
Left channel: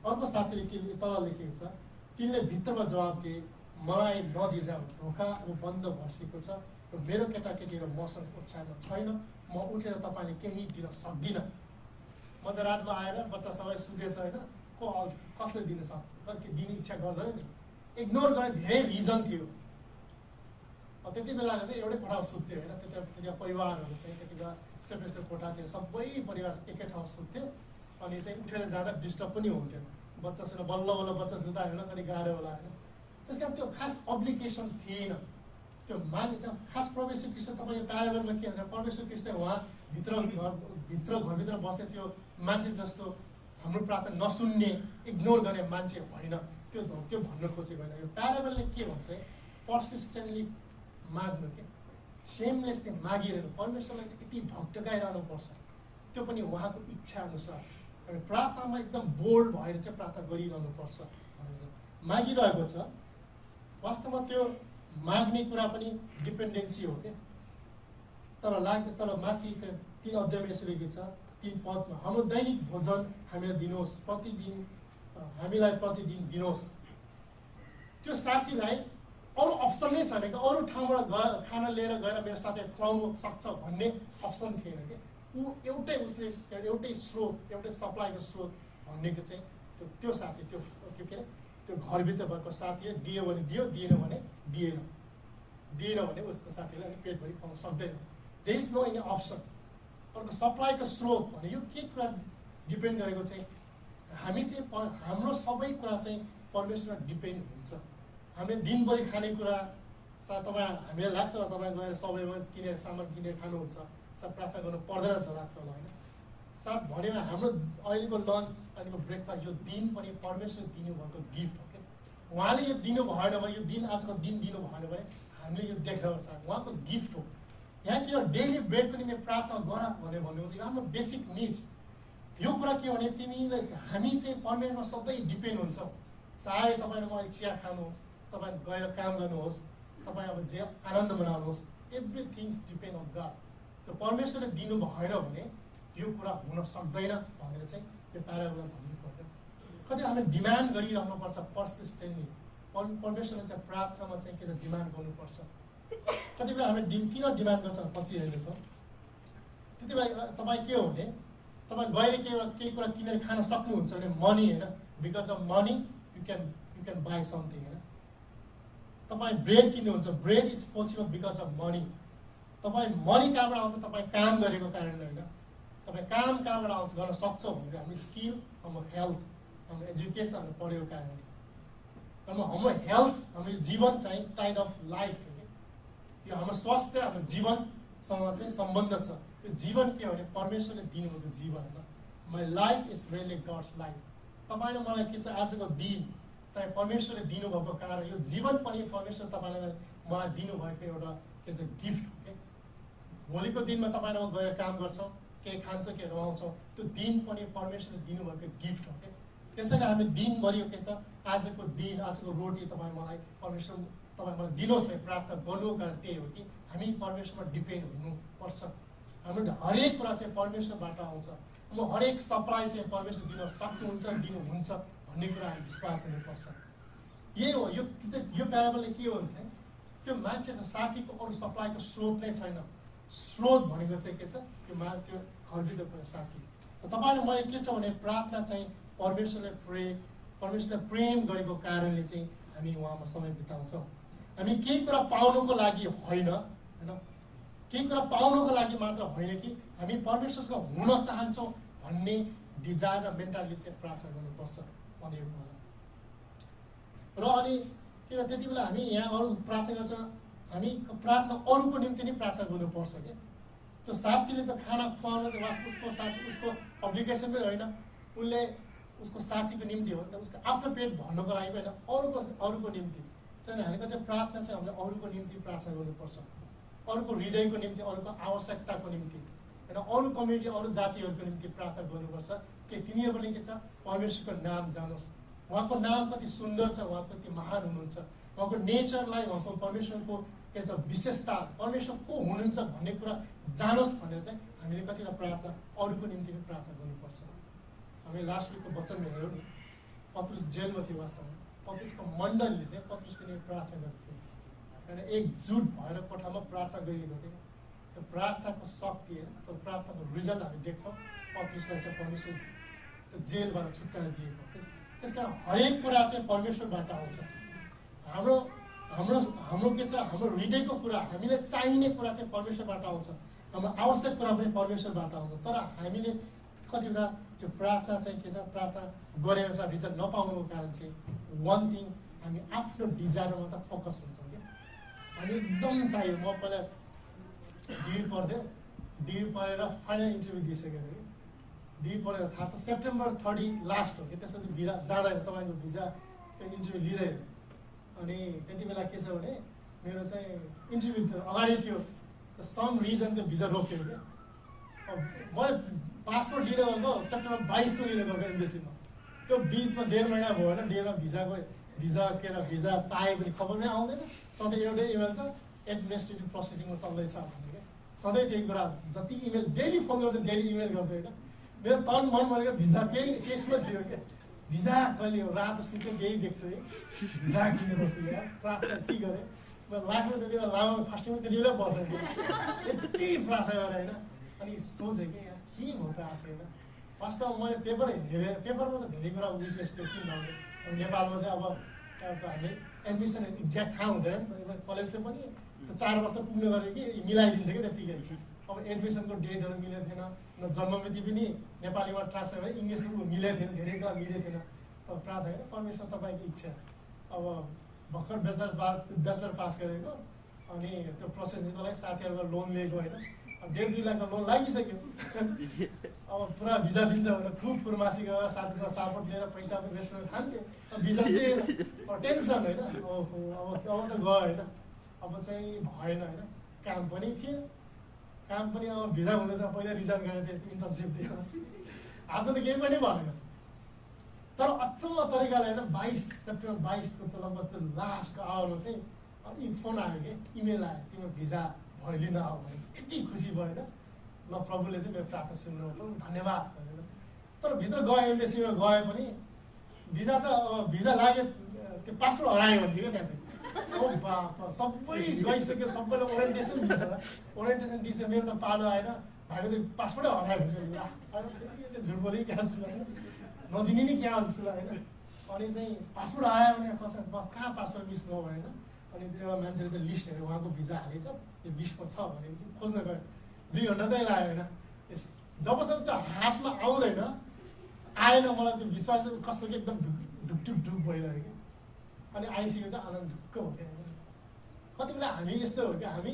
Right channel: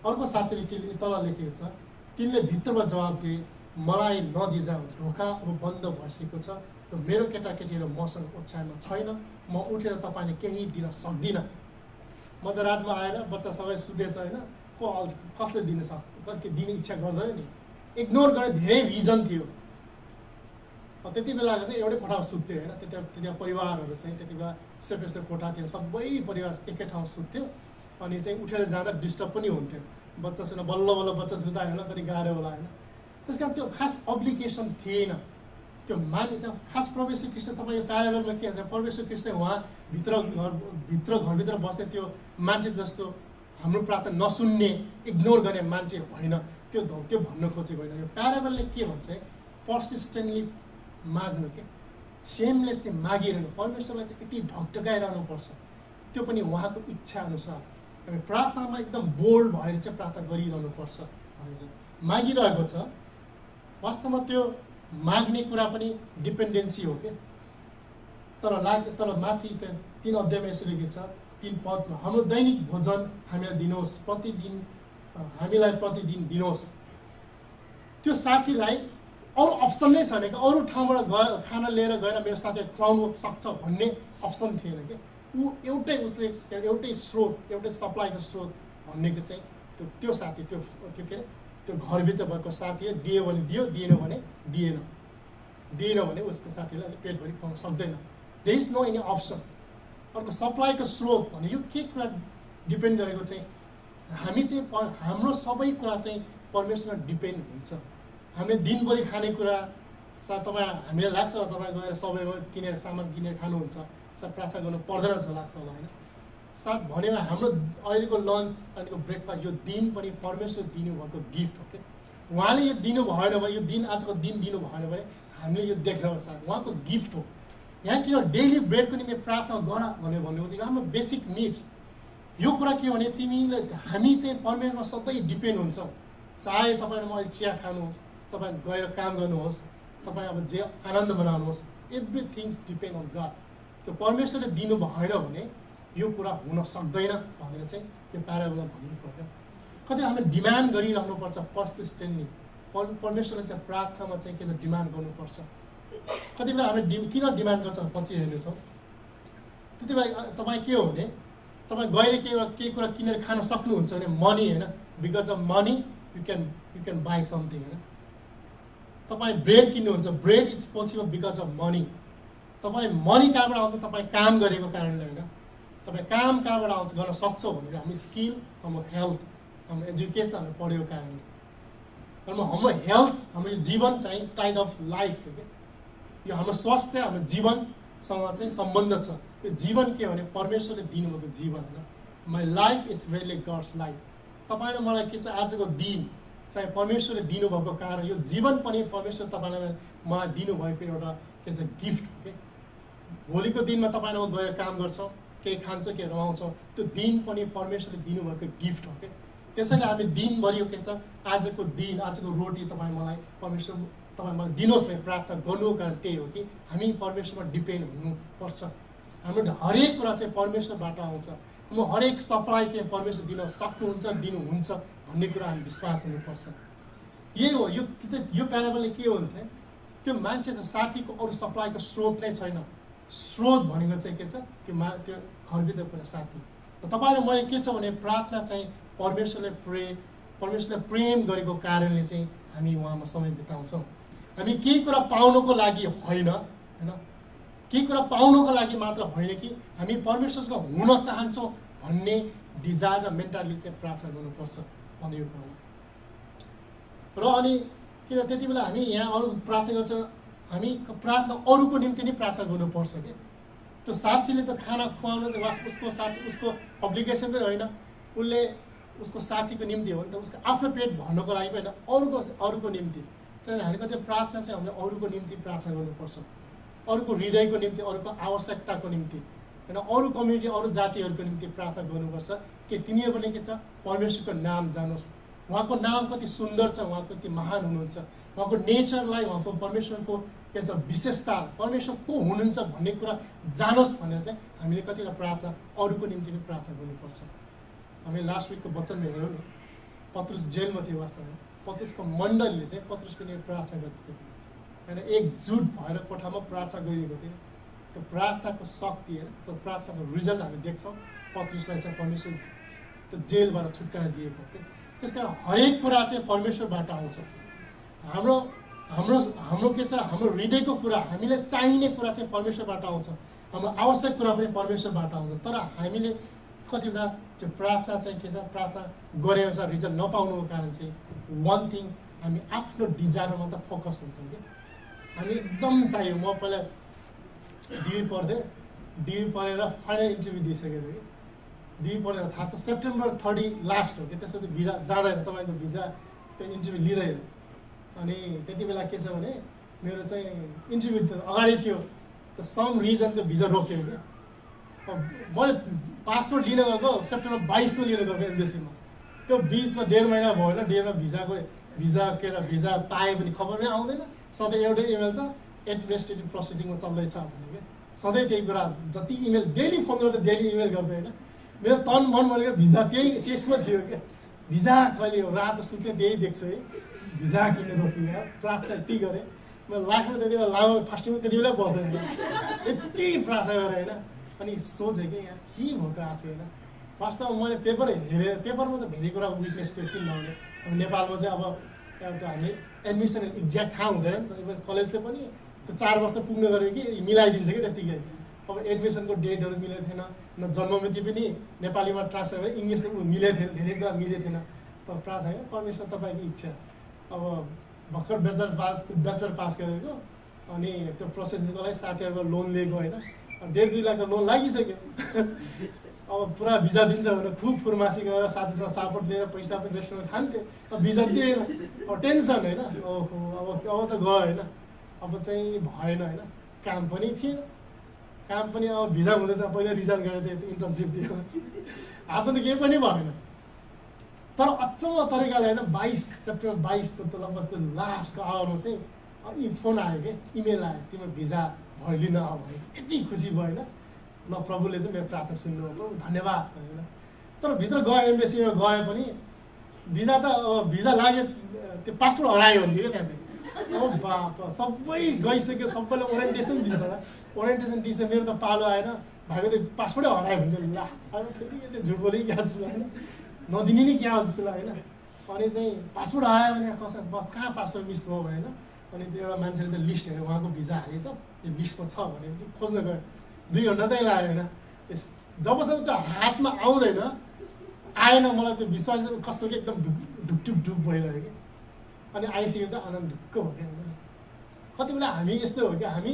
अर्को साथीले के तल लेखेको छ तिनले भित्रमा जवाब दिए मलाई नजिजाऊ, ढोका अब बन्द भइसकेको छ र मेरो केटाकेटी र मसँग ओछ्यानमा छैन, म उठेर तपाईँले केही दिन सक्दिनँ। मध्यरातमा आएर बच्चा सबै सुतेछ होइन, कसले दिन सक्छ, कति दिने इच्छा गर्दैन नि, इग्नोर गर्ने धेरै रिजन थियो। त्यति बेलाको चाहिँ एउटै कोठामा सुत्थ्यो होइन, त्यति परिवारहरू चाहिँ त्यति बेला सेपरेट कोठा थियो, सबै परिवार एकै ठाउँ सुत्थ्यो। अनि चाहिँ उठेर जाँदा डिस्टर्ब पनि हुन्थ्यो, बच्चासँग बल्ल बच्चा सुत्दा होइन कति गाह्रो होला होइन। त्यस कारण त्यो खास अब्लिगेसन थिएन त्यो मान्यता। खास परमेश्वर कृष्ण तपाईँको प्याराबलमा के छ, परमेश्वर कृष्ण उहाँ घरभित्र बस्ने त्यो मान्छे जस्तो हाम्रो प्रार्थना नसुन्ने इग्नोर गर्ने मान्छे होइन, त्यो भन्न खोजेको होइन। यो प्याराबलले के भन्छ पर्सिस्टेन्टली माग्नु के सेमलेसली मागिरहनु, परमेश्वरलाई चाहिँ यति ढकढकाइरहनुपर्छ, त्यो पनि उहाँको इच्छा अनुसार हामी प्रार्थनामा एकदम बोल्ड भएर चाहिँ प्रार्थना गरिरहनुपर्छ भनेर चाहिँ मागिरहेको छ। वास्तवमा त्यो माग्ने कुरा पनि डिपेन्डेन्सी हो क्या। तर माथि 3 अध्यायमा यसरी के छ 3 पदमा हाम्रो दैनिक भोजन हामीलाई दिनुहोस्, हामीलाई प्रतिदिन दिनुहोस्। त्यो साथीलाई अरू अप्सन नै छैन कि अरू ठाउँबाट खाना लिएर गएर मेरो साथीलाई खुवाउनु सक्छ भन्ने अप्सन थिएन कि। ऊ एउटै स्रोत एउटै सप्लाईको स्रोत भन्नेको चाहिँ त्यो साथी त्यो के अरे त्यो घरभित्र भएको साथी दियो भने दियो, दिएन भने दिएन भने उसको साथीलाई पेटभरि खुवाउन सक्दैन। There is no any option. अर्को सप्लाईको स्रोत भने यो के कुरा डिपेन्ड गरेको चाहिँ हामी चाहिँ हाम्रो सबै कुरा चाहिँ परमेश्वरमा डिपेन्ड हुन्छ। हामीले दिनभरि खानेकुरा सायद हामीलाई लाग्छ तपाईँ गएर सबैमा किनेर सामान किनेर खानुहुन्छ, सायद प्रार्थना गर्नु पर्दैन जस्तो लाग्छ होला होइन। साथ भनेमा हाम्रो अहिलेको लन्च अहिलेको ब्रेकफास्ट यो दिन पनि परमेश्वर दिनुभएको गिफ्ट हो कि। उहाँले यो दिनु भएन भने यो दिन आजको दिन दिनु भएन भने हामीले यो देख्न साथ उहाँको गिफ्ट हो। यहाँ किन डेली ब्रेडको निम्ति प्रार्थना गर भनेर भन्नुभएको छ, यो हाम्रो बेसिक निड्स। यो कुरा के हो भने तिमीले हामी चाहिँ परमेश्वरमा सधैँ डिपेन्ड हुन्छौँ। चाहे तपाईँले अहिले चिया खानुहोस्, तपाईँ गएर काम गर्नुहोस्, तपाईँ अब जे आनन्द मनाउनुहोस्, एभ्रिथिङ्स डिपेन्ड अन गड। त्यो परमेश्वरले दिनु भएन भने यो कुरा हुन सक्दैन भनेर चाहिँ यो प्याराबलमा भनिएको हो। कति हामीले डिमान्ड गरिरहनुपर्छ पर्सिस्टेन्टली, परमेश्वरले चाहिँ प्रार्थनामा चाहिँ के छ डिमान्ड गर्नुपर्छ। कति बेला हामी किन डिमान्ड गर्छ पछि हेर्नेछौँ। त्यति बेला तपाईँ के हो भने तपाईँ गएर केही कुरा किनेर खान सक्नुहुन्छ भने मनी होइन, because of money you can by something होइन। तपाईँ ब्रेड किन्नुहुन्छ, bread is possible because of money. तपाईँ मनी कहाँबाट आउँछ, तपाईँ काम गरेको कारणले होइन। तपाईँ काम कहाँबाट आउँछ गर्न सक्छौँ भनेर हामी स्किल, हाम्रो हेल्थ, हाम्रो एजुकेसन पढेको कारणले। हाम्रो हेल्थ, हाम्रो जीवन चाहिँ टाइड अफ लाइफ हो क्या। यो हाम्रो स्वास्थ्य हाम्रो जीवनसँग चाहिँ सम्बन्ध छ। यो जीवन के भने परमेश्वरले दिनुभएको जीवन होइन। My life is really gods life. तपाईँ र मलाई के छ, आजको दिन चाहिँ परमेश्वरले दिनुभएको कारण यो जीवन पनि परमेश्वर तपाईँलाई मलाई दिनुभएको एउटा के छ गिफ्ट हो कि। भोलिको दिनमा तपाईँलाई गएर काम गर्छौँ, केही खान्छौँ, केही रमाउँछौँ, त्यो दिन पनि परमेश्वरले दिनुभएको गिफ्ट हो कि। त्यसैले हामी दिनभरि के छ, आजको दिन, आजको रोटी तपाईँ मलाई परमेश्वर तपाईँ मलाई दिनुहोस् भने प्रार्थना गर्नुको कारण त्यही हो कि हामी परमेश्वरमा डिपेन्ड हुनुपर्छ। हाम्रो हरेक कुरा चाहिँ परमेश्वरबाट आउँछ। हाम्रो हरेक सप्लाई चाहिँ परमेश्वर दिन सक्नुहुन्छ, दिनुहुन्छ भन्ने कुरा हामी विश्वास हुनुपर्छ। यही हो यो प्याराबलले के हुन्छ, त्यो मान्छे साथीको अरू सप्लाईको स्रोत नै छैन। स्रोत भनेको चाहिँ के छ, त्यो घरभित्रको साथी। तपाईँले मैले के छ भने प्रार्थना चाहिँ परमेश्वरले प्रेम गरेको कारणले चाहिँ हामी उहाँमा समय बिताउँछौँ। हामी केही कुरा पाउनको लागि होइन, केही कुरा पाउनको लागि मात्र होइन कि हामी परमेश्वरसँग हुन चाहन्छौँ भन्ने डिजायर र मेन्टालिटी चाहिँ प्रार्थना गर्नुपर्छ भन्ने यो कुरा। र अनि किन त्यति बेला हामी यहाँ अरू प्रार्थना गर्छौँ, हामी प्रार्थना अरूको निम्ति नै प्रार्थना गर्नुपर्छ क्या। त्यो साथीले त खाना खुवाउनु चाहिँ वास्तव उसको साथी, उसको अब्लिगेसन पनि होइन, उसले उसको साथीको निम्ति हो नि त, उसको आफ्नो पेट भर्नको लागि पनि होइन, अरूको निम्ति। त्यहाँदेखि हामी कतै प्रार्थना चाहिँ हामीले अरूको निम्ति प्रार्थना गर्नुपर्छ, अरूको हृदयको निम्ति, अरूको आवश्यकताको निम्ति होइन, अरू कम्युनिटी, अरू जातिहरूको निम्ति प्रार्थना गर्नुपर्छ कि तिनीहरू पनि के छ, परमेश्वरको नाम जानोस्, उहाँको नाम कति सुन्दर छ, उहाँ कति महान हुनुहुन्छ, उहाँको नेचरलाई, उहाँको परमेश्वरको के छ विशेषता, परमेश्वर को हुनुहुन्छ भन्ने कुरा जानोस् भनेर चाहिँ हामीले कतिवटा प्रार्थना अरूको निम्ति पनि प्रार्थना गर्नुपर्छ। हामी लास्ट विकको वचनमा हेऱ्यौँ नि, पत्रुस जेलमा थियो वास्तवमा, पत्रुसको मण्डलीले चाहिँ पत्रुसको निम्ति प्रार्थना गर्थ्यो होइन, एकजुट भएर कोठामा प्रार्थना गरिएको थियो। त्यो प्रार्थनाको शक्ति होइन, त्यो प्रार्थनाको रिजल्ट हामी देख्छौँ। पत्रुसलाई चाहिँ परमेश्वर त्यो जेलबाट छुटकारा दिएको हो। त्यस कारण हरेक कुरा चाहिँ परमेश्वरबाट आउँछ। हाम्रो के छ, हाम्रो हृदयको कुरा, हामीलाई चाहिने कुरा चाहिँ परमेश्वरबाट आउँछ, हाम्रो आवश्यक कुरा पनि परमेश्वरबाट आउँछ। तर हामीले कति बेला त्यो प्रार्थना चाहिँ के छ, प्रार्थना गरे अनुसार रिजल्ट नपाउनुको कारण चाहिँ वान थिङ, हामी आफ्नो डिजायरमा मात्र फोकस हुन्छौँ कि हामी एकदम चाहियो। म पहिला डिबी पढेर फाइनल इन्टरभ्यू दिइसकेको थिएँ। डिबी पढेर थाहा छ सेप्टेम्बर 30 लास्ट हो कि, त्यसपछि भिजा जाँदैन, तपाईँको भिजा त्यो इन्टरभ्यू लिँदैन। अनि त्यति बेला के छ भने मेरो चाहिँ इन्टरभ्यू त अगाडि थियो, त सम रिजनको भिजा रोक्यो क्या। मैले पासपोर्ट लिन गएको सेप्टेम्बर 22 लिन गएको एम्बेसीमा, त्यो बिचमा 1.5 महिना भयो होइन, 1.5 भिजा पाएँ पनि खबर नै आउँदैन। सधैँ एउटै इमेल छ, एडमिनिस्ट्रेटिभ प्रोसेसिङमा चल्दैछ भन्ने क्या। सधैँ त्यही कुरा, जति इमेल डेली फोन गर्दा डेली इमेल गर्दै होइन, मेरो तन मन भनेको भिजा त्यसमा थियो क्या। भिजा कहिले हो, रातो सुत्ने त्यही देख्छु है, भिजा किन्ने रोक्ने यार। प्रार्थना यति गरेँ म लाखमा, त्यति बेला लामो फास्टिङमा त्यति बेला बसेँ, यति प्रार्थना गरेँ होइन। अनि सोचेँ कि यार के भयो त आज होइन। वास्तवमा मैले पेपर हेरेँ, पेपरमा त धेरै कुरा विटनेस थियो किन नहुने। अब नेपालमा चाहिँ अब हामीले एडमिसन एक्ज्याक्ट थाहा हुँदैन नि त, कलेजले पनि त्यो 4 वर्ष पुग्नु गऱ्यो कि मिलाइदिन्छ कि त्यत्तिकै। अब एडमिसनको डेटहरू मिलेको थिएन, न जन्ममिति पनि नेपालीमा ट्रान्सफर गरेर इङ्ग्लिसमा मिलेको थिएन, धेरै कुरा मिलेको थिएन। तर प्रार्थना होइन, परमेश्वर तपाईँको इच्छा। अब भर्खर ब्याचलर पास गरेको, अनि त्यो प्रोसेसिङको लागि साथीहरूको लोन लिएको होइन, 1.5-2 लाख लोन लागिसक्यो। अब पुरा भिजा दिन्छ भनेर खुब फुर्मासी गरेर साथीसँग सापट लिएर पैसा पनि रेस्टुरेन्ट खान्थ्यो, अब भिजा दिएन। अब टेन्सन होइन, ओहो अब त गयो होइन, अब चाहिँ भएन होइन, काम पनि थिएन, काम पनि अब भिजा हुँदैछ। पहिला रिजाइन गरेको थिएँ, इन्टर्नसिप दियो, हातमा त केही पनि भएन। तर अचम्म तरिकाले होइन, 22 सेप्टेम्बर 22 त लगभग त्यो लास्टको आवरमा चाहिँ फोन आयो कि, इमेल आयो, तिम्रो भिजा भयो लिन अब भने। यति खुसी भयो होइन, ल प्रभुले चाहिँ मेरो प्रार्थना सुन्नु, प्रभु धन्यवाद होइन। तर भित्र गयो, एम्बेसीमा गए पनि भिजा लाग्यो, त्यो पासपोर्ट हरायो भन्थ्यो क्या त्यहाँ चाहिँ। अब बाप सबै गइसक्यो, सबैलाई ओरिएन्टेसन दिन्छ, ओरिएन्टेसन दिन्छ, मेरो त पालो आएन, भाइको त पासपोर्टै हरायो भन्थ्यो। ल अब फेरि यसले झुट बोली क्या जस्तो होइन, नदिने नि क्या जस्तो होइन। अनि चाहिँ पासपोर्ट आयो भने कसै कहाँ पासपोर्ट मिस भयो होइन। अनि त्यो एउटा मान्छेले चाहिँ लिस्ट हेरेर उहाँको भिजा हालेछ, यो लिस्टमा छ भनेपछि खोज्न गयो, 2 घन्टा चाहिँ लाग्यो होइन। जबसम्म त्यो हातमा आउँदैन, आएन, मलाई त्यो विश्वास कस्तो कि एकदम ढुक भइरह्यो कि। अनि आइसकेपछि आनन्द ढुक्क भयो क्या। कति बेला हामी यस्तो हो क्या, हामी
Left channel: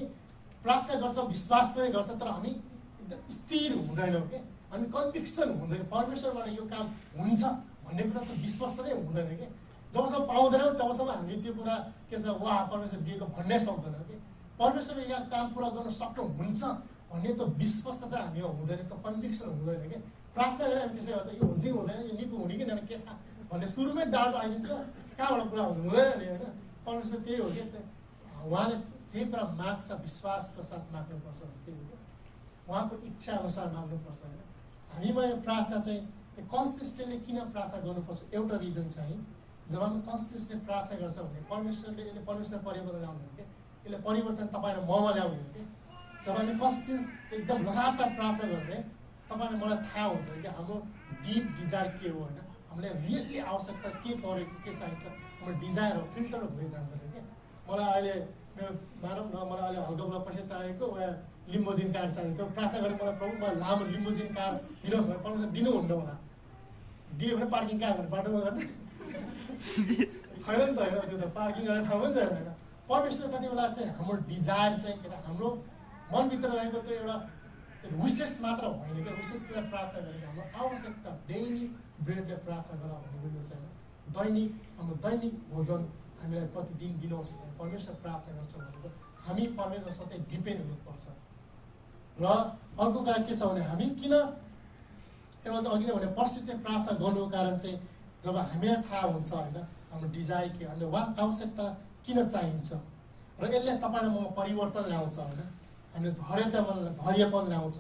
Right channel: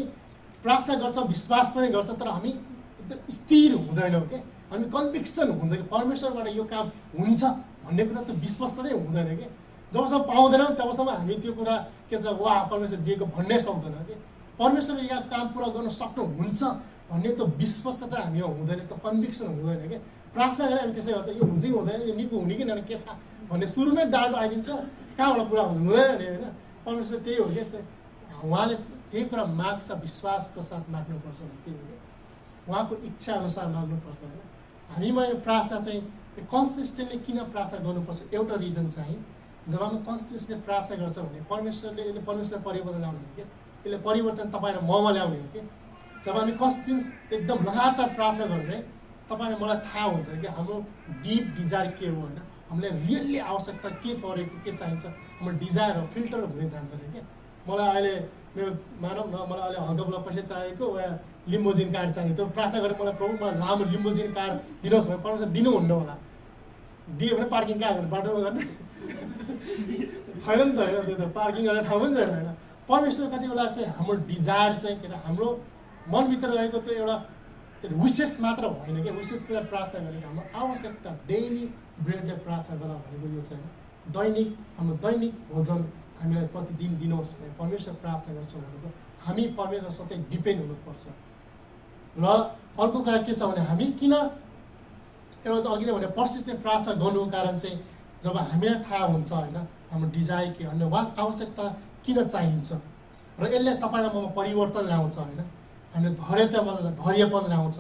प्रार्थना गर्छौँ, विश्वास पनि गर्छ, तर हामी एकदम स्थिर हुँदैनौँ क्या। हामी कन्भिक्सन हुँदैन परमेश्वरबाट यो काम हुन्छ भन्ने कुरा त विश्वास नै हुँदैन कि। जबसम्म पाउँदैनौँ तबसम्म हामी त्यो कुरा के छ वाह परमेश्वर दिएको भन्नै सक्दैन कि। परमेश्वरले यो काम पुरा गर्न सक्नुहुन्छ भन्ने त विश्वासता हामीमा हुँदैन, त कन्भिक्सन हुँदैन कि। प्रार्थना गरेर हामी त्यसै गर्छ, यो हुन्छ कि हुँदैन, यो निको हुने कि के थाहा भन्ने सुरुमै डाउट आइदिन्छ, कहाँबाट पुरा हुन्छ हुँदैन नि होइन। परमेश्वर त्यही हो क्या, उहाँले जे कुरा माग्छ विश्वासको साथ माग्नुपर्छ त्यही हो क्या, उहाँको इच्छा अनुसार माग्नुपर्छ होइन। हामीमा यो प्रार्थना चाहिँ कन्सिस्टेन्टली किन प्रार्थना गर्नुपर्छ, एउटा रिजन चाहिँ जब हामी कन्सिस्टेन्टली प्रार्थना गर्छ भने परमेश्वरले यसले परमेश्वरले परिवर्तन ल्याउने हो क्या, यसले परिवर्तन तपाईँ र ममा ल्याउने हो कि। जब हामी कन्सिस्टेन्स एकदम लगातार प्रार्थना गऱ्यो भने तपाईँले मलाई थाहा हुन्छ कि हाम्रो डिप डिजायर के हो होइन, हामीले रियल्ली आवश्यकता के परेको के चाहिन्छ, हाम्रो डिजायर हो फिल्टर हुँदै जान्छ अरे क्या। मलाई अहिले मेरो मानव न मलाई अहिले हल्का फुल्का पैसा चाहिएको वा लिम्बोजिन कार चाहिएको, त्यो प्रार्थना गरेर मलाई प्रभु मलाई लामो लिम्बोजिन कार दिनुहोस् भने परमेश्वर दिनुहुन्न होला, दियो भने पार्किङ कहाँ गर्ने बाटोमा गर्ने छैन नि त होइन, त्यो त पार्किङ गर्ने ठाउँ पनि छैन होइन। परमेश्वर कति बेला चाहिँ हाम्रो डिजायर चाहिँ के अरे हाम्रो मनभित्र रहेको त्यो एउटा विशेष मात्र होइन क्या, विशेषलाई प्रार्थना गरेको हाम्रो आवश्यकता डेली ब्रेडले प्रार्थना गर भनेको यो छैन। दैनिक हाम्रो दैनिक भोजन हामीलाई प्रतिदिन दिनुहोस् भने परमेश्वर प्रार्थना गर्छौँ भनेको हामी परमेश्वर सधैँ डिपेन्ड हुनुपर्छ। र अर्को कुरा के छ भने हामी किन एउटा चाहिँ अघि नै भने पर्सिस्टेन्ट प्रार्थना गर्नुको कारण चाहिँ जब हामीलाई थाहा हुन्छ होइन हाम्रो डिजायर के अनि उहाँ आवश्यकता किन चाहिन्छ र यसले तपाईँलाई ममा परिवर्तन ल्याउँछ होइन, हामीले धैर्यपन ल्याउँछ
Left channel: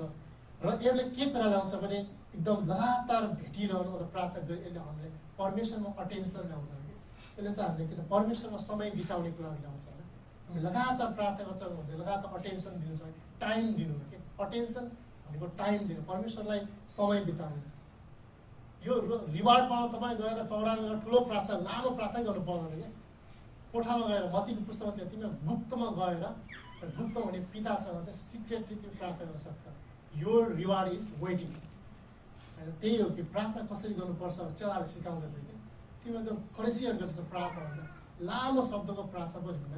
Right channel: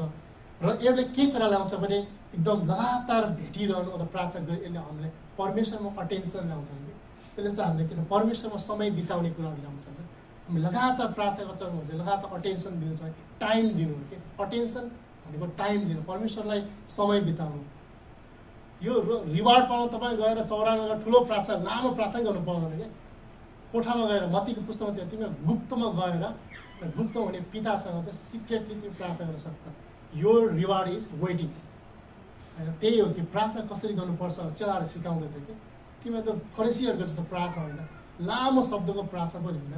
र यसले के कुरा ल्याउँछ भने एकदम लगातार भेटिरहनु अथवा प्रार्थना गरी यसले हामीले परमेश्वरमा अटेन्सन ल्याउँछ कि। त्यसले चाहिँ हामीले के छ परमेश्वरमा समय बिताउने कुराहरू ल्याउँछ होइन। हामी लगातार प्रार्थना गर्छौँ भने लगातार अटेन्सन दिनु छ, टाइम दिनु हो कि। अटेन्सन भनेको टाइम दिनु, परमेश्वरलाई समय बिताउनु। यो रिवार्ड पाउन तपाईँ गएर चौरामा गएर ठुलो प्रार्थना लामो प्रार्थना गर्नु पर्दैन क्या। कोठामा गएर मत्तीको पुस्तकमा त्यो तिमीहरू गुप्तमा गएर गुप्त भने पितासँग चाहिँ सिक्रेटली तिमी प्रार्थना गर्न सक्छ। यो रिवार्ड इज वेटिङ होइन। त्यही हो कि प्रार्थना कसरी गर्नुपर्छ चेलाहरू सिकाउँदै थियो कि। तिमीहरू त फरिसीहरूको जस्तो प्रार्थना होइन, लामो शब्दको प्रार्थना पनि होइन।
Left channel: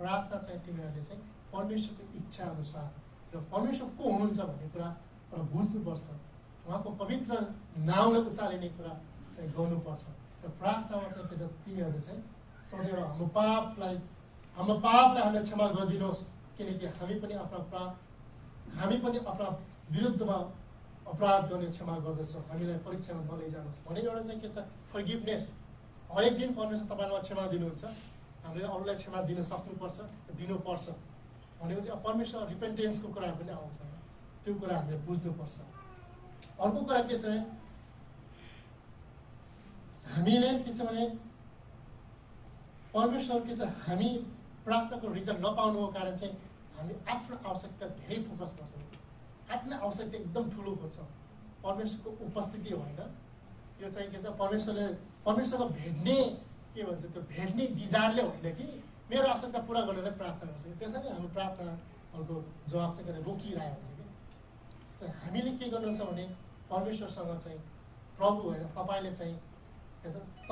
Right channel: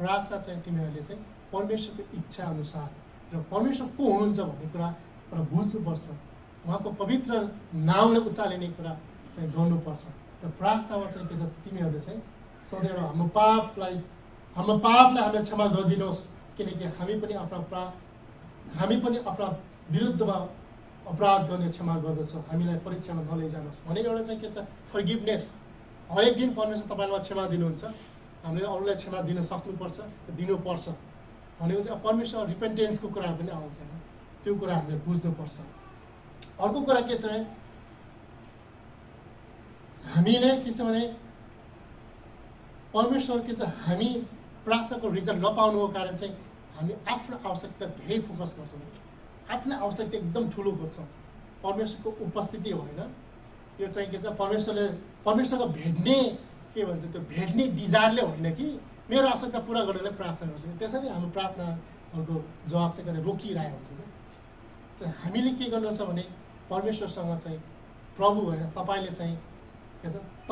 प्रार्थना चाहिँ तिमीहरूले चाहिँ परमेश्वरको इच्छा अनुसार र परमेश्वर को हुनुहुन्छ भन्ने कुरा र बुझ्नुपर्छ, उहाँको पवित्र नाउँले उचालिने कुरा चाहिँ गर्नुपर्छ। र प्रार्थनामा चाहिँ के छ तिमीहरूले चाहिँ सदैव हाम्रो पापलाई हामीले क्षमा गरिदिनुहोस्, किनकि हामी पनि आफ्ना विरुद्धमा अपराध गर्ने क्षमा गर्दछौँ, हामीलाई परीक्षामा नलैजानुहोस् भनेको एउटा चाहिँ के छ फर्गिभनेस। हरेक दिन परमेश्वर तपाईँलाई क्षमा दिनुहुन्छ, हामीले अरूलाई क्षमा दिन सक्नुपर्छ दिनुपर्छ भनेको चाहिँ परमेश्वर रिपेन्टेन्सको कुरा पनि आउँछ होइन, त्यो कुरा हामीले बुझ्नुपर्छ। अर्को कुरा के छ हामीले के छ भने परमेश्वर के छ हामी प्रार्थनाको रिजल्ट नपाउनुको कारण चाहिँ हामी आफ्नो आवश्यकता धेरै फोकस गर्छौँ, आफ्नो आवश्यकता एकदम ठुलो खोज्छौँ, परमेश्वरको उपस्थिति होइन। यो चाहिँ के छ परमेश्वरको भेट्ने के भन्छ त्यो भेट्ने डिजायरले होइन कि मेरो आवश्यकता पुरा गर्नलाई प्रार्थना गर्छु, त्यसरी हाम्रो प्रार्थनाहरूको जवाब चाहिँ कतै रोकिरहेको हुन्छ क्या। हामीले के गर्नुपर्छ भने परमेश्वरसँग चाहिँ प्रभु होइन तपाईँले चाहिँ के छ म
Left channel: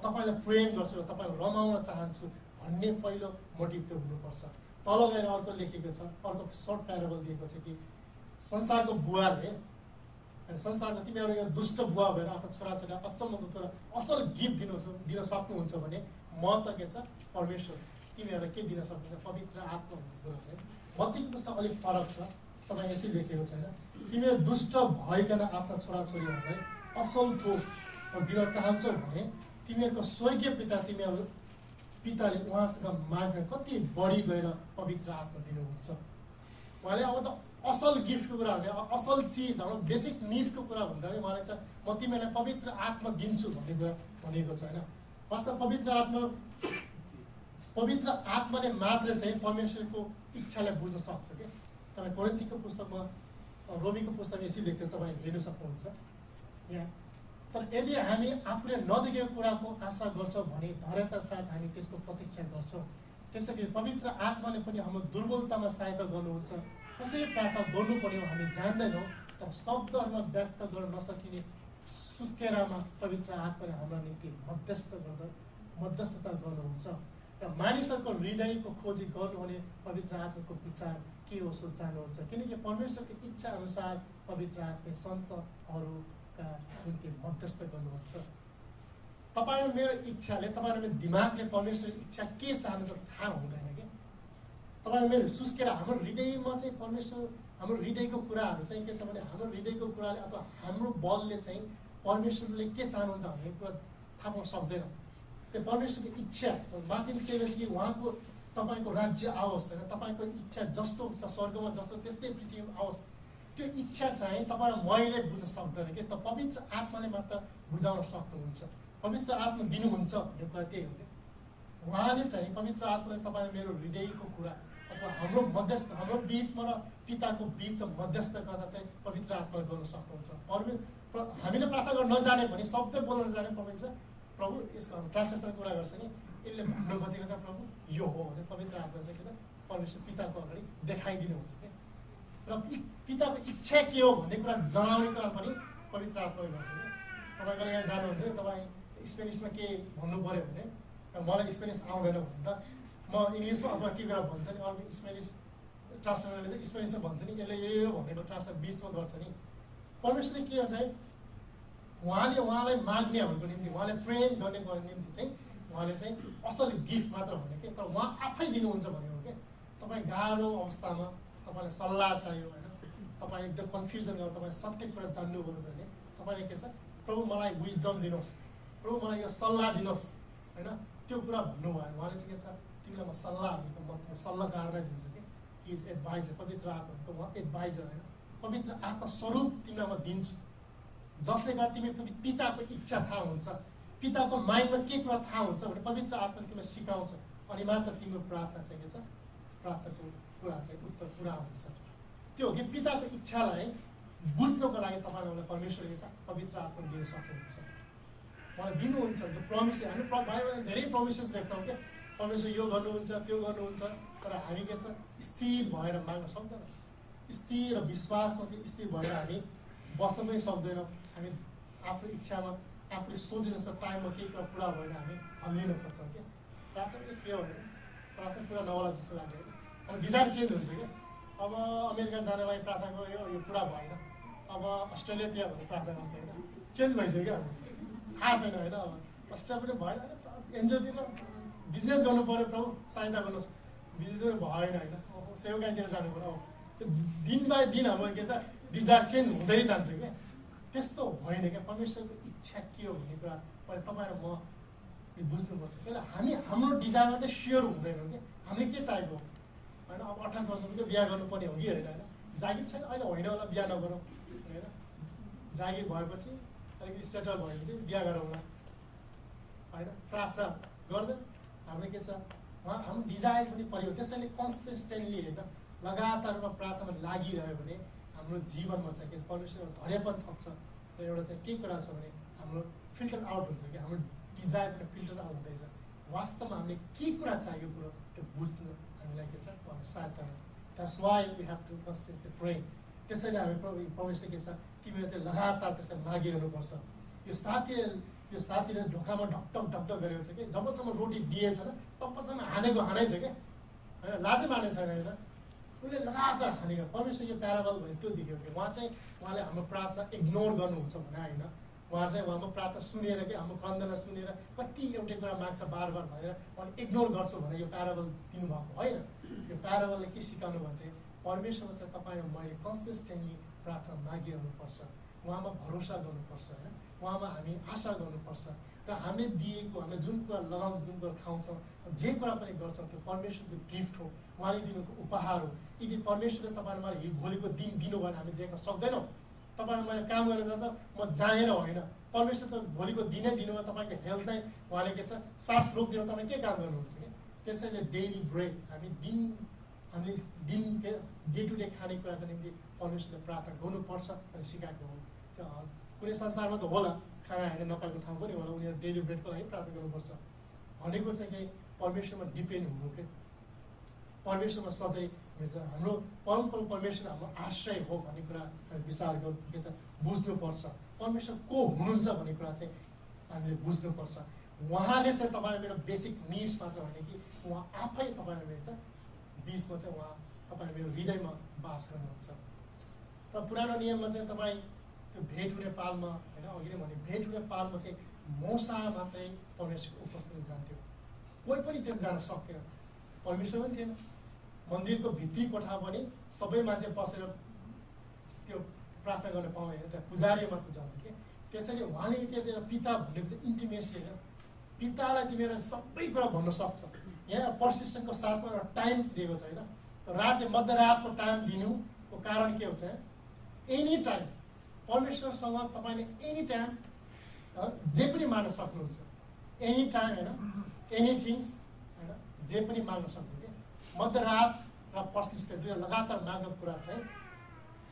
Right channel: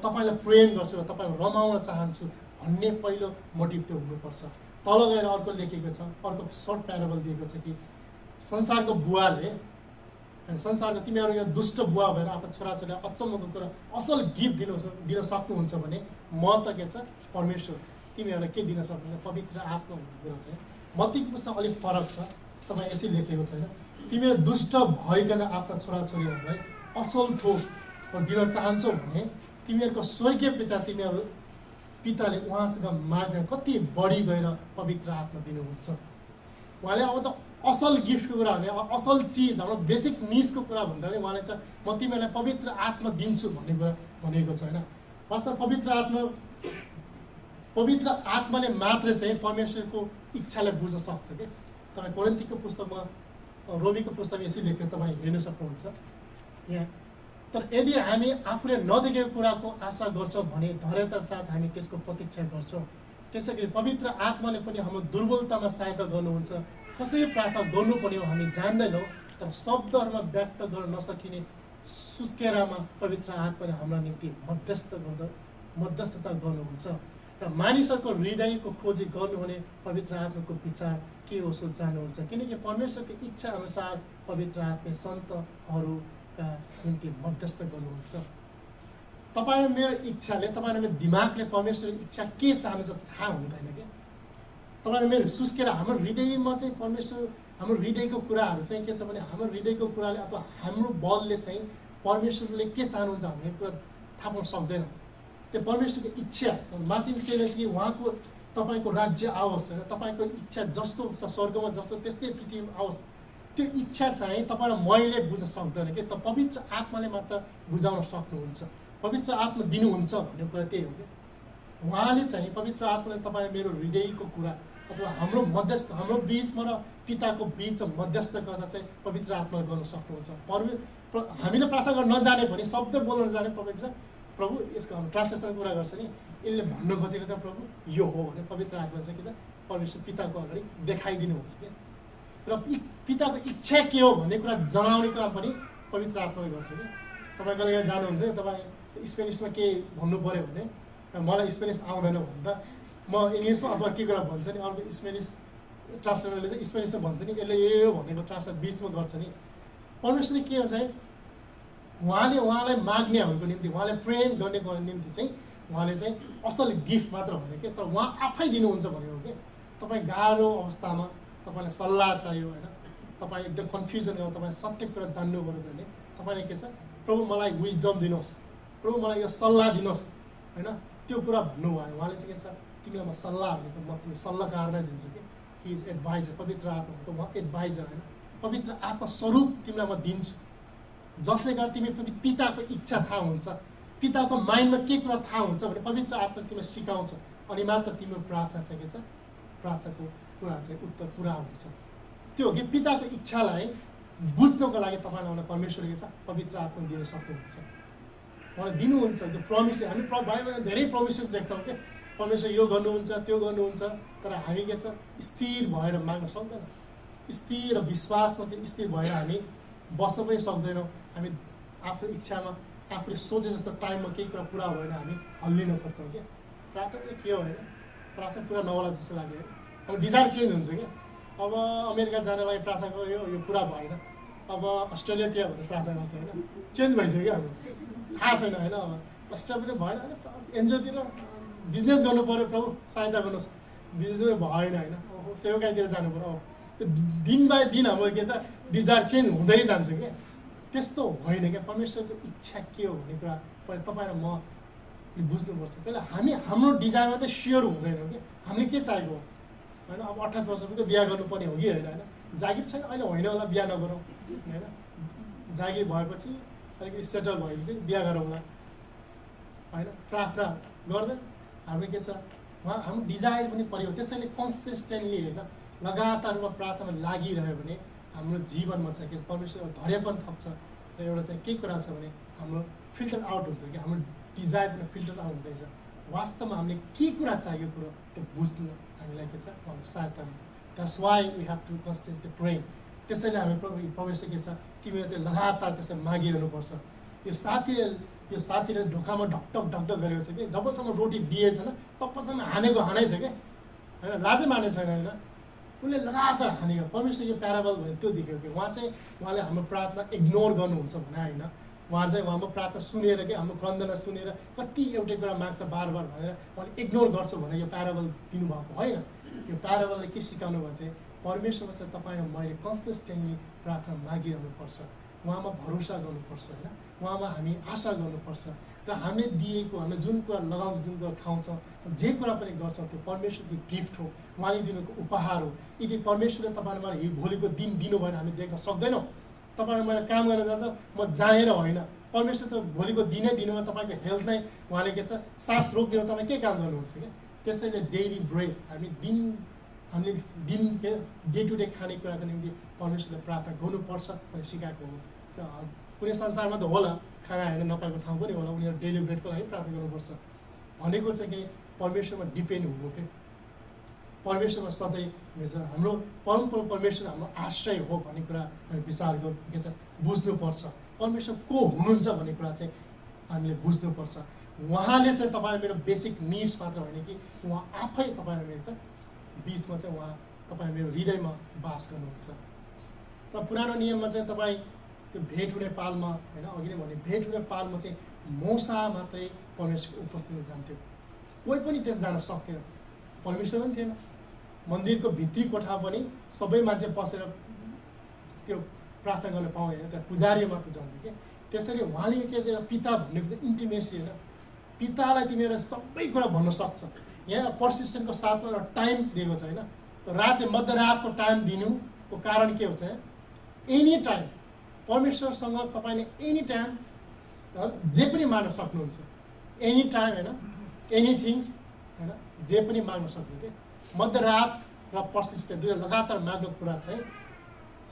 तपाईँलाई प्रेम गर्छु र तपाईँलाई रमाउन चाहन्छु भन्ने पहिलो मोटिभ त्यो हुनुपर्छ। तल गएर अर्को लेखेको छ, अर्को सर्ट प्याराबल दिएको छ कि संसारको बुवाले संसारको तिमीहरू यो दुष्ट बुवा भएर आफ्नो छोराछोरीलाई अचम्मको कुरा असल गिफ्ट दिन सक्नुहुन्छ भने म त के छ परमेश्वर तिमीहरूलाई के दिन सक्नुहुन्छ पवित्र आत्मा भन्ने कुरा चाहिँ मत्तीको पुस्तक अलिक फरक छ। तपाईँ यसरी लेखेको छैन तिमीहरू दुष्ट भइकन आफ्ना छोराछोरीहरूलाई असल थोक दिन चाहन्छौ भने तिमीहरूको स्वर्गीय पिताले उहाँसँग माग्न कति बढी गएर पवित्र आत्मा दिनुहुन्छ। उहाँले अब त असल गिफ्टको कुरा भने असल चिज हाम्रो बेसिक निड्सको कुरा भन्दा पनि उहाँले चाहिँ म तिमीहरूलाई पवित्र आत्मा दिन्छु भन्ने कुरा भनेको छ होइन। वास्तव पवित्र आत्माले मात्र चाहिँ परमेश्वरको इच्छालाई बुझ्न सक्छ क्या। तपाईँ कोरिन्थीको पुस्तकमा रोमीको पुस्तकमा यसरी लेखेर तपाईँ हेर्न सक्नुहुन्छ यहाँ। तर यदि हामी आफूले नदेखेको कुराको आशा गर्छौँ भने धैर्यता साथ हामी त्यसको प्रतीक्षा गर्छौँ। त्यसै गरी पवित्र आत्माले पनि हाम्रो दुर्बलतामा सहायता गर्नुहुन्छ। कसरी प्रार्थना गर्नुपर्ने हो हामी जान्दैनौँ, तर शब्दहरूमा व्यक्त गर्न नसकिने सुस्केरामा पवित्र आत्माले हाम्रो निम्ति मध्यस्थ मध्यस्थता गर्नुहुन्छ र मानिसहरूको हृदयको खोजी गर्नु भने पवित्र आत्माको विचार के हो सो जान्नुहुन्छ किनकि परमेश्वरको इच्छा अनुसार पवित्र आत्मा सन्तहरूका निम्ति मध्यस्थ गर्नुहुन्छ। तपाईँ र मेरो इच्छाले तपाईँ र मेरो दिमागले परमेश्वरको इच्छा के चाहनुहुन्छ थाहा हुँदैन क्या। तपाईँ र मेरो सुस्केर हाम्रो हृदयमा चाहिँ परमेश्वर हाम्रो हृदयको कुराहरू चाहिँ के छ भने हाम्रो हृदयको कुराले अथवा हाम्रो बलले चाहिँ परमेश्वरले के चाहनुहुन्छ भन्ने कुरा थाहा पाउन सक्दैन। त्यो परमेश्वरको इच्छा माथि के भन्छ कि उहाँको तपाईँको राज्य आओस् होइन, तपाईँको इच्छा जस्तो छ स्वर्गमा जस्तो त्यस्तै पृथ्वीमा आओस्। त्यो इच्छा चाहिँ तपाईँ र मैले बुझ्न सक्दैन कि त पवित्र आत्माले मात्र बुझाउन सक्नुहुन्छ। पवित्र आत्मा दिनुहुन्छ भन्ने कुरा त्यही हो कि उहाँले चाहिँ पवित्र आत्माले तपाईँ मेरो हृदयको कुरा अथवा हाम्रो मध्यस्थ हाम्रो बिचमा र पिताको बिचमा मध्यस्थ गर्दा चाहिँ पवित्र आत्माले गर्न सक्नुहुन्छ। हामीले प्रार्थना गर्न नजाने भने शब्द बोल्न नजाने प्रभु यसको हाम्रो ट्रान्सलेसनको कुरा गर्छ नि यसले भन्नु खोजेको छ प्रभु यो हो भने पवित्र आत्मा चाहिँ के छ परमेश्वर पिताको अगाडि देखाइदिनुहुन्छ क्या। र पिताको इच्छा के हो भन्ने कुरा जनाउने काम पनि पवित्र आत्माले गर्छ कि। तपाईँ कहिले काहीँ जानुहुन्छ नि तपाईँ स्पेनिसमा के भन्नु पऱ्यो भने मलाई स्पेनिस आउँदैन भन्दा म इङ्ग्लिसमा अथवा के कुरा भन्छ नि अर्को स्पेनिस ट्रान्सलेटरले चाहिँ स्पेनिसमा भन्छ नि यसले यो भनेको ट्रान्सलेट बिचमा गर्छ नि। परमेश्वरले के हो चाहिँ उहाँलाई माग्नेहरूको निम्ति उहाँले प्रेम गर्नेको निम्ति चाहिँ उहाँले चाहिँ असल गिफ्ट मात्र भने के तर उहाँ आफै दिनुहुन्छ भनेको के। तपाईँ गाह्रो अवस्थामा तपाईँलाई सल्लाह चाहियो होइन, तपाईँ एकदम कन्फ्युजन हो, तपाईँ सत्य कुरा जान्नु पऱ्यो भने तपाईँले के छ प्रभु मलाई विजडम दिनुहोस्, प्रभु मलाई यो सल्लाह दिनुहोस् होइन, त्यो कुरा भन्नुभयो उहाँले चाहिँ के छ तिमीलाई म सल्लाह भनेको म तिमी सल्लाहकार नै दिन्छु कि। हि इज एडभाइजर, पवित्र आत्माको म एडभाइजर होइन, पवित्र आत्मा स्वरूप तिमीलाई म दिन्छु जसले गर्दा तिमी पिताको इच्छा थाहा हुन्छ, पिताको माइन्डमा के कुरा थाहा हुन्छ भने पवित्र आत्माले तिमीलाई सिकाउँछ अनि मात्र तिम्रो प्रार्थना चाहिँ के छ प्रार्थनाको कुरा चाहिँ उत्तर पुरा हुन्छ। त्यो हो कि पिताको इच्छालाई बुझ्नको लागि तपाईँलाई परमेश्वरले के छ पवित्र आत्मा दिन सक्नुहुन्छ, उहाँले दिनुहुन्छ। त्यो प्रमिस हामी बाइबलमा धेरै प्रमिसेस देख्छौँ क्या परमेश्वर यो गर्नुहुन्छ त्यो गर्नुहुन्छ तर हामी के छ स्थिर भएर माग्न सक्दैन। स्थिर विश्वासमा त्यो स्थिर भएर हामी बस्न पनि सक्दैनौँ। हामी आफ्नो इच्छामा आफूले सोचे जस्तो टाइममा केही कुरा पुरा भएन हामी हल्लिन खोज्छौँ क्या। प्रार्थना के हो होइन, प्रार्थना पुरा नहोला जस्तो लाग्यो। अब डिजायर चेन्ज हुन्छ क्या। अब अमेरिका जानलाई प्रार्थना गऱ्यो यो पुरा भएन, अब अस्ट्रेलियातिर भनेर प्रार्थना गर्छ होइन, चेन्ज भइसक्यो क्या। अब थाहा छैन होइन, अब अस्ट्रेलिया पनि भएन होइन, एनजिओतिर बिजनेस गर्नु पऱ्यो प्रभु सहायता गर्नुहोस्, बिजनेस भएन होइन, सेवाकाईतिर जानु पऱ्यो। अब त्यो दिन बाई दिन हाम्रो के छ डिजायर चेन्ज हुँदै जान्छ क्या। त्यस्तो होइन क्या। परमेश्वरको इच्छा के हो भन्ने कुरा तपाईँ र म बुझ्नुपर्छ। पहिला हामी हाम्रो डिजायरमा त स्योर हुँदैनौँ कि हामीले के चाहेको होइन। अब 28 वर्षको बिहा गर्नुपर्ने हो कि होइन, होइन जागिर छैन अहिले होइन होला बिहा नगरौँ होइन, जागिर भएपछि अलिकति सेटल भएपछि बिहा गरौँला होइन, प्रार्थना गर्दै हाम्रो के छ उहाँ हाम्रो डिजायर पनि पऱ्यो। त्यसैले कन्सिस्टेन्टली होइन लगातार रूपमा प्रार्थनामा लागिरह्यो भने हाम्रो जीवनमा चाहिँ के परमेश्वर धैर्यपन थप्छ र एउटा चाहिँ के कुरा छ भने हाम्रो फिल्टर आउट हुन्छ कि हाम्रो डिजायर पनि फिल्टर आउट हुँदैछ। वास्तवमा हामीले के कुरा चाहियो कुरो त्यो बुझ्नु हामीलाई के छ उहाँको सहायता हुन्छ। That's why we have to consistently pray. त्यसैले हामी परमेश्वर के छ तिमीले त्यो लगातार त्यसरी मागिरहनुपर्छ। यो साथीले ढोकामा ढकढक ढकढक गरेको छ कि जबसम्म रोटी दिएछ न तबसम्म हानेको हानै छ क्या होइन, लाजै माने छैन होइन, उसले लगातार हानेको। परमेश्वर यो प्याराबल भयो त्यो देख्यो कि उहाँले हाम्रो प्रार्थना इग्नोर गर्नुहुन्छ भने होइन, उहाँ चाहिँ हाम्रो प्रार्थना सुनेर कि हाम्रो क्रन्दना सुनेर कति एउटै कुरा माग्छ बार बार भनेर उहाँले इग्नोर गर्छु भने यो प्याराबल दिनुभएको होइन। यो प्याराबलले के सिकाउनु भयो चाहिँ परमेश्वरमा चाहिँ तपाईँ र मैले कन्सिस्टेन्टली प्रार्थना मागिरहनुपर्छ, उहाँमा भरोसा गर्नुपर्छ होइन, उहाँमा हामी आशा गर्नुपर्छ र हामीले दिएको हामीले जुन कुरा लगाउँछौँ जुन कुरा खाउँछौँ जे कुरा पनि गर्छौँ त्यो परमेश्वरको गिफ्ट हो, उहाँले दिनुको उपहार हो। यदि परमेश्वरले तपाईँले मलाई भोलिको दिन दिनु भएन हामी देख्न सक्दैनौँ। तपाईँले मैले काम गरेर जान्छ म जानेर होइन, परमेश्वर त भोलिको दिनै दिनुमा तपाईँको हेल्थ नै उहाँले के छ सास रोकिदिनु तपाईँ के काम गर्नुहुन्छ क्या। त्यसैले डेली ब्रेड हामीले दिन के डे टु डे खानेकुराको निम्ति परमेश्वरले प्रार्थना गर्नुपर्छ भनेर सिकाएको हो। कुनै संसारमा त होला खाना होइन नपाएको ठाउँ पनि होला, उनीहरू डेली ब्रेडको लागि प्रार्थना गर्नुपर्छ भनेको चाहिँ कि परमेश्वरमा डिपेन्ड हुनु के परमेश्वरमा सधैँ हुन्छ। हाम्रो परमप्रभु परमेश्वर हाम्रो आश्रय हो भन्ने कुरा हामी विचार गर्नु के छ बुझ्नुपर्छ। परमेश्वर को हुनुहुन्छ भन्ने कुरा चाहिँ हामीले बुझ्नुपर्छ। उहाँले चाहिँ तपाईँ मेरो बेसिक निड्स मात्र होइन कि उहाँ आफै तपाईँ मेरो चाहिँ बिचमा चाहिँ उहाँ तपाईँ मेरो हृदयमा बास गर्नुहुन्छ। तर पुरानो नियममा चाहिँ तपाईँ त्यो भेट हुने पालमा होइन अघि नै भने भेट हुने पालमा चाहिँ मौसा मात्रै परमेश्वरको उपस्थितिमा जान्थ्यो, कोही पनि त्यस जान सक्थेन, परमेश्वर पनि थिएन। मन्दिरको भित्री कोठा पनि सबै मान्छे बसेर त्यो प्रार्थना गर्न पाउने होइन, त्यहाँ पुजारी मात्र जान्थ्यो कि। त्यसरी उहाँले के चाहिँ पिता भन्नेको चाहिँ इन्टिमेसी होइन, पितालाई तिमीहरू सबै कुरा भन्न सक्छ। यहाँ पर्सिस्टेन्टको साथमा एउटा टाइम दिएको छ होइन, रात मध्यरातको टाइम दिनुको कारण के हुन्छ, एनी टाइम परमेश्वरसँग तपाईँले एनी टाइम जे पनि माग्न सक्नुहुन्छ, एनी टाइम होइन, एनिथिङ्स होइन, जे पनि माग्न सक्नु कि। मध्यरात र पर्सिस्टेन्ट दुई लगातार माग्ने कुरा चाहिँ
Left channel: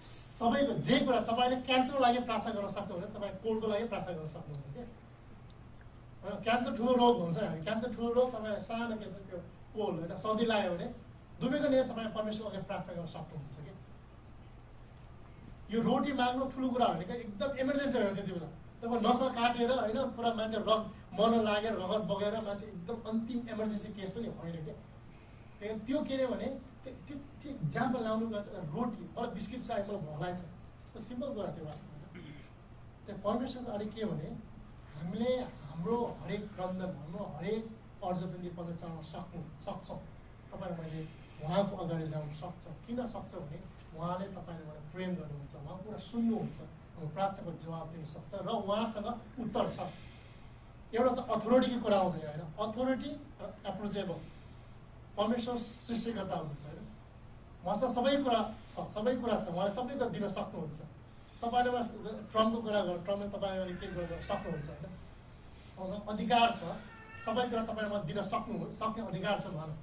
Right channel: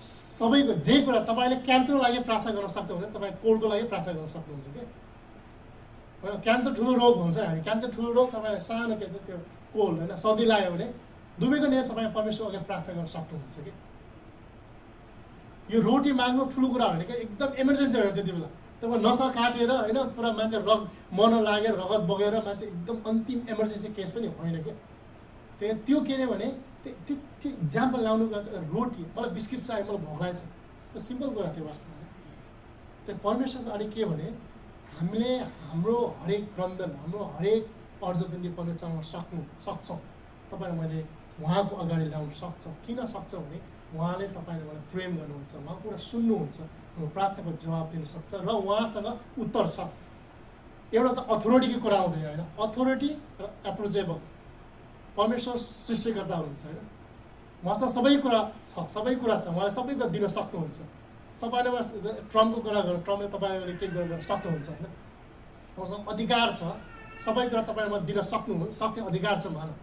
सबैको जे कुरा तपाईँले क्यान्सरको लागि प्रार्थना गर्न सक्नुहुन्छ, तपाईँ कोल्डको लागि प्रार्थना गर्न सक्नुहुन्छ कि। क्यान्सर ठुलो रोग हुन्छ, हामी क्यान्सर ठुलो रोग, तपाईँ सानो के छ त्यो कोल्ड होइन सर्दी लाग्यो भने दुवैको निम्ति तपाईँ परमेश्वर अघि प्रार्थना गर्न सक्नुहुन्छ कि। यो रोटी माग्नु ठुलो कुरा होइन क्या, एकदम इमर्जेन्सी होइन त्यति बेला। तपाईँ नसा काटेर होइन पुरा मान्छे मन लागेर रगत बगेर मान्छे एकदम अन्तिम इमर्जेन्सी केस पनि होइन क्या। त्यो के अरे भने त्यो इक्जाम्पल लाउनु कुरा चाहिँ रोटी, मलाई बिस्किट चाहियो, मलाई भोक लागेको छ, त्यो सिम्पल कुरा थियो वास्तवमा। त्यो परमेश्वरको अलिक के भने हामीले हाम्रो हरेक क्रन्दन, हाम्रो हरेक अर्जबन्दी परमेश्वर चलाउन सक्छौँ। तपाईँलाई मैले उहाँको अगाडि ल्याउन सक्छ। किन सक्छ भने उहाँले तपाईँले मलाई प्रेम गर्नुहुन्छ, उहाँको कुरा सुन्नुहुन्छ, हाम्रो प्रार्थनाको जवाब दिन सक्छ र उहाँसँग उत्तर छ। एउटा चाहिँ अथोरिटीको कुरा आउँछ होइन, अथोरिटी र एप्रोचेबल। परमेश्वर सृष्टिकर्ता हुनुहुन्छ होइन, उहाँसँग सबै कुरा छ, सबै कुरा छ, उहाँले सबै कुरा दिन सक्नुहुन्छ। तपाईँले ट्रम्पको कुरा गर्नु, ट्रम्पले तपाईँले के गर्न सक्नुहुन्छ होइन, उहाँसँग अधिकार छ, सबै कुरा तपाईँले दिन सक्ने अधिकार छ उहाँलाई।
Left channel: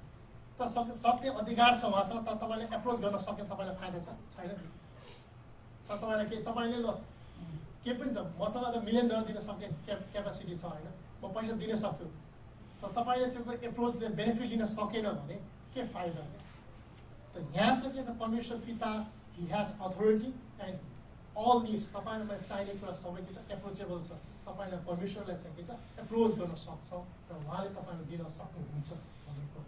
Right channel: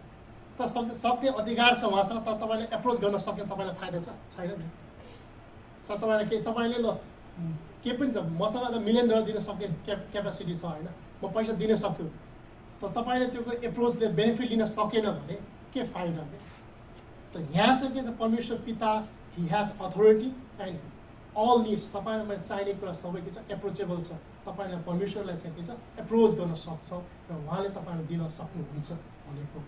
तर सक्ने अधिकार छ उहाँसँग, तर तपाईँले एप्रोच गर्न सक्ने तपाईँलाई फाइदा छैन नि। तपाईँलाई के तपाईँले ल के पनि छ, मसँग त $1 मिलियन दिन सक्ने क्यापेसिटी छ होइन, म पैसा दिन सक्छु, तर तपाईँले त्यो एप्रोचले बेनिफिट लिन सकेन भने के फाइदा हो। त यहाँ चाहिँ के त परमेश्वर पिता he has authority and all needs, तपाईँलाई मैले चाहिने कुरा सबै के छ एप्रोचेबल छ। तपाईँलाई परमेश्वरलाई चाहिँ के छ एप्रोच गर्न सक्छौँ र उहाँले तपाईँलाई दिन सक्नुहुन्छ भनेको।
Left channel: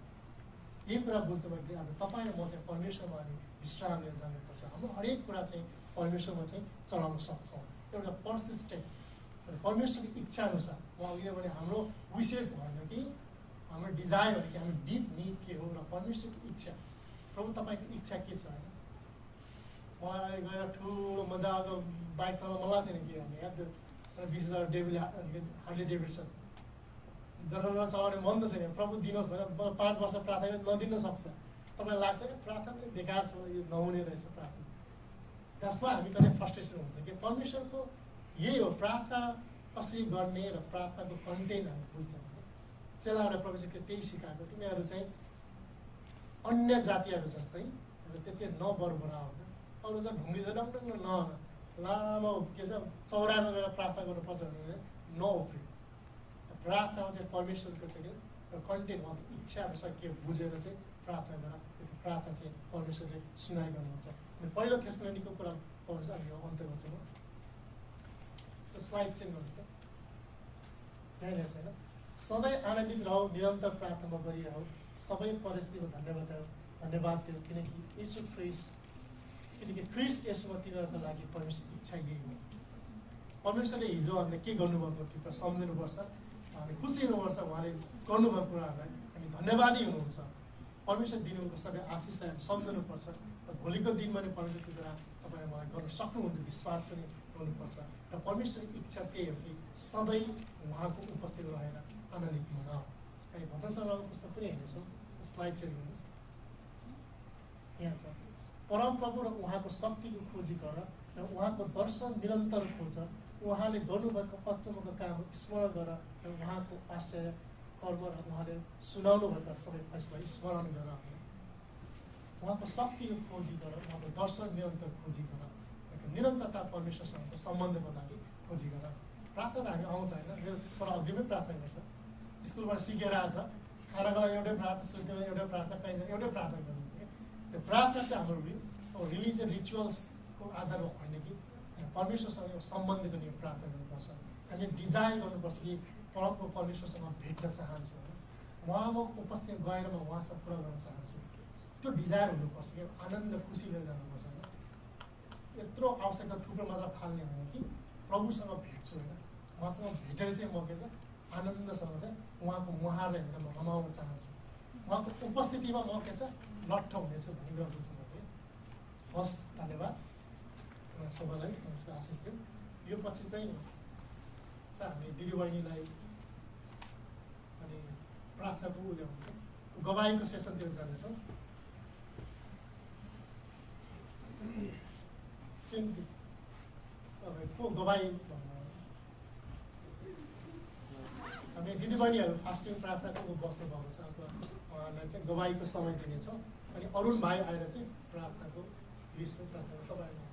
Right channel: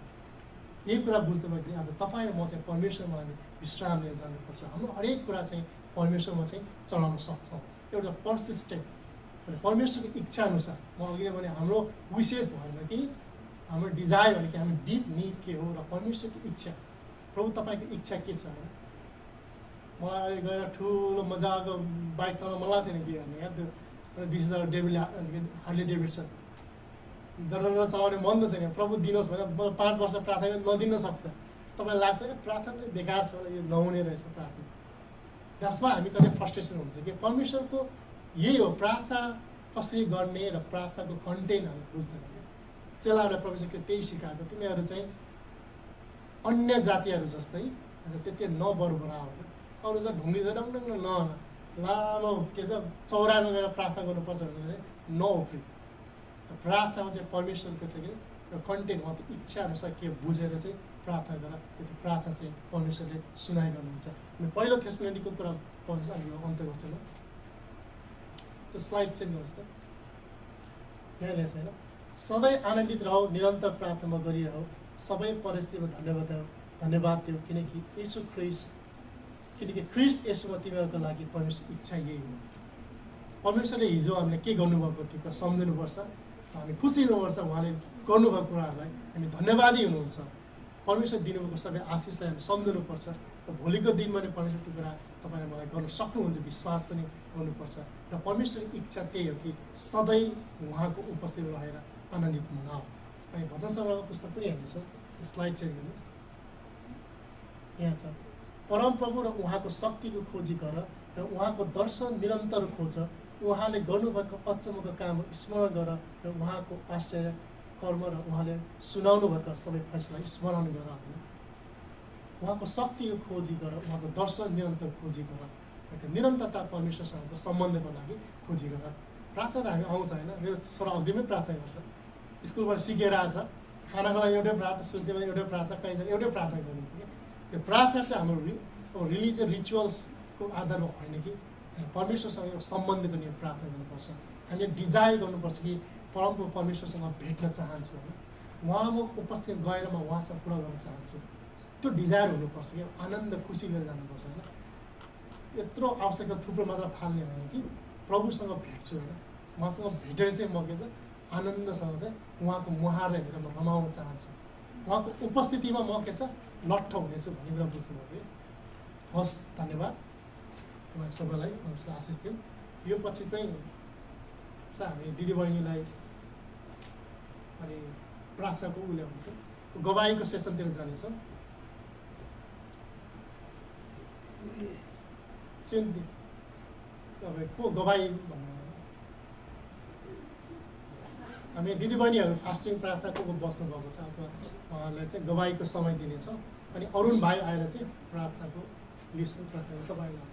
यही कुरा बुझ्दाखेरि आज तपाईँ र म चाहिँ परमेश्वरमा हामी विश्राम लिएर जानुपर्छ। हाम्रो हरेक कुरा चाहिँ परमेश्वरमा चाहिँ चलाउन सक्छौँ। एउटा पर्सिस्टेन्ट परमेश्वरको इच्छा अनुसार, म अघि नै भने हाम्रो विशेष भएन कि हाम्रो डिजायर भने कि हाम्रो डिप निड के हो र परमेश्वरको इच्छा, प्रभु तपाईँको इच्छा के छ होइन। मलाई अहिले गएर ठुलो मजाको बाइक चलाउन मन लाग्थेन कि भने यार त्यो 20,000 हार्ले डेभिडसन जरा चलाउने मन त छैन। प्रभु दिनुहोस् भनेर मलाई 5 वर्ष प्रार्थना नदिन सक्छ। तपाईँलाई लाग्छ क्या प्रार्थना पनि बेकार छ, यो नहुने रहेछ प्रार्थना। त्यसमा हामी कतै फ्रस्ट्रेसन हुन्छ कि परमेश्वरको यही हो प्रार्थना कसरी गर्ने र प्रार्थनाको कन्टेन्ट हामी बुझ्दैन। चेलाहरूलाई परमेश्वरले त्यही सिकाएको, तिमीहरू चाहिँ अन्य जातिहरू जस्तै त्यति नबरबरा होइन, अरू चाहिँ ढुङ्गी चाहिँ डङडङ लामो के छ चौरामा गएर प्रार्थना गर्नुपर्छ भने नउफ्री। प्रार्थनामा चाहिँ परमेश्वरको चाहिँ के कन्टेन्ट उहाँको इच्छा अनुसार के बुझेर चाहिँ प्रार्थना गर, त्यो प्रार्थना चाहिँ परमेश्वरले सुनाइ गर्नुहुन्छ। पहिलो थेसलोनिको कुरा पढ्नुहोस्, अनि यो अन्त्य गर्छु म। त्यो स्लाइड चेन्ज गर्नुहोस् त, यहाँ ल्याएको छैन। सधैँ आनन्दित रहो, निरन्तर प्रार्थना गरिरहो, सबै परिस्थितिमा धन्यवाद दियो किनकि ख्रिस्ट यसोमा तिमीहरूको लागि परमेश्वर इच्छा यही हो। परमेश्वरले हिजो हामीले के गर्नुभएको त्यो कुरा सम्झिनुपर्छ, हामी खुसी हुनुपर्छ, उहाँले गर्नुभएको कुराहरूलाई हामी धन्यवादी हुनुहुन्छ। परमेश्वर दिनुभएको सबै आशिषलाई हामी सम्झनुपर्छ र भोलिको दिनमा नै परमेश्वरको कुरा तपाईँले मलाई गर्न सक्नुहुन्छ विश्वास पनि गर्नुपर्छ। र परमेश्वरको इच्छा त्यही हो कि सधैँ उहाँको उपस्थितिमा रहेर आनन्दित मनाऊ। हामी भजन सङ्ग्रहको पुस्तक पनि हेर्नेछौँ, स्लाइड चेन्ज गर्नुहोस्। यहाँ छ, परमप्रभु र उहाँको शक्तिको खोजी गर र उहाँको दर्शन निरन्तर खोज, उहाँले गर्नुभएको अचम्मको काम स्मरण गर र उहाँको आश्चर्य कर्म र उहाँले सुनाउनु भएको सबै फैसला स्मरण गर होइन। उहाँको शक्तिको खोजी गर, उहाँको दर्शन निरन्तर खोजी गर, निरन्तरता परमेश्वरसँगको सम्बन्धको लागि खोजी गर। प्रार्थना हामी आउँछ होइन, मेरो छोरा अघिमै प्रार्थना गर्छ, स्कुलबाट सिकेर आएछ, खानाको लागि एउटै प्रार्थना, शुद्धिमा एउटै प्रार्थना, कहीँ एउटै प्रार्थना गरिन्छ कि। त्यो प्रार्थना चाहिँ हाम्रो रिलिजियस रिचुअल्सको आधारमा होइन कि परमेश्वरसँग एउटा सम्बन्धको निम्ति प्रार्थना गर्नुपर्छ। हामीले डिजायर गर्नुपर्छ कि परम परमेश्वरसँग भेट्न चाहन्छु होइन उहाँको उपस्थिति गएर म उहाँसँग कुरा गर्न चाहन्छु त्यो डिजायर हुनुपर्छ कि आनन्द खुसी लिएर जानुपर्छ होइन यत्रो आवश्यकता थुप्रो मात्र फाल्ने होइन कि प्रभुसँग भेट्छु होइन उहाँसँग भेटेर चाहिँ म के छ आनन्दसँग चाहिँ उहाँको मुहारलाई हेरेर म रमाउन चाहन्छु उहाँको उपस्थितिमा म के छ लट्ठ हुनेछु भन्ने कुरा बुझ्दैछु कि हस् धन्यवाद तपाईँ सबैलाई आशिष दिउँ यो पछि चाहिँ हामी दिदीबहिनीलाई अनि प्रार्थनाको उसले हुन्छ गवाईको सेसनतिर जानेछौँ सिन्धी तपाईँको गवाई भन्नु हामी दिदीबहिनीहरू फास्टिङ प्रार्थनाको बस्नुभएको छ अथवा उहाँहरूलाई चाहिँ गवाईको समय दिनेछौँ अनि अरुण भाइ आएर चाहिँ प्रार्थनाको लिस्ट प्रार्थना तपाईँलाई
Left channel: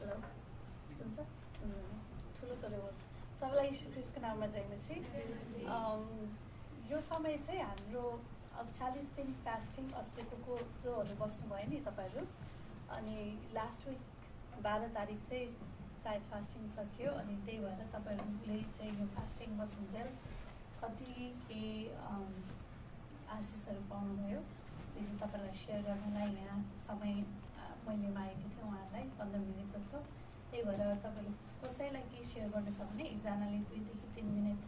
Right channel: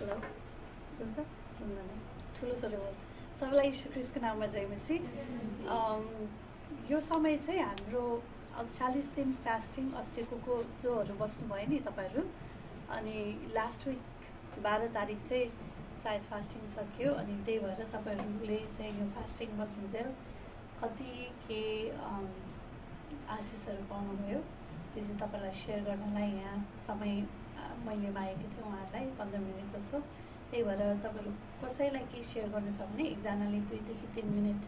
हेलो सुन्छ सुन्दैन ठुलो स्वरले बोल्छ सबैलाई यीशु ख्रीष्टको नाममा जय मसीह यो समय चाहिँ हाम्रो 40 दिन फास्टिङ अस्तिको जोहरू बस्नुभयो नि तपाईँहरू अनि लास्ट विक 12 तारिक चाहिँ सायद फास्टिङ सकियो अनि त्यही भएर तपाईँहरूले चाहिँ यो फास्टिङ बस्नुन्जेल कति के आशिषहरू पाउनुभयो त्यो चाहिँ तपाईँलाई सेयर गर्नलाई यहाँ समय मैले मागेको थिएँ उहाँहरूलाई 15 मिनट जस्तो त्यही भएर तपाईँहरू कसैलाई केही सेयर गर्नु छ भने एकजनाले 2 देखि 3 मिनट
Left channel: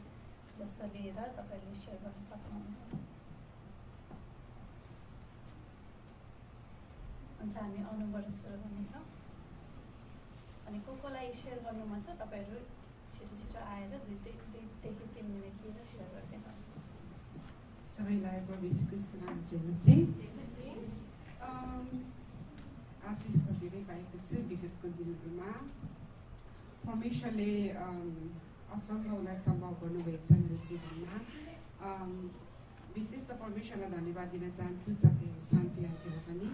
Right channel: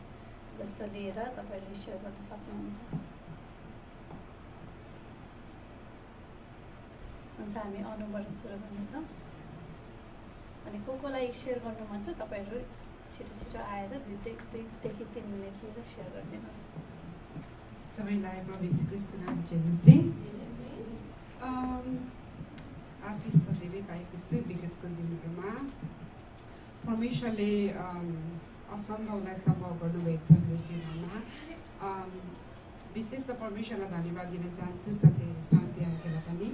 जस्तो लिएर तपाईँहरूले सेयर गर्न सक्नुहुन्छ हुन्छ हामी अनुभवबाट सुरु गर्नेछौँ अनि कोलाई सेयर गर्नु मन छ तपाईँहरू छिटो छिटो आएर 2 देखि 3 मिनट लिएर सेयर गरिदिनुहोस् सबैलाई प्रभु यीशु ख्रीष्टको नाम जय आशिष त धेरै पाएको छु विगतको दिनहरूमा परमेश्वरले असम्भवलाई सम्भव गर्नुभएको छ मेरो जीवनमा विशेष त परमेश्वरलाई धन्यवाद दिन चाहन्छु साथै शान्ति आन्टीलाई पनि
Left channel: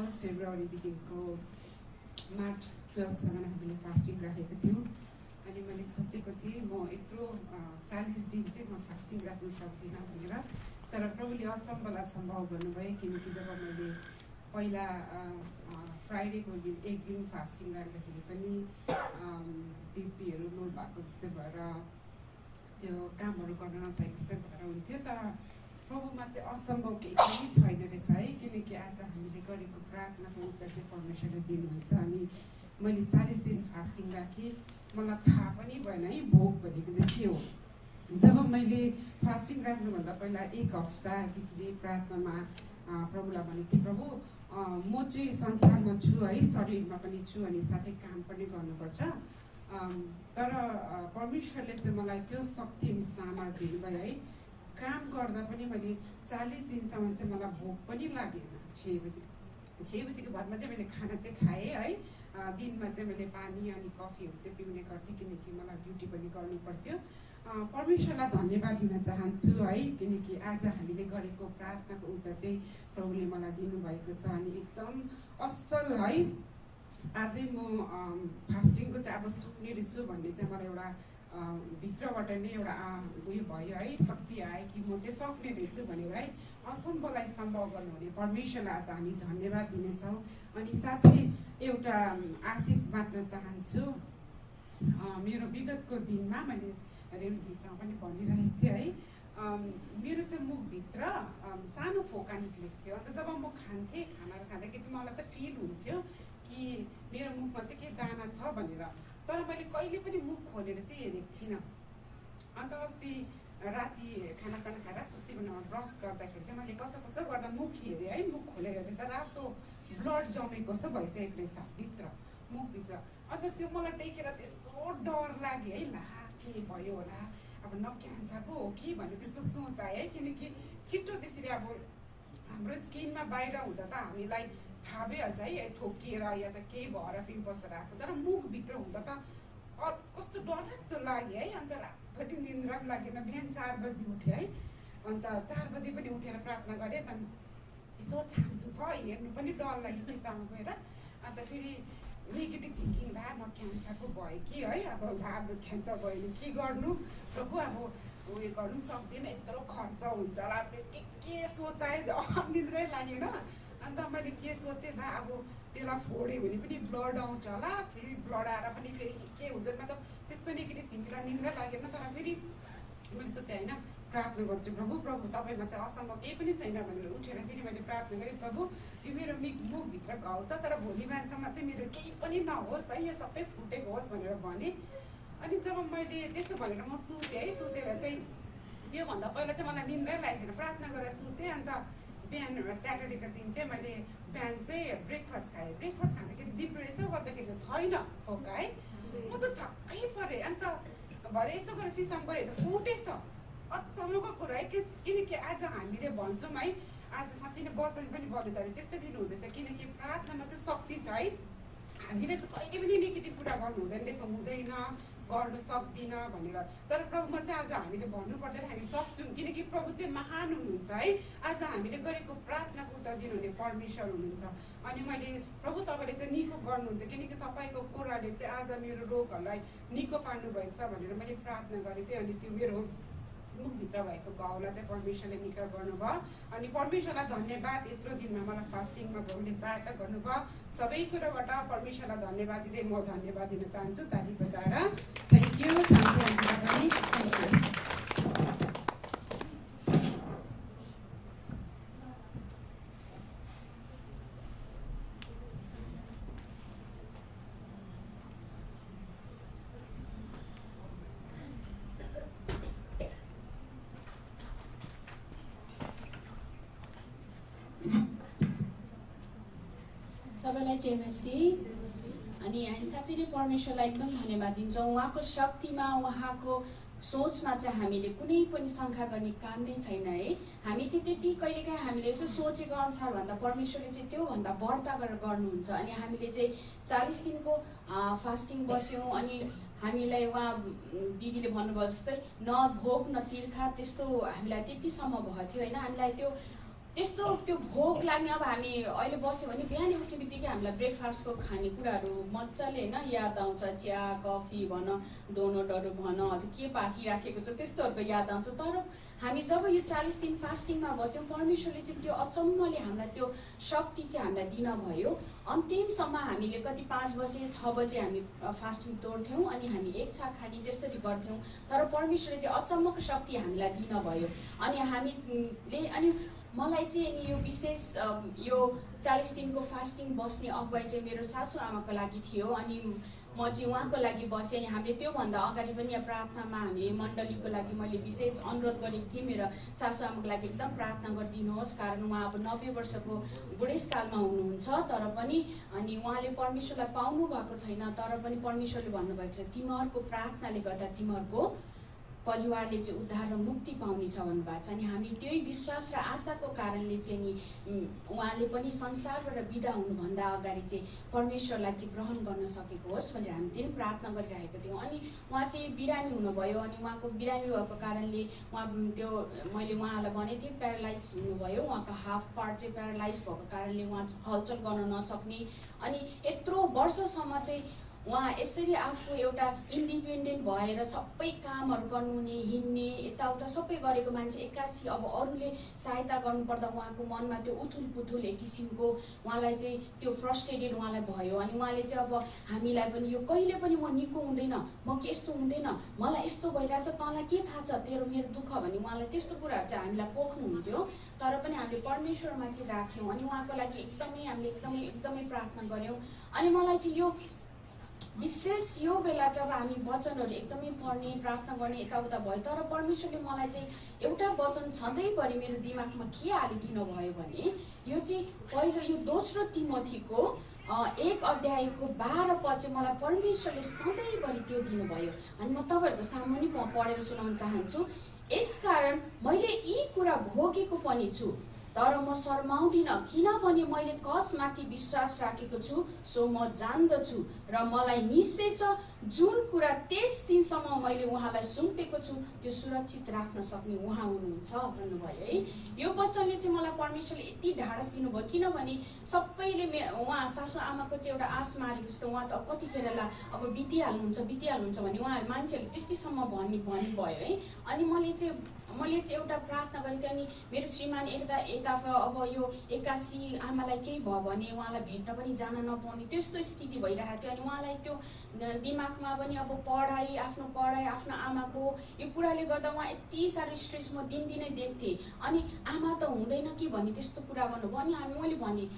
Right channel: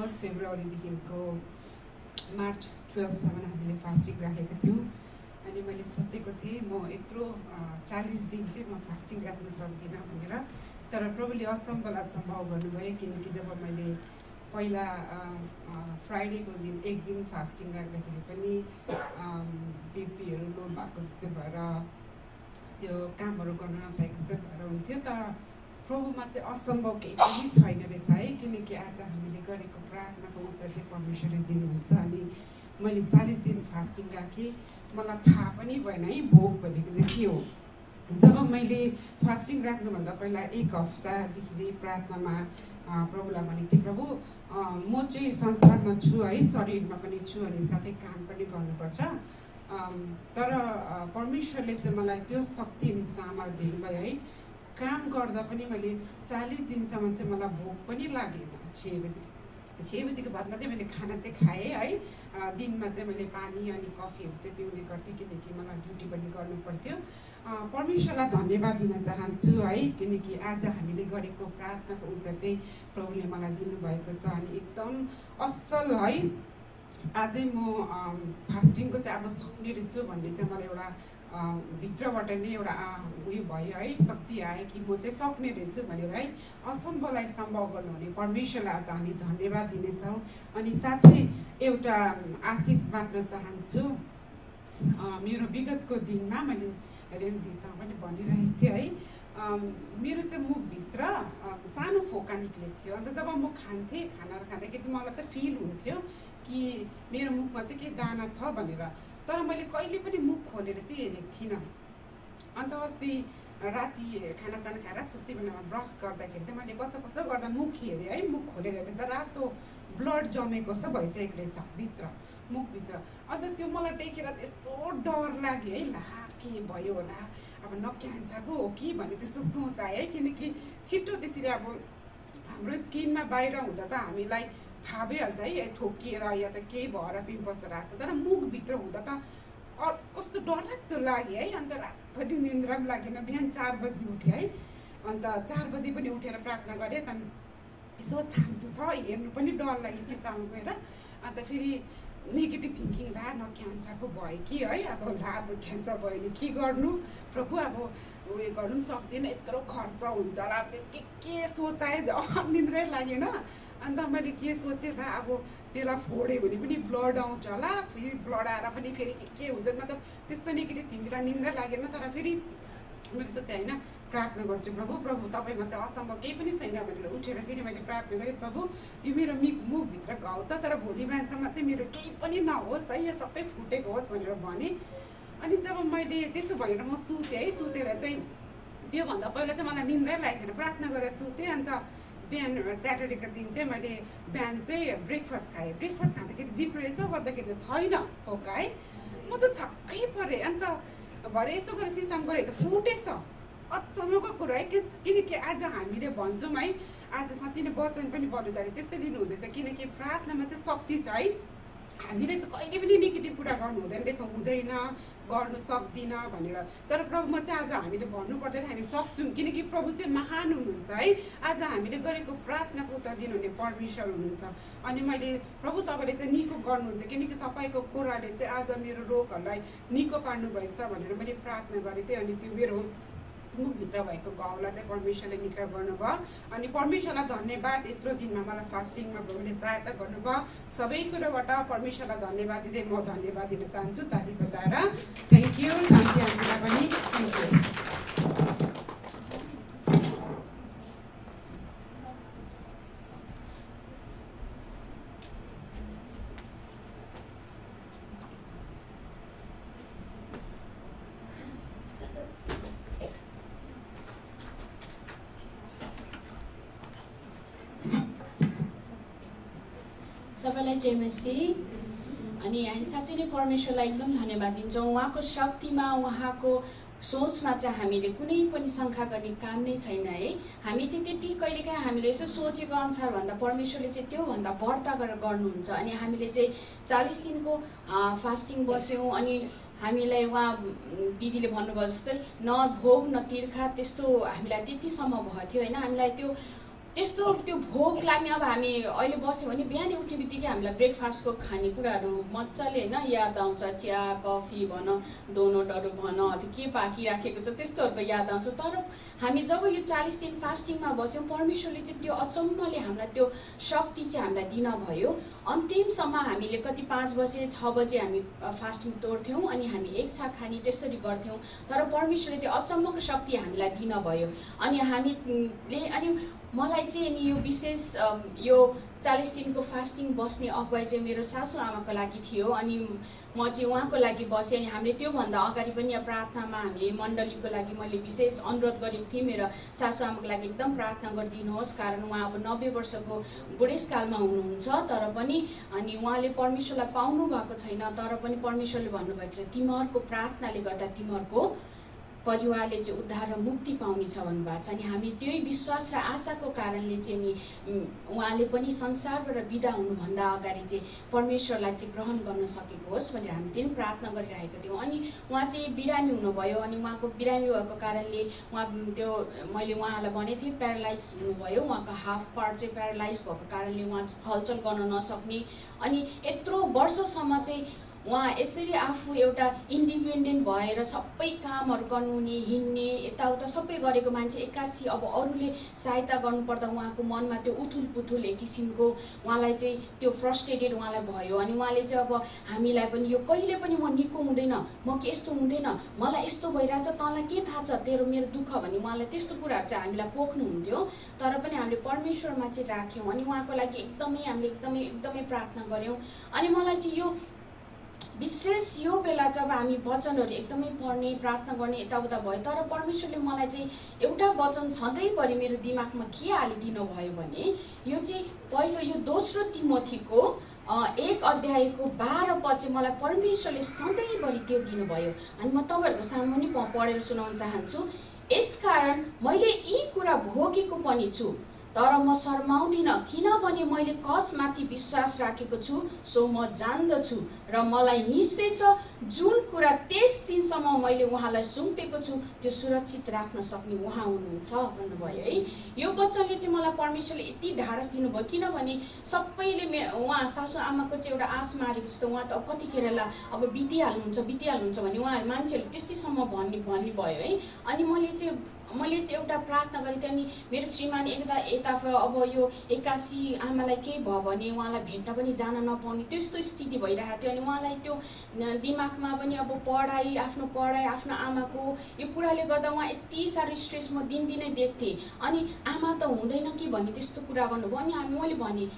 1 फेब्रुअरीदेखिको मार्च 12सम्म हामीले फास्टिङ राखेका थियौँ अनि मैले सोचेको थिएँ म यत्रो 40 दिन चाहिँ म फास्टिङ राख्न सक्दिनँ भनेर तर प्रभुले असम्भवलाई सम्भव गर्नुभयो किनकि जब मैले पहिला फ्राइडेको दिन एक दिन फास्टिङ राख्दाखेरि पनि बिपीहरू लो भएको जस्तै भएर त्यो कामहरू गर्न नसकेको जस्तै भएर हुन्थ्यो तर प्रभुमा चाहिँ असम्भव केही पनि छैन रहेछ है किनकि आज हामीले गरेको प्रार्थनाको उत्तर चाहिँ परमेश्वरले दिनुहुन्छ अनि मैले 40 दिन फास्टिङ राखेँ मलाई थाहा पनि भएन है भोक भनेको चाहिँ के हो जब मैले फास्टिङ राख्नुभन्दा पहिला 1 हप्तादेखि नै प्रार्थनामा प्रभुलाई भनेको थिएँ प्रभु म चाहिँ संसारमा छु है शरीरमा पनि छु अनि साथै काम पनि गर्नुपर्छ तर परमेश्वरले चाहिँ मलाई त्यो शक्ति अनि सामर्थ्य दिनुभयो है काम गर्दा पनि मैले 40 दिनसम्म चाहिँ मलाई भोक पनि लागेन 6 बजीको बादमा चाहिँ मैले खाना चाहिँ खाएँ है दिनमा चाहिँ मैले पानी अनि कफीहरू चाहिँ पिउने गर्थेँ किनकि मलाई ड्युटी पनि गर्नु पर्थ्यो परमेश्वरलाई धन्यवाद दिन चाहन्छु है किनकि आज हामीले गरेको प्रार्थनाको उत्तर चाहिँ प्रभुले मलाई दिनुभएको छ अनि एकदम असल है आजै म फास्टिङको चाहिँ अब सक्ने रहेछु भन्ने चाहिँ मलाई एउटा भित्रबाट नै एउटा उयो भयो है शक्ति आयो कि म चाहिँ सक्ने रहेछु भनेर है असम्भवलाई सम्भव गर्नुहुने परमेश्वरलाई आज हामी धन्यवाद दिनेछौँ अनि साथै एउटा आशिष बाँड्न चाहन्छु मेरो विगतको दिनमा मैले रेमदीसँग पनि भनिरहेको थिएँ है मेरो चाहिँ मुखभित्र सानो फोका निक्लेको थियो अन्त जब म खान्थेँ खानाहरू खाँदाखेरि मलाई त फिल हुन्थ्यो कि मेरो मुखमा चाहिँ के दाना छ भनेर तर मैले कहिले पनि मुख खोलेर चाहिँ हेरेको थिइनँ अन्त अस्ति राति खानासाना खाएर सुत्ती बेलामा ब्रस गर्दाखेरि चाहिँ मैले कसो गर्दा मुख हेरेँ है मुख खोलेर हेरेर चाहिँ रातो ब्लड जमेको जस्तो भइसकेको रहेछ भित्र मुखभित्र अन्त त्यो मलाई देखेर त्यस्तो डर लाग्यो है ला के भयो होला अब न क्यान्सरको हो कि भन्ने त्यस्तो सोच आयो है किनकि छिटो त्यसरी अब हाम्रो स्किनमा बाहिर हुँदा त हामीलाई थाहा भइहाल्छ है ठोकिएर या त केही भएर पिम्पल्सहरू आएको तर मुखभित्र हुँदा त कस्तो डरलाग्दो लाग्यो है अन्त रातभरि निन्द्रा पनि लागेन बिहान 4 बजी उठेँ है अन्त 4 बजी पनि उठेर प्रार्थना गरेँ त्यहाँदेखि यसो छाम्छु छ हेर्नु पनि डर लाग्यो सिसामा गएर अन्त फेरि नेगेटिभ थिङ्किङ ला न क्यान्सरको भयो कि है अब ला अब क्यान्सर भयो भने के गर्नु प्रभु अब उयो गर्नु पनि सक्दिनँ, यत्रो खर्च हुन्छ र अब त्यो के सोचाएँ निन्द्रै लागेन। अन्त मैले के सोचेँ ल अब त्यसलाई फोड्यो भने पनि ब्लड आउँछ होला, फेरि ब्लड आएर पनि फेरि के हुन्छ मतलब त्यस्तो नेगेटिभ थिङ्किङ निन्द्रै लागेन। तर फेरि मैले सोचेँ होइन प्रार्थना गर्छु प्रभु प्रभु तपाईँमा चाहिँ असम्भव केही पनि छैन भनेर उठेर फेरि मैले प्रार्थना गरेँ प्रभु यो मेरो मुखभित्र घाउ छ तर भोलि बिहानसम्म चाहिँ मेरो केही पनि नहोस् है, यो सबै फुटेको होस् भनेर भने। अनि जब मैले त्यसो भनेर म सुतेँ है, सुतेर चाहिँ त्योभन्दा पहिला चाहिँ मलाई निन्द्रै लागेको थिएन, प्रार्थना गरेर सुतेँ। अन्त बिहान स्याटरडेको दिन चाहिँ मैले बिहान चाहिँ ब्रेकफास्ट खाएँ। ब्रेकफास्ट खाँदाखेरि जिब्रो यसो गर्दाखेरि छैन फोका है, म त छक्कै परेँ। अन्त भरे यसो गरेर सिसाम गरेँ त फुटेछ। अचम्मको कुरा है, किनकि आज हामीले भन्छौँ है, आज साँच्चै नै वचन पनि बलुदाले त्यस्तै दिनुहुँदैछ, किनकि प्रार्थनामा चाहिँ शक्ति छ है। हामीले चाहिँ कहिले पनि नेगेटिभ कुरा गर्नु हुँदैन रहेछ, हुँदैन गर्नु सक्दिनँ भनेर। तर प्रभुमा चाहिँ आज हामीले भन्नु पर्दैन, हामी सक्छौँ, किनकि प्रभु चाहिँ महान हुनुहुन्छ है। आज हामीले गरेको प्रार्थनाको उत्तर दिनुहुने परमेश्वर हुनुहुन्छ। अनि मैले प्रभु तपाईँले चाहिँ निको गर्नुहुन्छ, किनकि तपाईँको कुराले चाहिँ आज मेरो रोगहरूलाई निको पार्नु भएको छ भनेर मैले प्रार्थना गरेको थिएँ। अनि त्यो मेरो मुखभित्र भएको घाउलाई चाहिँ परमेश्वरले निका गर्नुभयो। अनि परमेश्वरलाई धन्यवाद, यत्रो दिनमा मलाई फास्टिङमा प्रभुले सहायता गर्नुभयो। सबै कुरोबाट परमेश्वरलाई धन्यवाद दिँदै म धन्यवाद दिन चाहन्छु ताली बजाएर। थ्याङ्क यू शान्ति हामीलाई पनि थ्याङ्क यू। सबैलाई जय मसीह। अनि हामी साँच्चै नै परमेश्वरलाई एकदम धन्यवाद दिन्छौँ। उहाँको शक्तिमा, उहाँको सोचमा चाहिँ हामीले कुनै पनि शङ्का गर्ने काम नै छैन है। हामी चाहिँ त्यति कहिलेकाहीँ हामीले यसो सोचेको अनुसार भन्दा परमेश्वरले चाहिँ त्योभन्दा बढ्ता गरेर गर्नुहुन्छ। अनि हामीले चाहिँ 40 दिनको फास्टिङ बस्यौँ। अनि हामीलाई उहाँ दिदीले भन्नुभयो जस्तै न भोग न तिर्खा त्यस्तो हामीलाई त्यतिसम्म भएको थियो होइन। हामीलाई त्यो भोक लाग्ने, अब हामी अहिले बस्यो भने बिहानै उठ्ने बित्तिकै हामीलाई ब्रेकफास्टको खानेकुराहरू मजाले होइन याद आउँछ। चिया कफी भन, डोनटहरू भन, के पाकिराखेको छ त्यस्तोहरूको याद आउँछ। तर हामी जब यो 40 दिन फास्टिङमा बस्यौँ, परमेश्वरले चाहिँ त्यो अचम्मले हामीलाई त्यो शक्ति चाहिँ हामीलाई दिन भयो। अन्तिमसम्म हामीले कति 5 बजे 6 बजे हामी फास्टिङ तोड्थ्यौँ अनि हामी एक छाक खाने त्यसरी गर्थ्यौँ। तर परमेश्वरले त्यो अचम्मको शक्ति हामीलाई दिन भयो। अनि हामीले अनि मलाई चाहिँ नि यो विशेष यो 40 दिनको फास्टिङ बस्ने अगुवाई चाहिँ मेरो सासू आमाको लागि थियो। अनि म चाहिँ उहाँको लागि बसेँ। अनि हामीले त्योभन्दा अगाडि पनि प्रार्थनामा हामीले मण्डलीको लागि मैले विशेष अनुरोध गरेको थिएँ, मेरो सासू आमाको लागि एकदम प्रार्थना गरिदिनुहोस्, कारण उहाँ अब 90 वर्षको बुढेसकालमा हुनुहुन्छ। तर पनि अनि उहाँले परमेश्वरलाई पाउनु भएको छैन, तर पनि परमेश्वरले भन्नुभएको छ तिमीहरूको प्रार्थनाले गर्दा तिमीहरूको परिवारले चाहिँ उद्धार र मुक्ति पाउनेछ भन्नुभएको छ। अनि हामी त्यही विश्वास र आशाको कारणले चाहिँ नि उहाँले पनि संसारबाट बिदा हुनुभन्दा अगाडि चाहिँ परमेश्वरलाई चाहिँ ग्रहण गर्न सकेको होस् भनेर हामी त्यही प्रार्थना गरिरहेका थियौँ। अनि उहाँ चाहिँ बिरामी हुनुभयो। अनि उहाँको बिरामी भएको कारणले उहाँ त्यो मैले उहाँलाई भनेको थिएँ प्यारालाइज हुनुभयो। उहाँको हाफ पार्ट चाहिँ प्यारालाइज भएको कारणले उहाँ हलचल गर्न नसक्ने। अनि यत्रो वर्षसम्म चाहिँ उहाँ यसरी आफू एउटा इन्डिपेन्डेन्ट भएर सबै कामहरू गर्नुहुने, हिँड्ने, यताउता सबै गरेको मान्छे एक्कासी अब अरूले सहायता गर्नुपर्दा उहाँको मनमा त्यो उथुल पुथुल एक किसिमको उहाँलाई चाहिँ त्यो फ्रस्ट्रेटेड उहाँलाई भयो। अनि उहाँले चाहिँ अब हामीलाई पनि यो कहिले पनि म निको हुँदैन, म के यस्तो हुँदैन, मलाई यस्तो भइरहेछ, तँलाई के थाहा छ तेरो मेरो दुःख भन्ने उहाँलाई त्यस्तो कुराहरू चाहिँ हामीलाई पोख्नुहुन्थ्यो। तर पनि हामीले परमेश्वरमा चाहिँ राख्यौँ। अनि उहाँको लागि हामीले एकदमै प्रार्थना गऱ्यौँ। अनि मलाई चाहिँ यो विशेष यो बेला जब हामी वचनहरू एकदमै पढ्ने प्रार्थना गर्ने यताउता भयो, तर परमेश्वरले मलाई चाहिँ एउटा वचन सधैँभरि मेरो दिमागमा के हालिदिनु भयो भने यो चाहिँ पहिलो यो 2 तिमोथीको 1 अध्यायको 12 पद चाहिँ मलाई परमेश्वरले सधैँभरि त्यो दिनुभयो। अनि म तपाईँहरूको सामु पनि पढेर सुनाउन चाहन्छु। यसकारण मैले यी कुरा भोगेको पनि छु, तर म शर्माउँदिन, किनभने मैले कसमाथि विश्वास राखेको छु सो म जान्दछु र मलाई निश्चय छ जुन कुरा त्यस दिनसम्म मैले उहाँलाई सुम्पेको छु त्यो सुरक्षित राख्न सक्ने उहाँ हुनुहुन्छ भन्नुभयो है। यो वचनले चाहिँ मलाई परमेश्वरले यति ढाडस दिनुभयो, किनभने सबैले उहाँ सासू आमाको चाहिँ एउटा आश मारेको जस्तो उहाँ त कतिखेरलाई अब बितिहाल्नुहुन्छ भने उहाँहरू मान्छेहरूले त्यस्तैसम्म भन्नुभयो है। अनि मैले चाहिँ एउटा प्रार्थना गरेँ, त्यहाँदेखि मेरो श्रीमान यताबाट अब यो 81 आमालाई केही भयो भने उहाँलाई भेट्न पनि जान नपाउने त्यस्तो स्थिति भइरहेको थियो। अनि उहाँलाई त्यो दिमागमा पनि अब पढाइ आफ्नो आमाको यो कुराले गर्दा उहाँ यति साह्रो स्ट्रेस म दिनदिनै देख्थेँ। अनि आमा त हुँदैन कि भन्ने त्यस्तो कुरा गर्नुभयो। अनि मैले भनेँ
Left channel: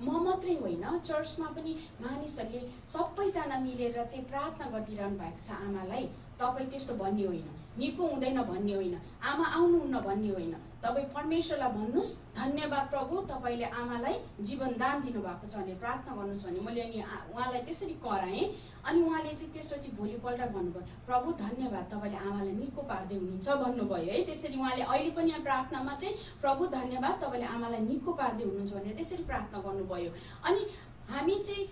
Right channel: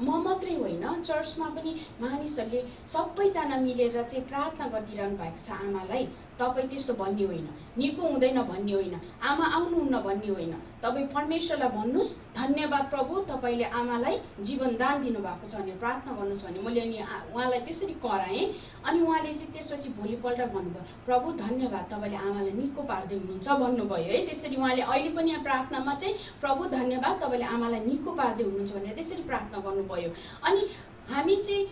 म मात्रै होइन, चर्चमा पनि मानिसहरूले सबैजना मिलेर चाहिँ प्रार्थना गरिदिइरहनु भएको छ आमालाई। तपाईँ त्यस्तो भन्ने होइन, निको हुँदैन भन्ने होइन, आमा आउनुहुन्न भन्ने होइन, तपाईँ परमेश्वरलाई भन्नुहोस् धन्यवाद प्रभु तपाईँले आमालाई जीवनदान दिनुभएको छ भनेर प्रार्थना गर्नुहोस् भने मैले अनि उहाँलाई त्यसरी कराएँ। अनि उहाँले चाहिँ त्यसपछि भोलिपल्ट भन्नुभयो प्रभु धन्यवाद तपाईँले आमालाई निको पार्दै हुनुहुन्छ भन्नुभयो है। त्यसरी उहाँले अहिले पनि यहाँ प्रार्थनामा चाहिँ प्रभु धन्यवाद तपाईँले आमालाई निको पार्दै हुनुहुन्छ भनेर त्यसरी प्रार्थना गर्नुभयो। अनि हामी चाहिँ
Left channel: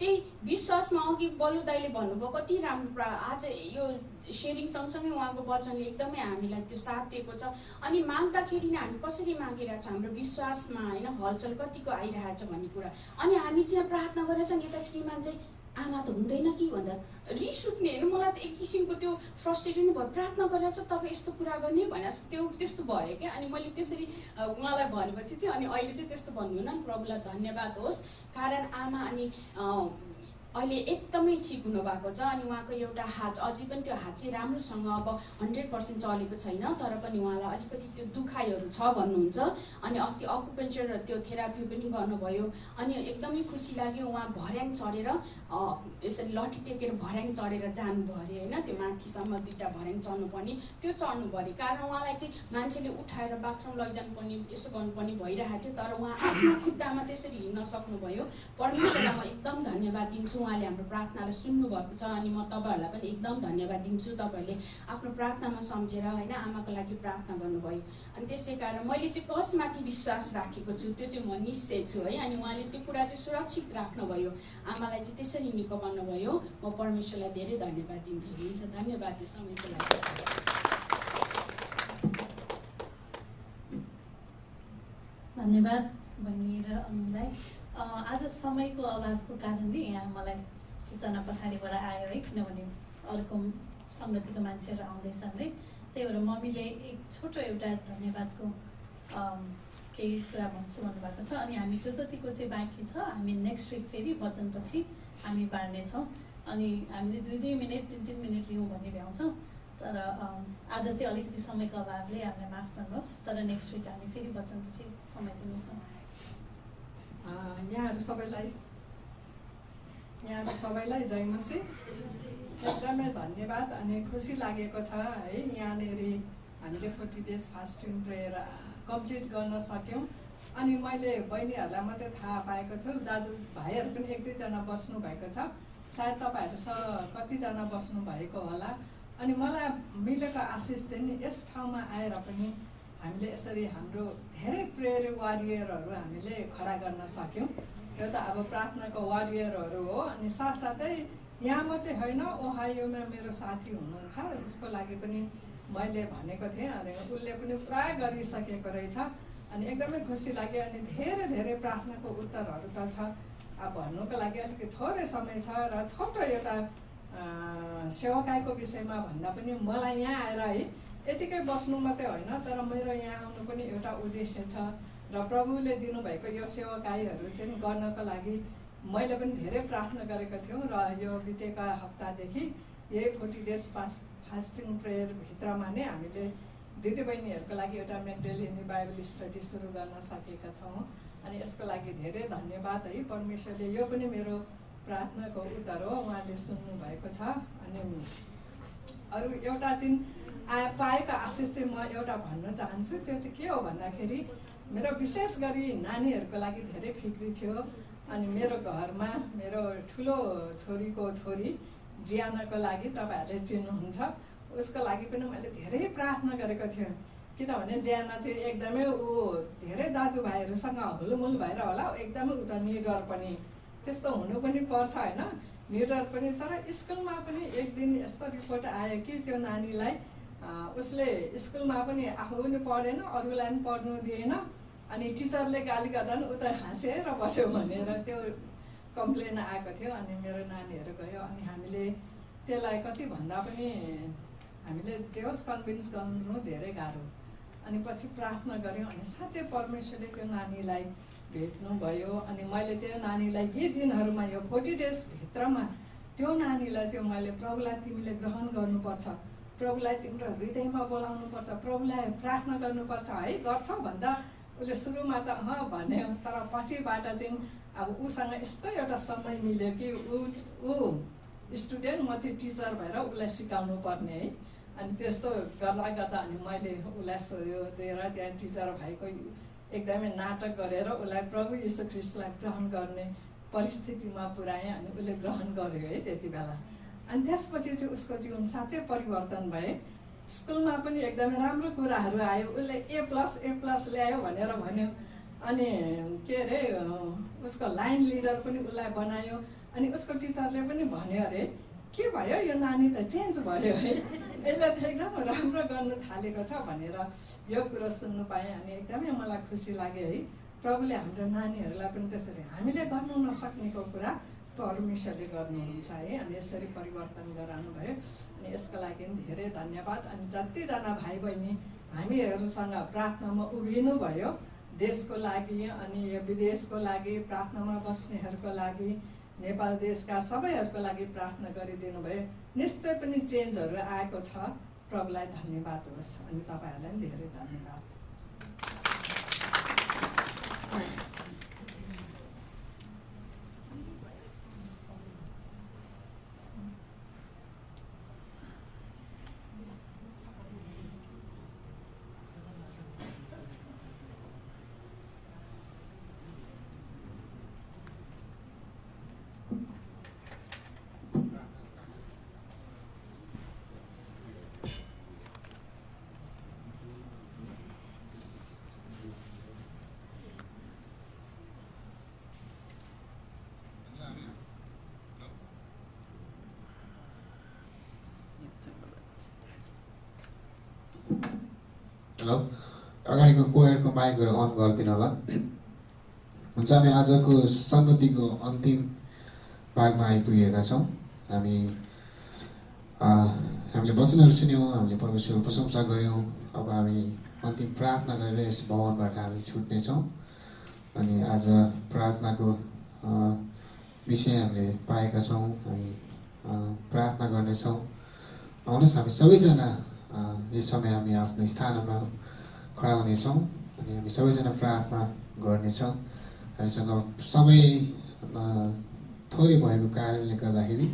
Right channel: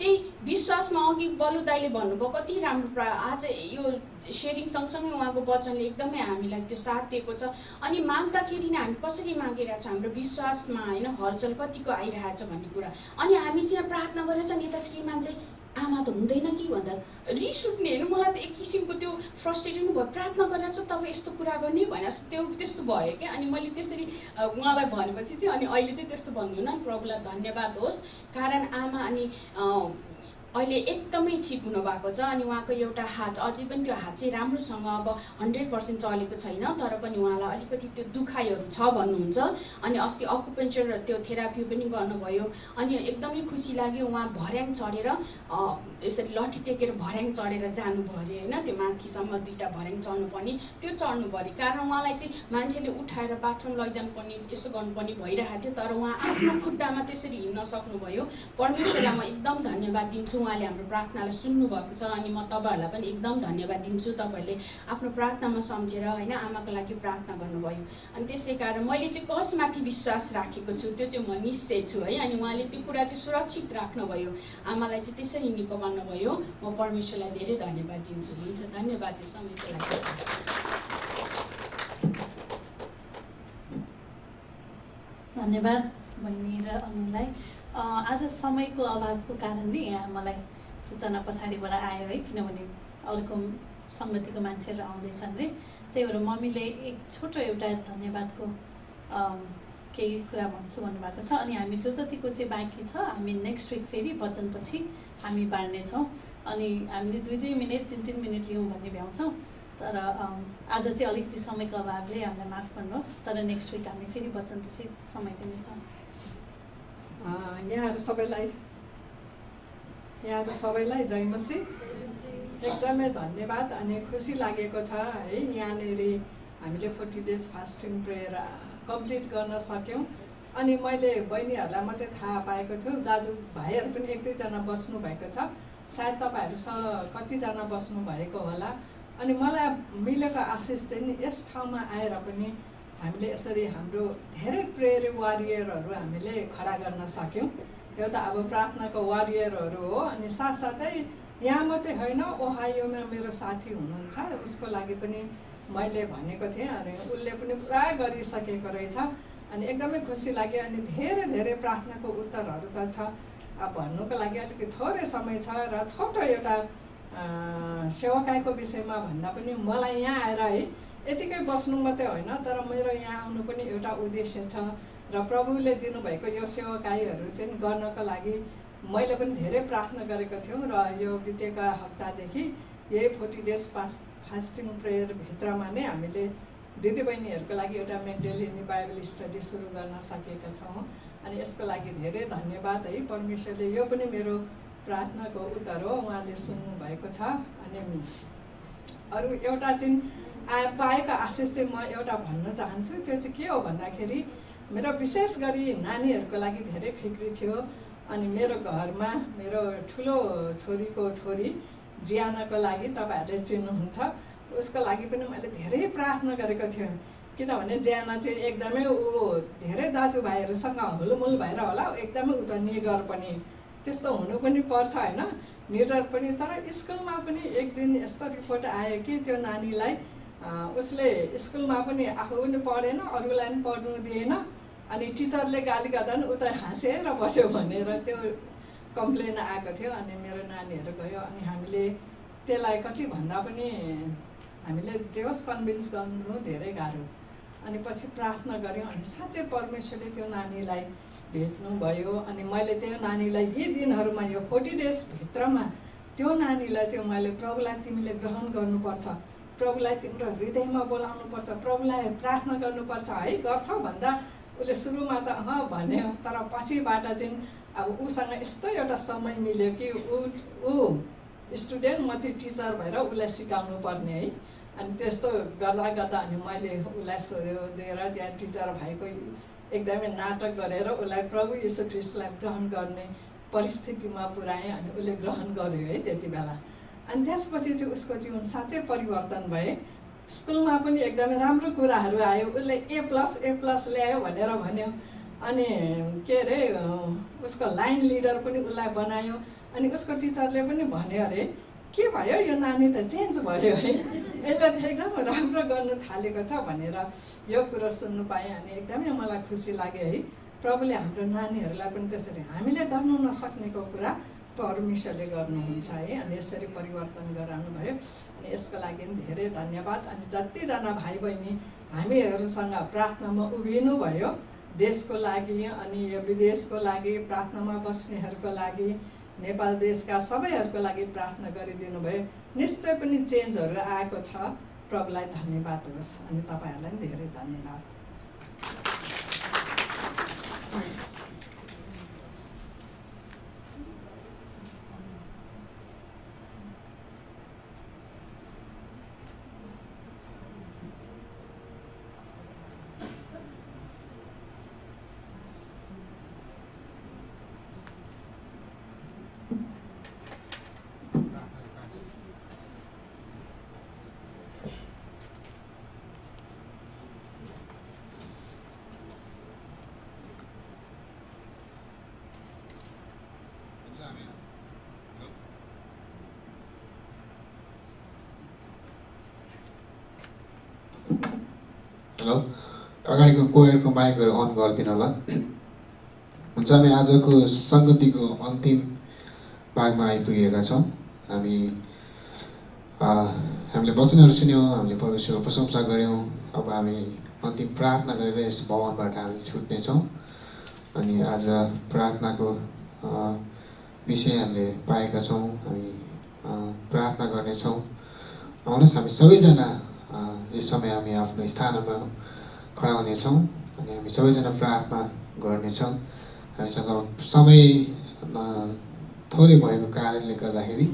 त्यही विश्वासमा अघि बल्लु दाइले भन्नुभयो कति राम्रो आज यो सेयरिङ सँगसँगै उहाँको वचनले एकदमै हामीलाई त्यो साथ दिएको छ। अनि माग्दाखेरि नै हामी कसरी मागिरहेको छ, हाम्रो विश्वासमा होइन हलचल कतिको आइरहेछ भन्ने कुरा। अनि हामी चाहिँ प्रार्थना गरेर चाहिँ यता श्रीमान चाहिँ आमा त हुँदैन कि भन्दा रिस उठ्ने होइन, मलाई त एक किसिमको त्यो फ्रस्ट्रेटेड भयो। प्रार्थना गरेर चाहिँ तपाईँ यस्तो कुरा गर्ने भने त्यस्तो भयो क्या। अनि मैले त्यसरी उहाँलाई भनेपछि चाहिँ अनि अहिले चाहिँ त्यस्तो भन्नुहुन्न, प्रभुलाई धन्यवाद होस्। कारण आमा अनि अहिले एकदमै ठिक हुनुभएको छ। अनि उहाँको एउटा हात अझै पनि त्यो हात चाहिँ राम्रोसँग अब 100% चलेको छैन, तर पनि उहाँलाई अलिकति त्यो दुखाइहरू छ भन्नुहुन्छ। अनि अस्ति अकुपेन्चर त्यो थेरापी पनि गर्नुभयो। अनि एकदमै खुसी लाग्यो, उहाँ भर्याङ चढेर यसरी लट्ठी टेकेर भर्याङ चढेर जानुभयो अरे होइन। त्यो माथिसम्म 2टा भर्याङ चढ्नुपर्ने त्यो चढ्नु पऱ्यो, कारण उहाँलाई चाहिँ मान्छेले उठाएर बाथरुम लैजानु पर्ने यसो गर्नुपर्ने भइरहेको थियो, तर उहाँ आफ्नो खुट्टामा त्यसरी हिँड्न सक्नुभयो। परमेश्वरलाई म एकदम धन्यवाद दिन्छु, उहाँले हाम्रो प्रार्थनालाई सुन्नुभएको छ। अनि म तपाईँहरूलाई पनि एकदम धन्यवाद दिन्छु, तपाईँहरूले आफ्नो प्रार्थनामा सम्झेर होइन आमाको लागि प्रार्थना गर्नुभयो। अनि त्यसै कारण मैले चाहिँ कसमाथि विश्वास राखेको छु त्यो चाहिँ म निश्चय छु है। अनि उहाँले त्यो कुरा चाहिँ सुरक्षित राख्नुभयो, आमालाई चाहिँ त्यसरी निको गर्नुभयो। म परमेश्वरलाई धेरै धन्यवाद दिन्छु। हुन्छ, धन्यवाद यो समयको लागि। धन्यवाद बहिनी र अमीलाई। आज समयको अभावको कारणले यहाँ मलाई सूचना पछाडिबाट आयो है, किनभने अर्को सङ्गतिको मान्छेहरू आउँदैछन् रे। त्यही भएर मम्मीले एक छोटो एउटा धन्यवादको केही कुरा भन्छु भन्नुभएको छ। अनि हामी जतिको चाहिँ बाँकी छ हामी नेक्स्ट विक फेरि वचनपछि हामी बाँड्नेछौँ। अनि हामीले 2-2 मिनट 3-3 मिनट लियौँ भन्ने भ्याउँछौँ, तर आज चाहिँ अलिकति समयको अभावले हामीलाई माफ गर्नुहोस्। तर नेक्स्ट विक हामी फेरि वचनपछि समय दिनेछौँ। यहाँहरू सबैलाई जय मसीह। एकदमै धन्यवाद। अनि खुसी लागेको छ है, यहाँनिर हामीले 40 डेज फास्टिङ प्रेयर कम्प्लिट गर्न सक्यौँ। अनि मैले बहिनीहरूलाई मात्रै थाहा पाएको छु, दाजुभाइहरू पनि 1-2 जना बस्नु भएको छ, सायद तपाईँहरूसँग कतिजना बस्नु भएको होला। अनि मलाई मिलेको आशिष चाहिँ नि यस ठाउँमा आएर पनि हामीले यसरी हाम्रो धेरै प्रेयर वारियरहरू हामीले खडा गर्न सक्यौँ। यो त अब प्रार्थनाको वारियरहरू हो। अनि साथसाथै यहाँ मात्रै होइन, ओहायोमा मेरो साथी हुनुहुन्छ, उसको लागि पनि मैले भनेको थिएँ। अनि उसले पनि पुरा गरिसकेको रहेछ। अनि एकदमै खुसी लाग्यो। अनि धेरै धेरै प्रार्थनाको उत्तरहरू त छ, अब भन्नुको लागि अलिकति थोरै समय छ। र छोटो एउटा सेवकाईको विषयमा भन्दा पनि मलाई यहाँ आएर है यतिकै बस्नु मात्रै होइन, तर मेरो यहाँ आउनु पनि एउटा उद्देश्य छ। र प्रभुले दिनुभएको यो सेवकाईहरू चाहिँ गर्नको लागि मैले पनि धेरै प्रार्थना गरेको थियौँ। र यो बितेका हप्तादेखि यही 40 डेज फास्टिङ प्रेयर भित्रमा नै हामीले दिदीबहिनीहरूको लागि एउटा मेन्डेलिनी बाइबल स्टडी सुरु गर्न सकेका छौँ। अनि यसको लागि धेरै धन्यवाद है। परमेश्वरले यो पनि मेरो प्रार्थनाको उत्तर हो, उहाँले सुन्नु भएको छ। अनि अरू एउटा चाहिँ पाएको आशिष चाहिँ म एउटा भन्न चाहन्छु। त्यो चाहिँ के हो भन्दाखेरि मेरो विशेष गरी नानीहरूको लागि धेरै फिक्री थियो। अनि मेरो घरमा मेरो ठुलो छोरीको छोरी जियानाको लागि तपाईँहरूले चिन्नुहुन्छ, उसको लागि पनि मैले धेरै प्रार्थना गरेको थिएँ। किनभने जियाना चाहिँ एकदमै धेरै दाजुभाइहरूसँग हुलमुल भएर होला, एकदमै उ त निडर पनि, त्यस्तो हुनु पनि पर्छ होइन। निडर पनि। तर स्कुलमा पनि एक दिन यस्तो रिपोर्ट आयो कि त्यो नानीलाई उसले स्कुलमा पनि आफू पनि पढेन, अरूलाई पनि पढ्नु दिएन, अनि टिचरले गाली गर्दा पनि उता हाँसेर बस्यो भनेर त्यो कम्प्लेन आएको थियो। अनि मेरो नानीहरू गयो, अनि हामीले त्यसलाई कति भन्दा पनि हामीले जे होस् कन्भिन्स गर्नु धेरै गाह्रो। अनि पछि प्रार्थना गऱ्यौँ, अनि साँच्चै परमेश्वरले त्यो नानीलाई भेट्नुभयो। अनि मैले त्यो नानीलाई यी दिनहरूमा यो 40 डेजभित्रमा त्यो नानीलाई चाहिँ मैले प्रभुलाई तिमीले ग्रहण गर्नुपर्छ, प्रभुलाई तिम्रो हृदयमा बोलाउनुपर्छ, प्रभुलाई प्रार्थना गर्नुपर्छ है, गर्छौ भन्दा उसले सुरुमा त भन्यो, तर पछिबाट चाहिँ अब उसँग यस्तो एउटा समय मिल्यो कि ऊ स्टुडेन्ट, म चाहिँ टिचर भएर उसलाई सिकाउनु पर्ने है। अनि त्यस्तो गर्दा गर्दा अनि मैले उसलाई सोधेर त्यहाँ टिचर भएको एकदमै नाटक गरेर उसलाई प्रभु यीशु ख्रीष्टलाई ग्रहण गर्ने परिस्थितिमा पुर्याएँ। अनि उसले ग्रहण गर्यो है त्यति बेला। अनि त्यसपछि चाहिँ उसको जीवन साँच्चै परिवर्तन भए। स्कुलमा पनि एकदमै राम्रो कुराहरू आयो, उसले A+ ल्यायो भनेर भन्यो। अनि के अरे उसको लाइन लिडर पनि उसलाई बनायो। अनि उसको टिचरले पनि भन्यो अरे के भयो यो नानी त चेन्ज भयो है, यसले त एकदम राम्रो गर्नु थालेको छ भनेर यो कुरो सुन्नु पाएँ। अनि एकदमै मलाई खुसी लाग्यो है। प्रभुले हाम्रो नानीहरूलाई पनि त्यसरी हामीले गर्नु नसक्नेको कुरा परमेश्वरले गर्नुहुन्छ है। अनि यसरी परिवर्तन गराउनु भयो। अनि यसको लागि धेरै धन्यवाद। अनि जतिजना भाइ बहिनी हामीहरूसँग प्रार्थनामा उभिनु भयो, देशको लागि अनि यो विदेशको लागि, प्रार्थनामा बस्नेहरूको लागि, नेपाल देशका सबैहरूको लागि प्रार्थना गरिदिनु भयो, निश्चय पनि चेन्जहरू आएको छ। प्रभुलाई धन्यवाद होस्। अनि तपाईँहरूलाई पनि धेरै धन्यवाद। हेलो, अगाडिको कोयरको माइकहरू अन गरिदिनु होला। हुन्छ, हामी आजको सङ्गतिको अन्तिम भागमा आइपुगेका छौँ। हामीले वचनहरू सुन्यौँ, हामीले परमेश्वरको प्रशंसा गऱ्यौँ। अब हामी अन्तिम प्रार्थना गरेर यस भवनबाट हामी छुट्नेछौँ। अनि आज प्रार्थनाको विषय हामीले पाएका छौँ। हामी प्रार्थना गर्नेछौँ। आउनुहोस् हामी सबैजना यस समय हामी आफ्नो स्थानमा खडा हुनेछौँ अनि हामी सबैजना प्रार्थना गर्नेछौँ। हामीसँग समय थोरै भएको कारणले गर्दाखेरि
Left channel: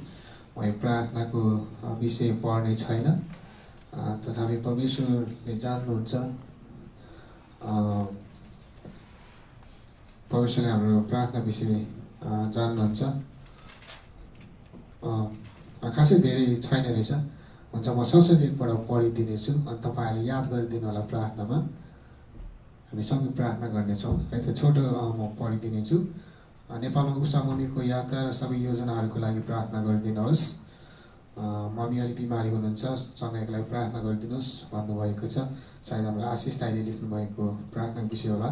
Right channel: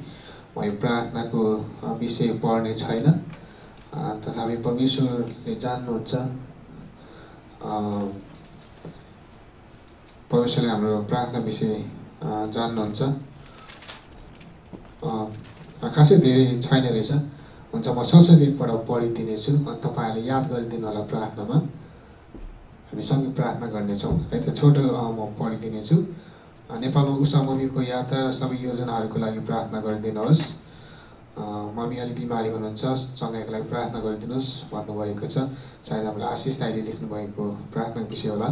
म यो प्रार्थनाको विषय पढ्ने छैन, तथापि परमेश्वरले जान्नुहुन्छ। परमेश्वरले हाम्रो प्रार्थना विषय जान्नुहुन्छ। खासै धेरै छैन रहेछ। हुन्छ, म संसदेबाट पढिदिनेछु अनि तपाईँहरूले याद गरिदिनु होला। प्रार्थनामा हामी सँगै प्रार्थना गर्नेछौँ है त। छोटो म पढिदिनेछु। नेपालमा उषा मम्मीको यात्रा र सबै योजनाहरूको लागि प्रार्थना गरिदिनुहोस्। मम्मी अलिक बिमारी हुनुहुन्छ, सँगैको लागि प्रार्थना गरिदिनुहोस् भन्नुभएको छ। सायद हाम्रो आशिष दाइले लेख्नुभएको प्रार्थनाको विषय होला।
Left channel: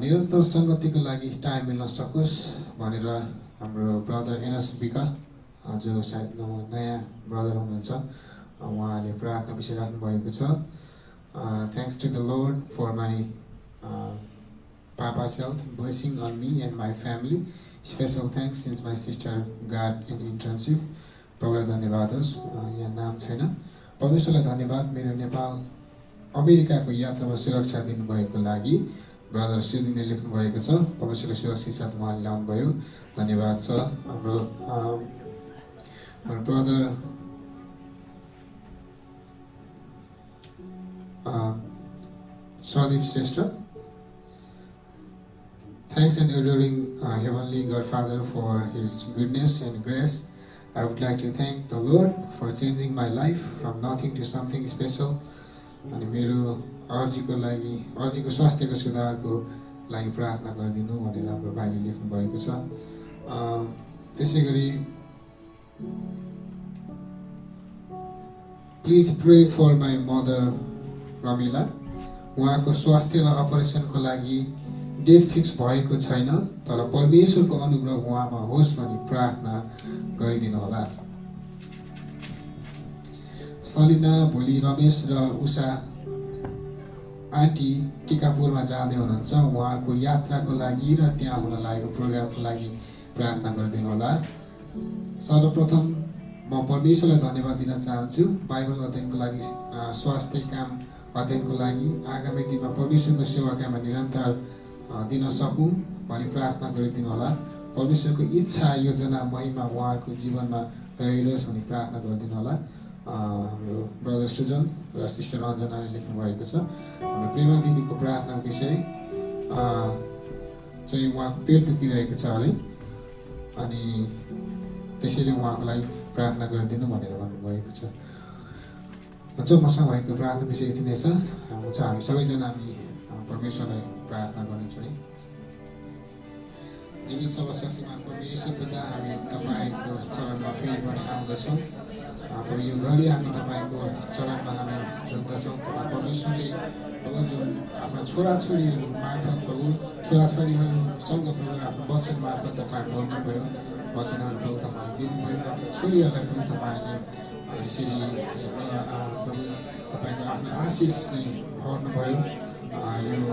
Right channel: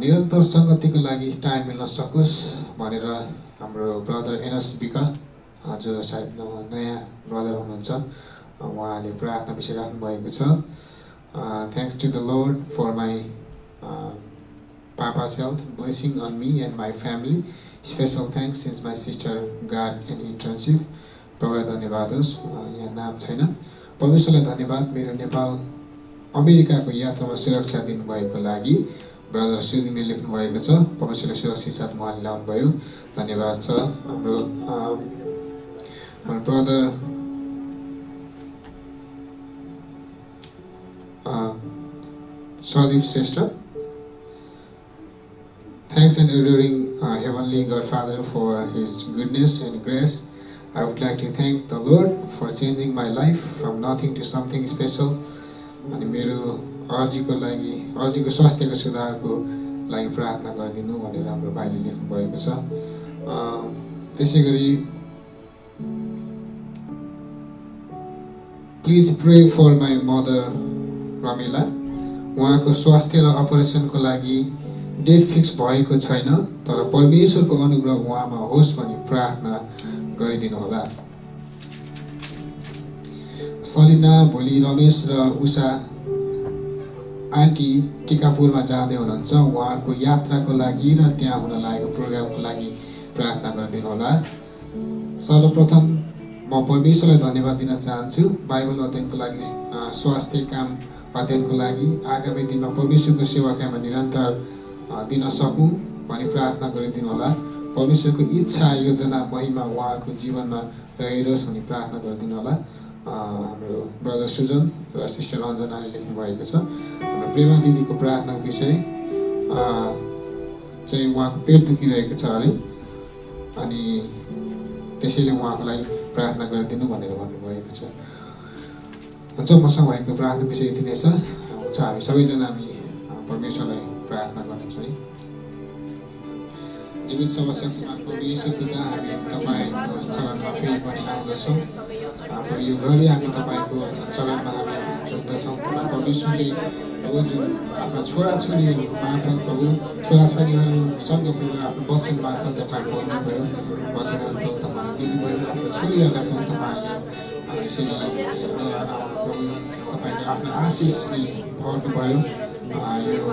निरन्तर सङ्गतिको लागि टाइम मिल्न सकोस् भनेर हाम्रो ब्रदर एनएसबीका जो सायद नयाँ ब्रदर हुनुहुन्छ, उहाँले प्रार्थना विषय राख्नुभएको छ। Thanks to the Lord for my Papa's health, blessing on me and my family. Special thanks since my sister got an internship. प्रभुलाई धन्यवाद होस्। यहाँ नाम छैन। परमेश्वरलाई धन्यवाद मेरो नेपाल अमेरिकाको यात्रामा सुरक्षा दिनुभएको लागि। ब्रदर सुदिनले लेख्नुभएको छ। परमेश्वरले सुरक्षित साथ उहाँले ल्याउनुभयो, धन्यवाद छ। हाम्रो brother Sadip sister, thanks and adoring Heavenly Godfather for His goodness and grace. I would like to thank the Lord for changing my life from nothing to something special. अनि मेरो अर्जीको लागि, अर्जीको स्वास्थ्यको सुधारको लागि प्रार्थना गरिदिनु भनेर हाम्रो भाइले लेख्नुभएको छ। त्यसै गरी please pray for my mother Ramila. उहाँको स्वास्थ्य र अपरेसनको लागि डेट फिक्स भएको छैन, तर परमेश्वरको अनुग्रह उहाँमा होस् भनी प्रार्थना गरिदिनु होला। सलिना भोलि रमेश र उषा आन्टी टिकापुरमा जाँदै हुनुहुन्छ। उहाँहरूको यात्राको लागि र त्यहाँ हुन लागेको प्रोग्रामको लागि प्रार्थना गरिदिनु होला। सर्वप्रथम म परमेश्वरलाई धन्यवाद दिन चाहन्छु बाइबल अध्ययनको लागि, स्वास्थ्य काम अध्ययनको लागि। आगामी दिनमा परमेश्वरको सेवा काममा निरन्तर दिन सकौँ भनी प्रार्थना गरिदिनु होला। परमेश्वरको इच्छा योजना महिमा उहाँहरूको जीवनमा रहिरहोस् भनी प्रार्थना गरिदिनु होला। हाम्रो ब्रदर सुजन र सिस्टर अञ्जनाले लेख्नु भएको छ। हाम्रो प्रेमा दिदीको प्रार्थनाको विषय चाहिँ उहाँको पेट दुखिरहेको छ अरे, अनि त्यसैले उहाँको लागि प्रार्थना गरिदिनु भनेर भन्नुभएको छ। हुन्छ, मसँग भएको प्रार्थना विषय यति नै छ। हुन्छ, हामी सबैजना हामी परमेश्वरलाई प्रार्थना गर्नेछौँ है। जीवित सर्वशक्तिमान परमेश्वर पिता, हामी तपाईँको चरणमा फेरि पनि आउँदछौँ। यो घडी हामी तपाईँको चरणमा हामी झुक्दछौँ। परमेश्वरले प्रभु जुन आफ्ना छोराछोरीहरू मार्फत प्रभु छोराछोरीहरूसँग प्रभु आफ्नो वचन मार्फत तपाईँ बोल्नुभयो, वचनहरू प्रभु तपाईँले दिनुभयो। आफ्नो छोरीहरूलाई प्रभु तपाईँले यसरी प्रभु तपाईँले आफ्नो आशिषले भर्नुभयो। यो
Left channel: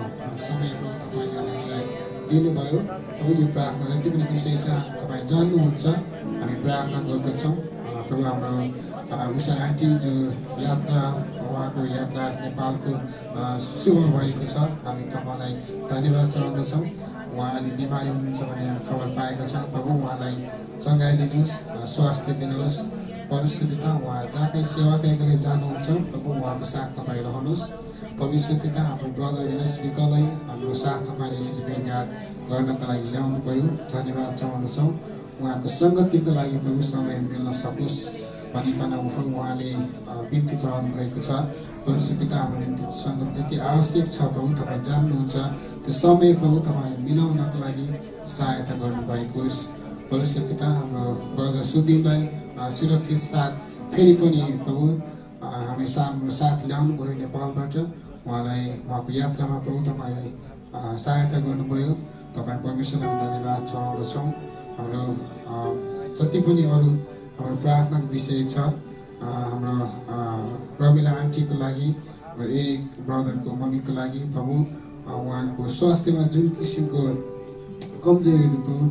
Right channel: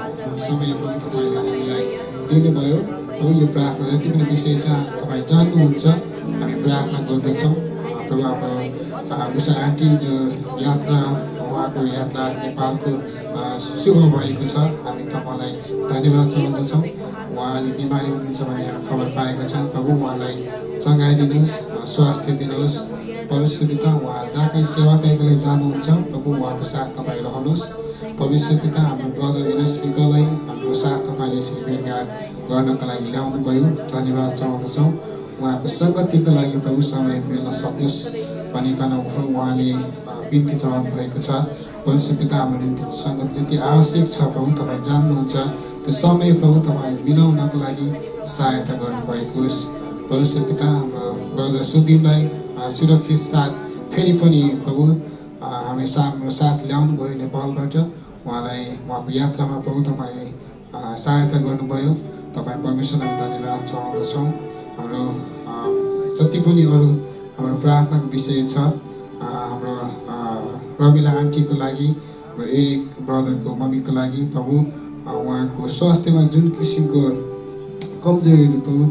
समय प्रभु तपाईँले हामीलाई दिनुभयो। प्रभु यो प्रार्थना जति पनि विषय छ तपाईँ जान्नुहुन्छ, हामी प्रार्थना गर्दछौँ। प्रभु हाम्रो उषा आन्टी जो यात्रा, उहाँको यात्रा नेपालको शुभ भएको छ, हामी तपाईँलाई धन्यवाद चढाउँदछौँ। उहाँले बिमारी हुनुहुन्छ भन्ने हामी खबर पाएका छौँ। प्रभु उहाँलाई चङ्गाइदिनुहोस्, स्वास्थ्य दिनुहोस्। परमेश्वर पिता, उहाँ जहाँ कहीँ सेवा पाइकलाई जानुहुन्छ, प्रभु उहाँको साथ तपाईँ रहनुहोस्। परमेश्वर पिता, हाम्रो ब्रदर विनस्विकलाई हाम्रो साथ तपाईँले यसरी भेटघाट गर्नको लागि ल्याउनु भयो, धन्यवाद चढाउँदछौँ। उहाँको सङ्गतिको लागि प्रभु समय मिल्न सकोस् भनिकन प्रभु उहाँले बिन्ती चढाउनु भएको छ। परमेश्वर पिता, हाम्रो निम्ति सङ्गत जति आवश्यक छ प्रभु तपाईँ जान्नुहुन्छ। त्यो समय प्रभु तपाईँले मिलाउनको लागि सहायता गर्नुभएको होस्। परमेश्वर पिता, हाम्रो ब्रदर सुदिनलाई सुरक्षित साथ फेरि पनि प्रभु हामी हाम्रो साथ ल्याउनु भयो नेपालबाट। उहाँलाई उहाँको यात्रामा प्रभु तपाईँले सहायता गर्नुभयो। तपाईँ परमेश्वरलाई धन्यवाद चढाउँदछौँ। हाम्रो जति पनि अरू हाम्रो प्रार्थनाको विषय छ, हाम्रो रमिला आन्टीको लागि, हाम्रो एरिक ब्रदरको मम्मीको लागि प्रभु उहाँको स्वास्थ्यमा जुन किसिमको कमजोरीहरू प्रभु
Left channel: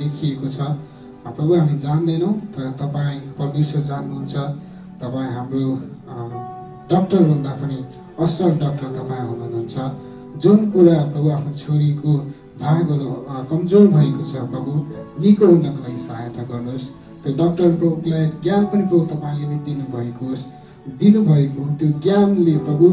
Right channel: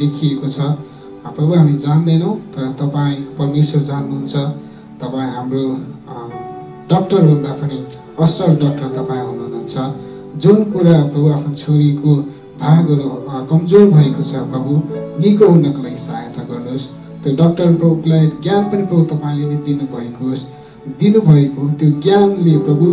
देखिएको छ प्रभु हामी जान्दैनौँ, तर तपाईँ परमेश्वर जान्नुहुन्छ। तपाईँ हाम्रो डक्टरभन्दा पनि असल डक्टर तपाईँ हुनुहुन्छ। जुन कुरा प्रभु आफ्नो छोरीको भागहरू कमजोर भएको छ प्रभु निको हुनको लागि सहायता गर्नुहोस्। त्यो डक्टर प्रभुलाई ज्ञान पनि प्रभु तपाईँले नै दिनुभएको त्यो ज्ञानले प्रभु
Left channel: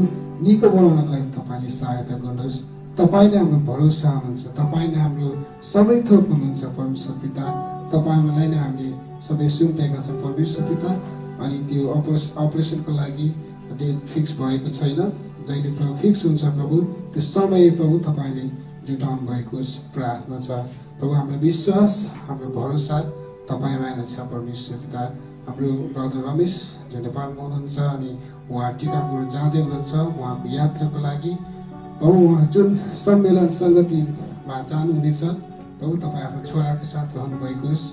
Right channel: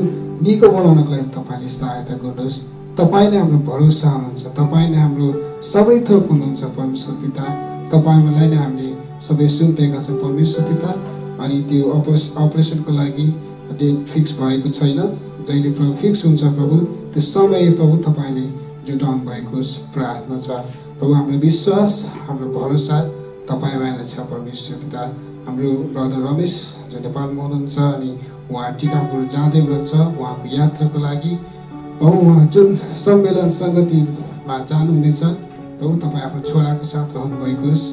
निको बनाउनको लागि तपाईँले सहायता गर्नुहोस्। तपाईँले हाम्रो भरोसा हुनुहुन्छ, तपाईँले हाम्रो सबै थोक हुनुहुन्छ परमेश्वर पिता। तपाईँलाई नै हामीले सबै सुन्पेका छौँ परमेश्वर पिता। अनि त्यो अपरेसनको लागि डेट फिक्स भएको छैन, जहिले प्रभु फिक्स हुन्छ प्रभु त्यो समय प्रभु तपाईँले जुटाउनु भएको प्रार्थना छ। प्रभु हाम्रो विश्वास, हाम्रो भरोसा तपाईँमा नै छ परमेश्वर पिता। हाम्रो ब्रदर रमेश जो नेपालमा हुनुहुन्छ अनि उहाँ टिकापुर जाँदै हुनुहुन्छ उहाँको यात्राको लागि। प्रभु उहाँ जुन सम्मेलन सङ्गतिमा जानुहुनेछ प्रभु तपाईँ आफ्नो छोराको साथ रहनुभएको होस्।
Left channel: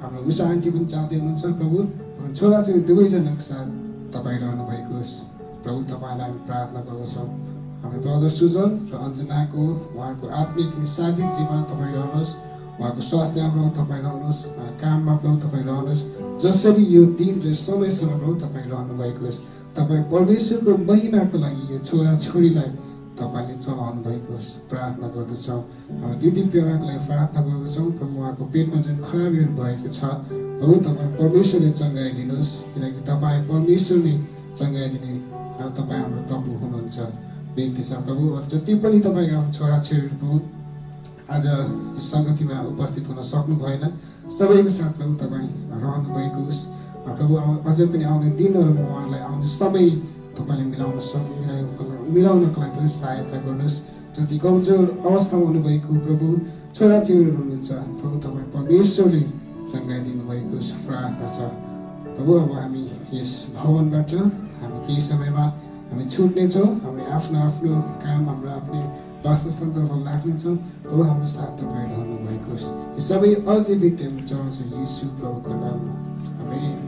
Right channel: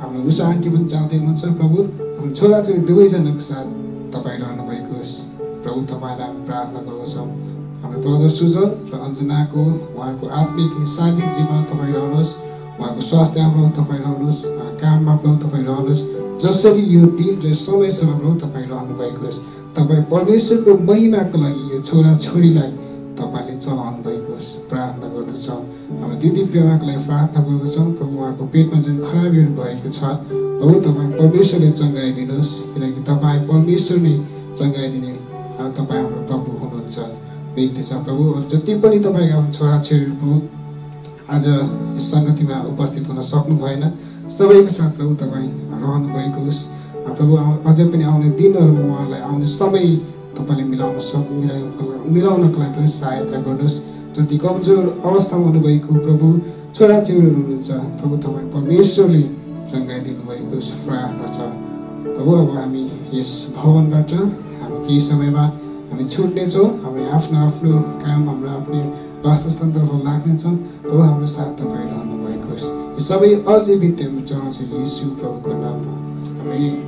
हाम्रो उषा आन्टी पनि जाँदै हुनुहुन्छ प्रभु, हाम्रो छोराछोरी दुवैजनाको साथ तपाईँ रहनुभएको होस्। प्रभु तपाईँलाई हामी प्रार्थना गर्दछौँ। हाम्रो ब्रदर सुजन र अञ्जनाको उहाँको आत्मिक शारीरिक जीवनमा तपाईँ रहनुहोस्। उहाँको स्वास्थ्यमा प्रभु तपाईँ रहनुहोस्, काममा प्रभु तपाईँ रहनुहोस्। जसरी यो दिन र समयसम्म प्रभु तपाईँ रहनुभएको होस्। तपाईँ परमेश्वरको महिमाको लागि यो छोराछोरीलाई तपाईँले चलाउनु भएको होस् प्रार्थना गर्दछौँ। हाम्रो दिदी प्रेमाको लागि प्रार्थना गर्दछौँ। प्रभु उहाँको पेटमा जुन खराबीहरू भएको छ प्रभु तपाईँ परमेश्वरले चङ्गाइदिनुहोस्, किनकि तपाईँ परमेश्वर नै चङ्गाइदिने तपाईँ हाम्रो प्रभु हुनुहुन्छ व्यक्ति छ प्रभु। जति पनि तपाईँको आफ्नो छोराछोरीहरू प्रभु आज यस सङ्गतिमा उपस्थित हुन सक्नु भएन, सबैको साथ प्रभु तपाईँ रहनु भएको होस्। प्रभु अझै पनि आउने दिनहरूमा उहाँलाई आउने समय तपाईँले मिलाउनको लागि पनि सहायता गर्नुहोस्। जति कमजोर अवस्थामा हुनुभएको प्रभु छोराछोरीहरू हुनुहुन्छ प्रभु तपाईँ परमेश्वरले चङ्गाइदिनु भएको प्रार्थना छ प्रभु। अब हामी यस भवनबाट हामी केही समयमा हामी छुट्नेछौँ, हामी आफ्नो आफ्नो काम हाम्रो आफ्नो वासस्थानतर्फ लाग्नेछौँ। हो हाम्रो साथ तपाईँ रहनु भएको होस्। यो सबै अझै बित्दै चढाउँछ येशू प्रभुको नाममा। आमेन।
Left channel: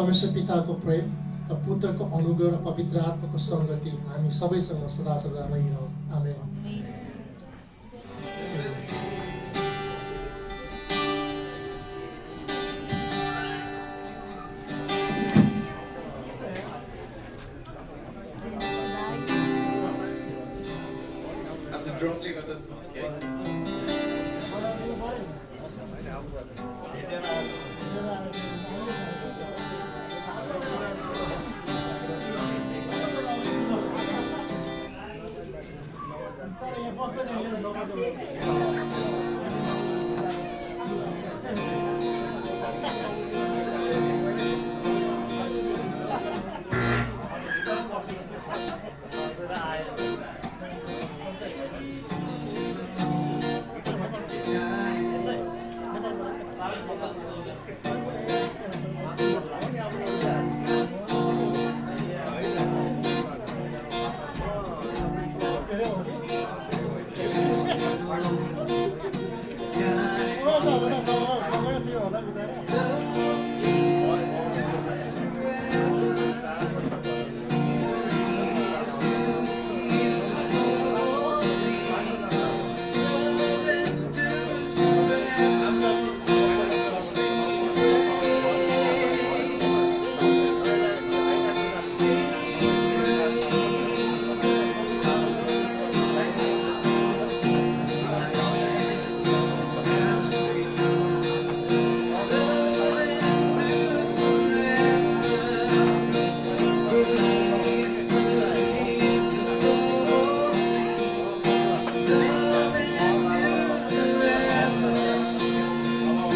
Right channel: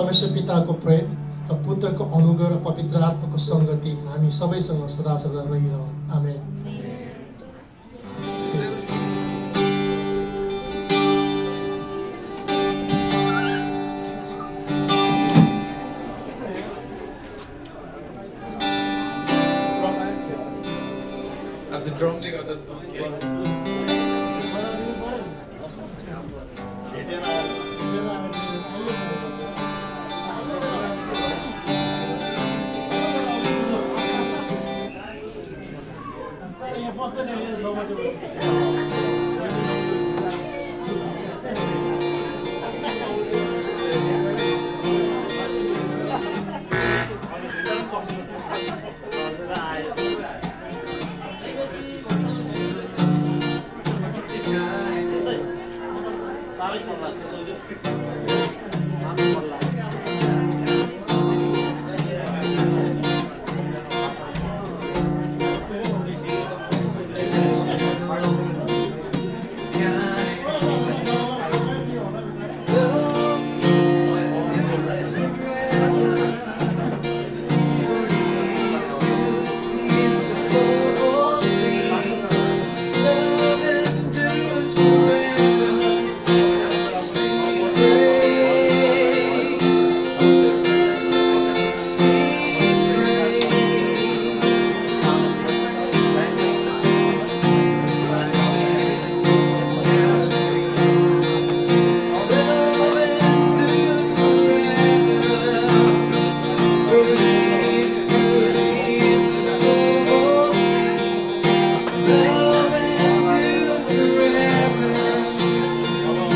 परमेश्वर पिताको प्रेम र पुत्रको अनुग्रह र पवित्र आत्माको सङ्गति हामी सबैसँग सदा सदा रहिरहन्। आमेन। Sorry for that.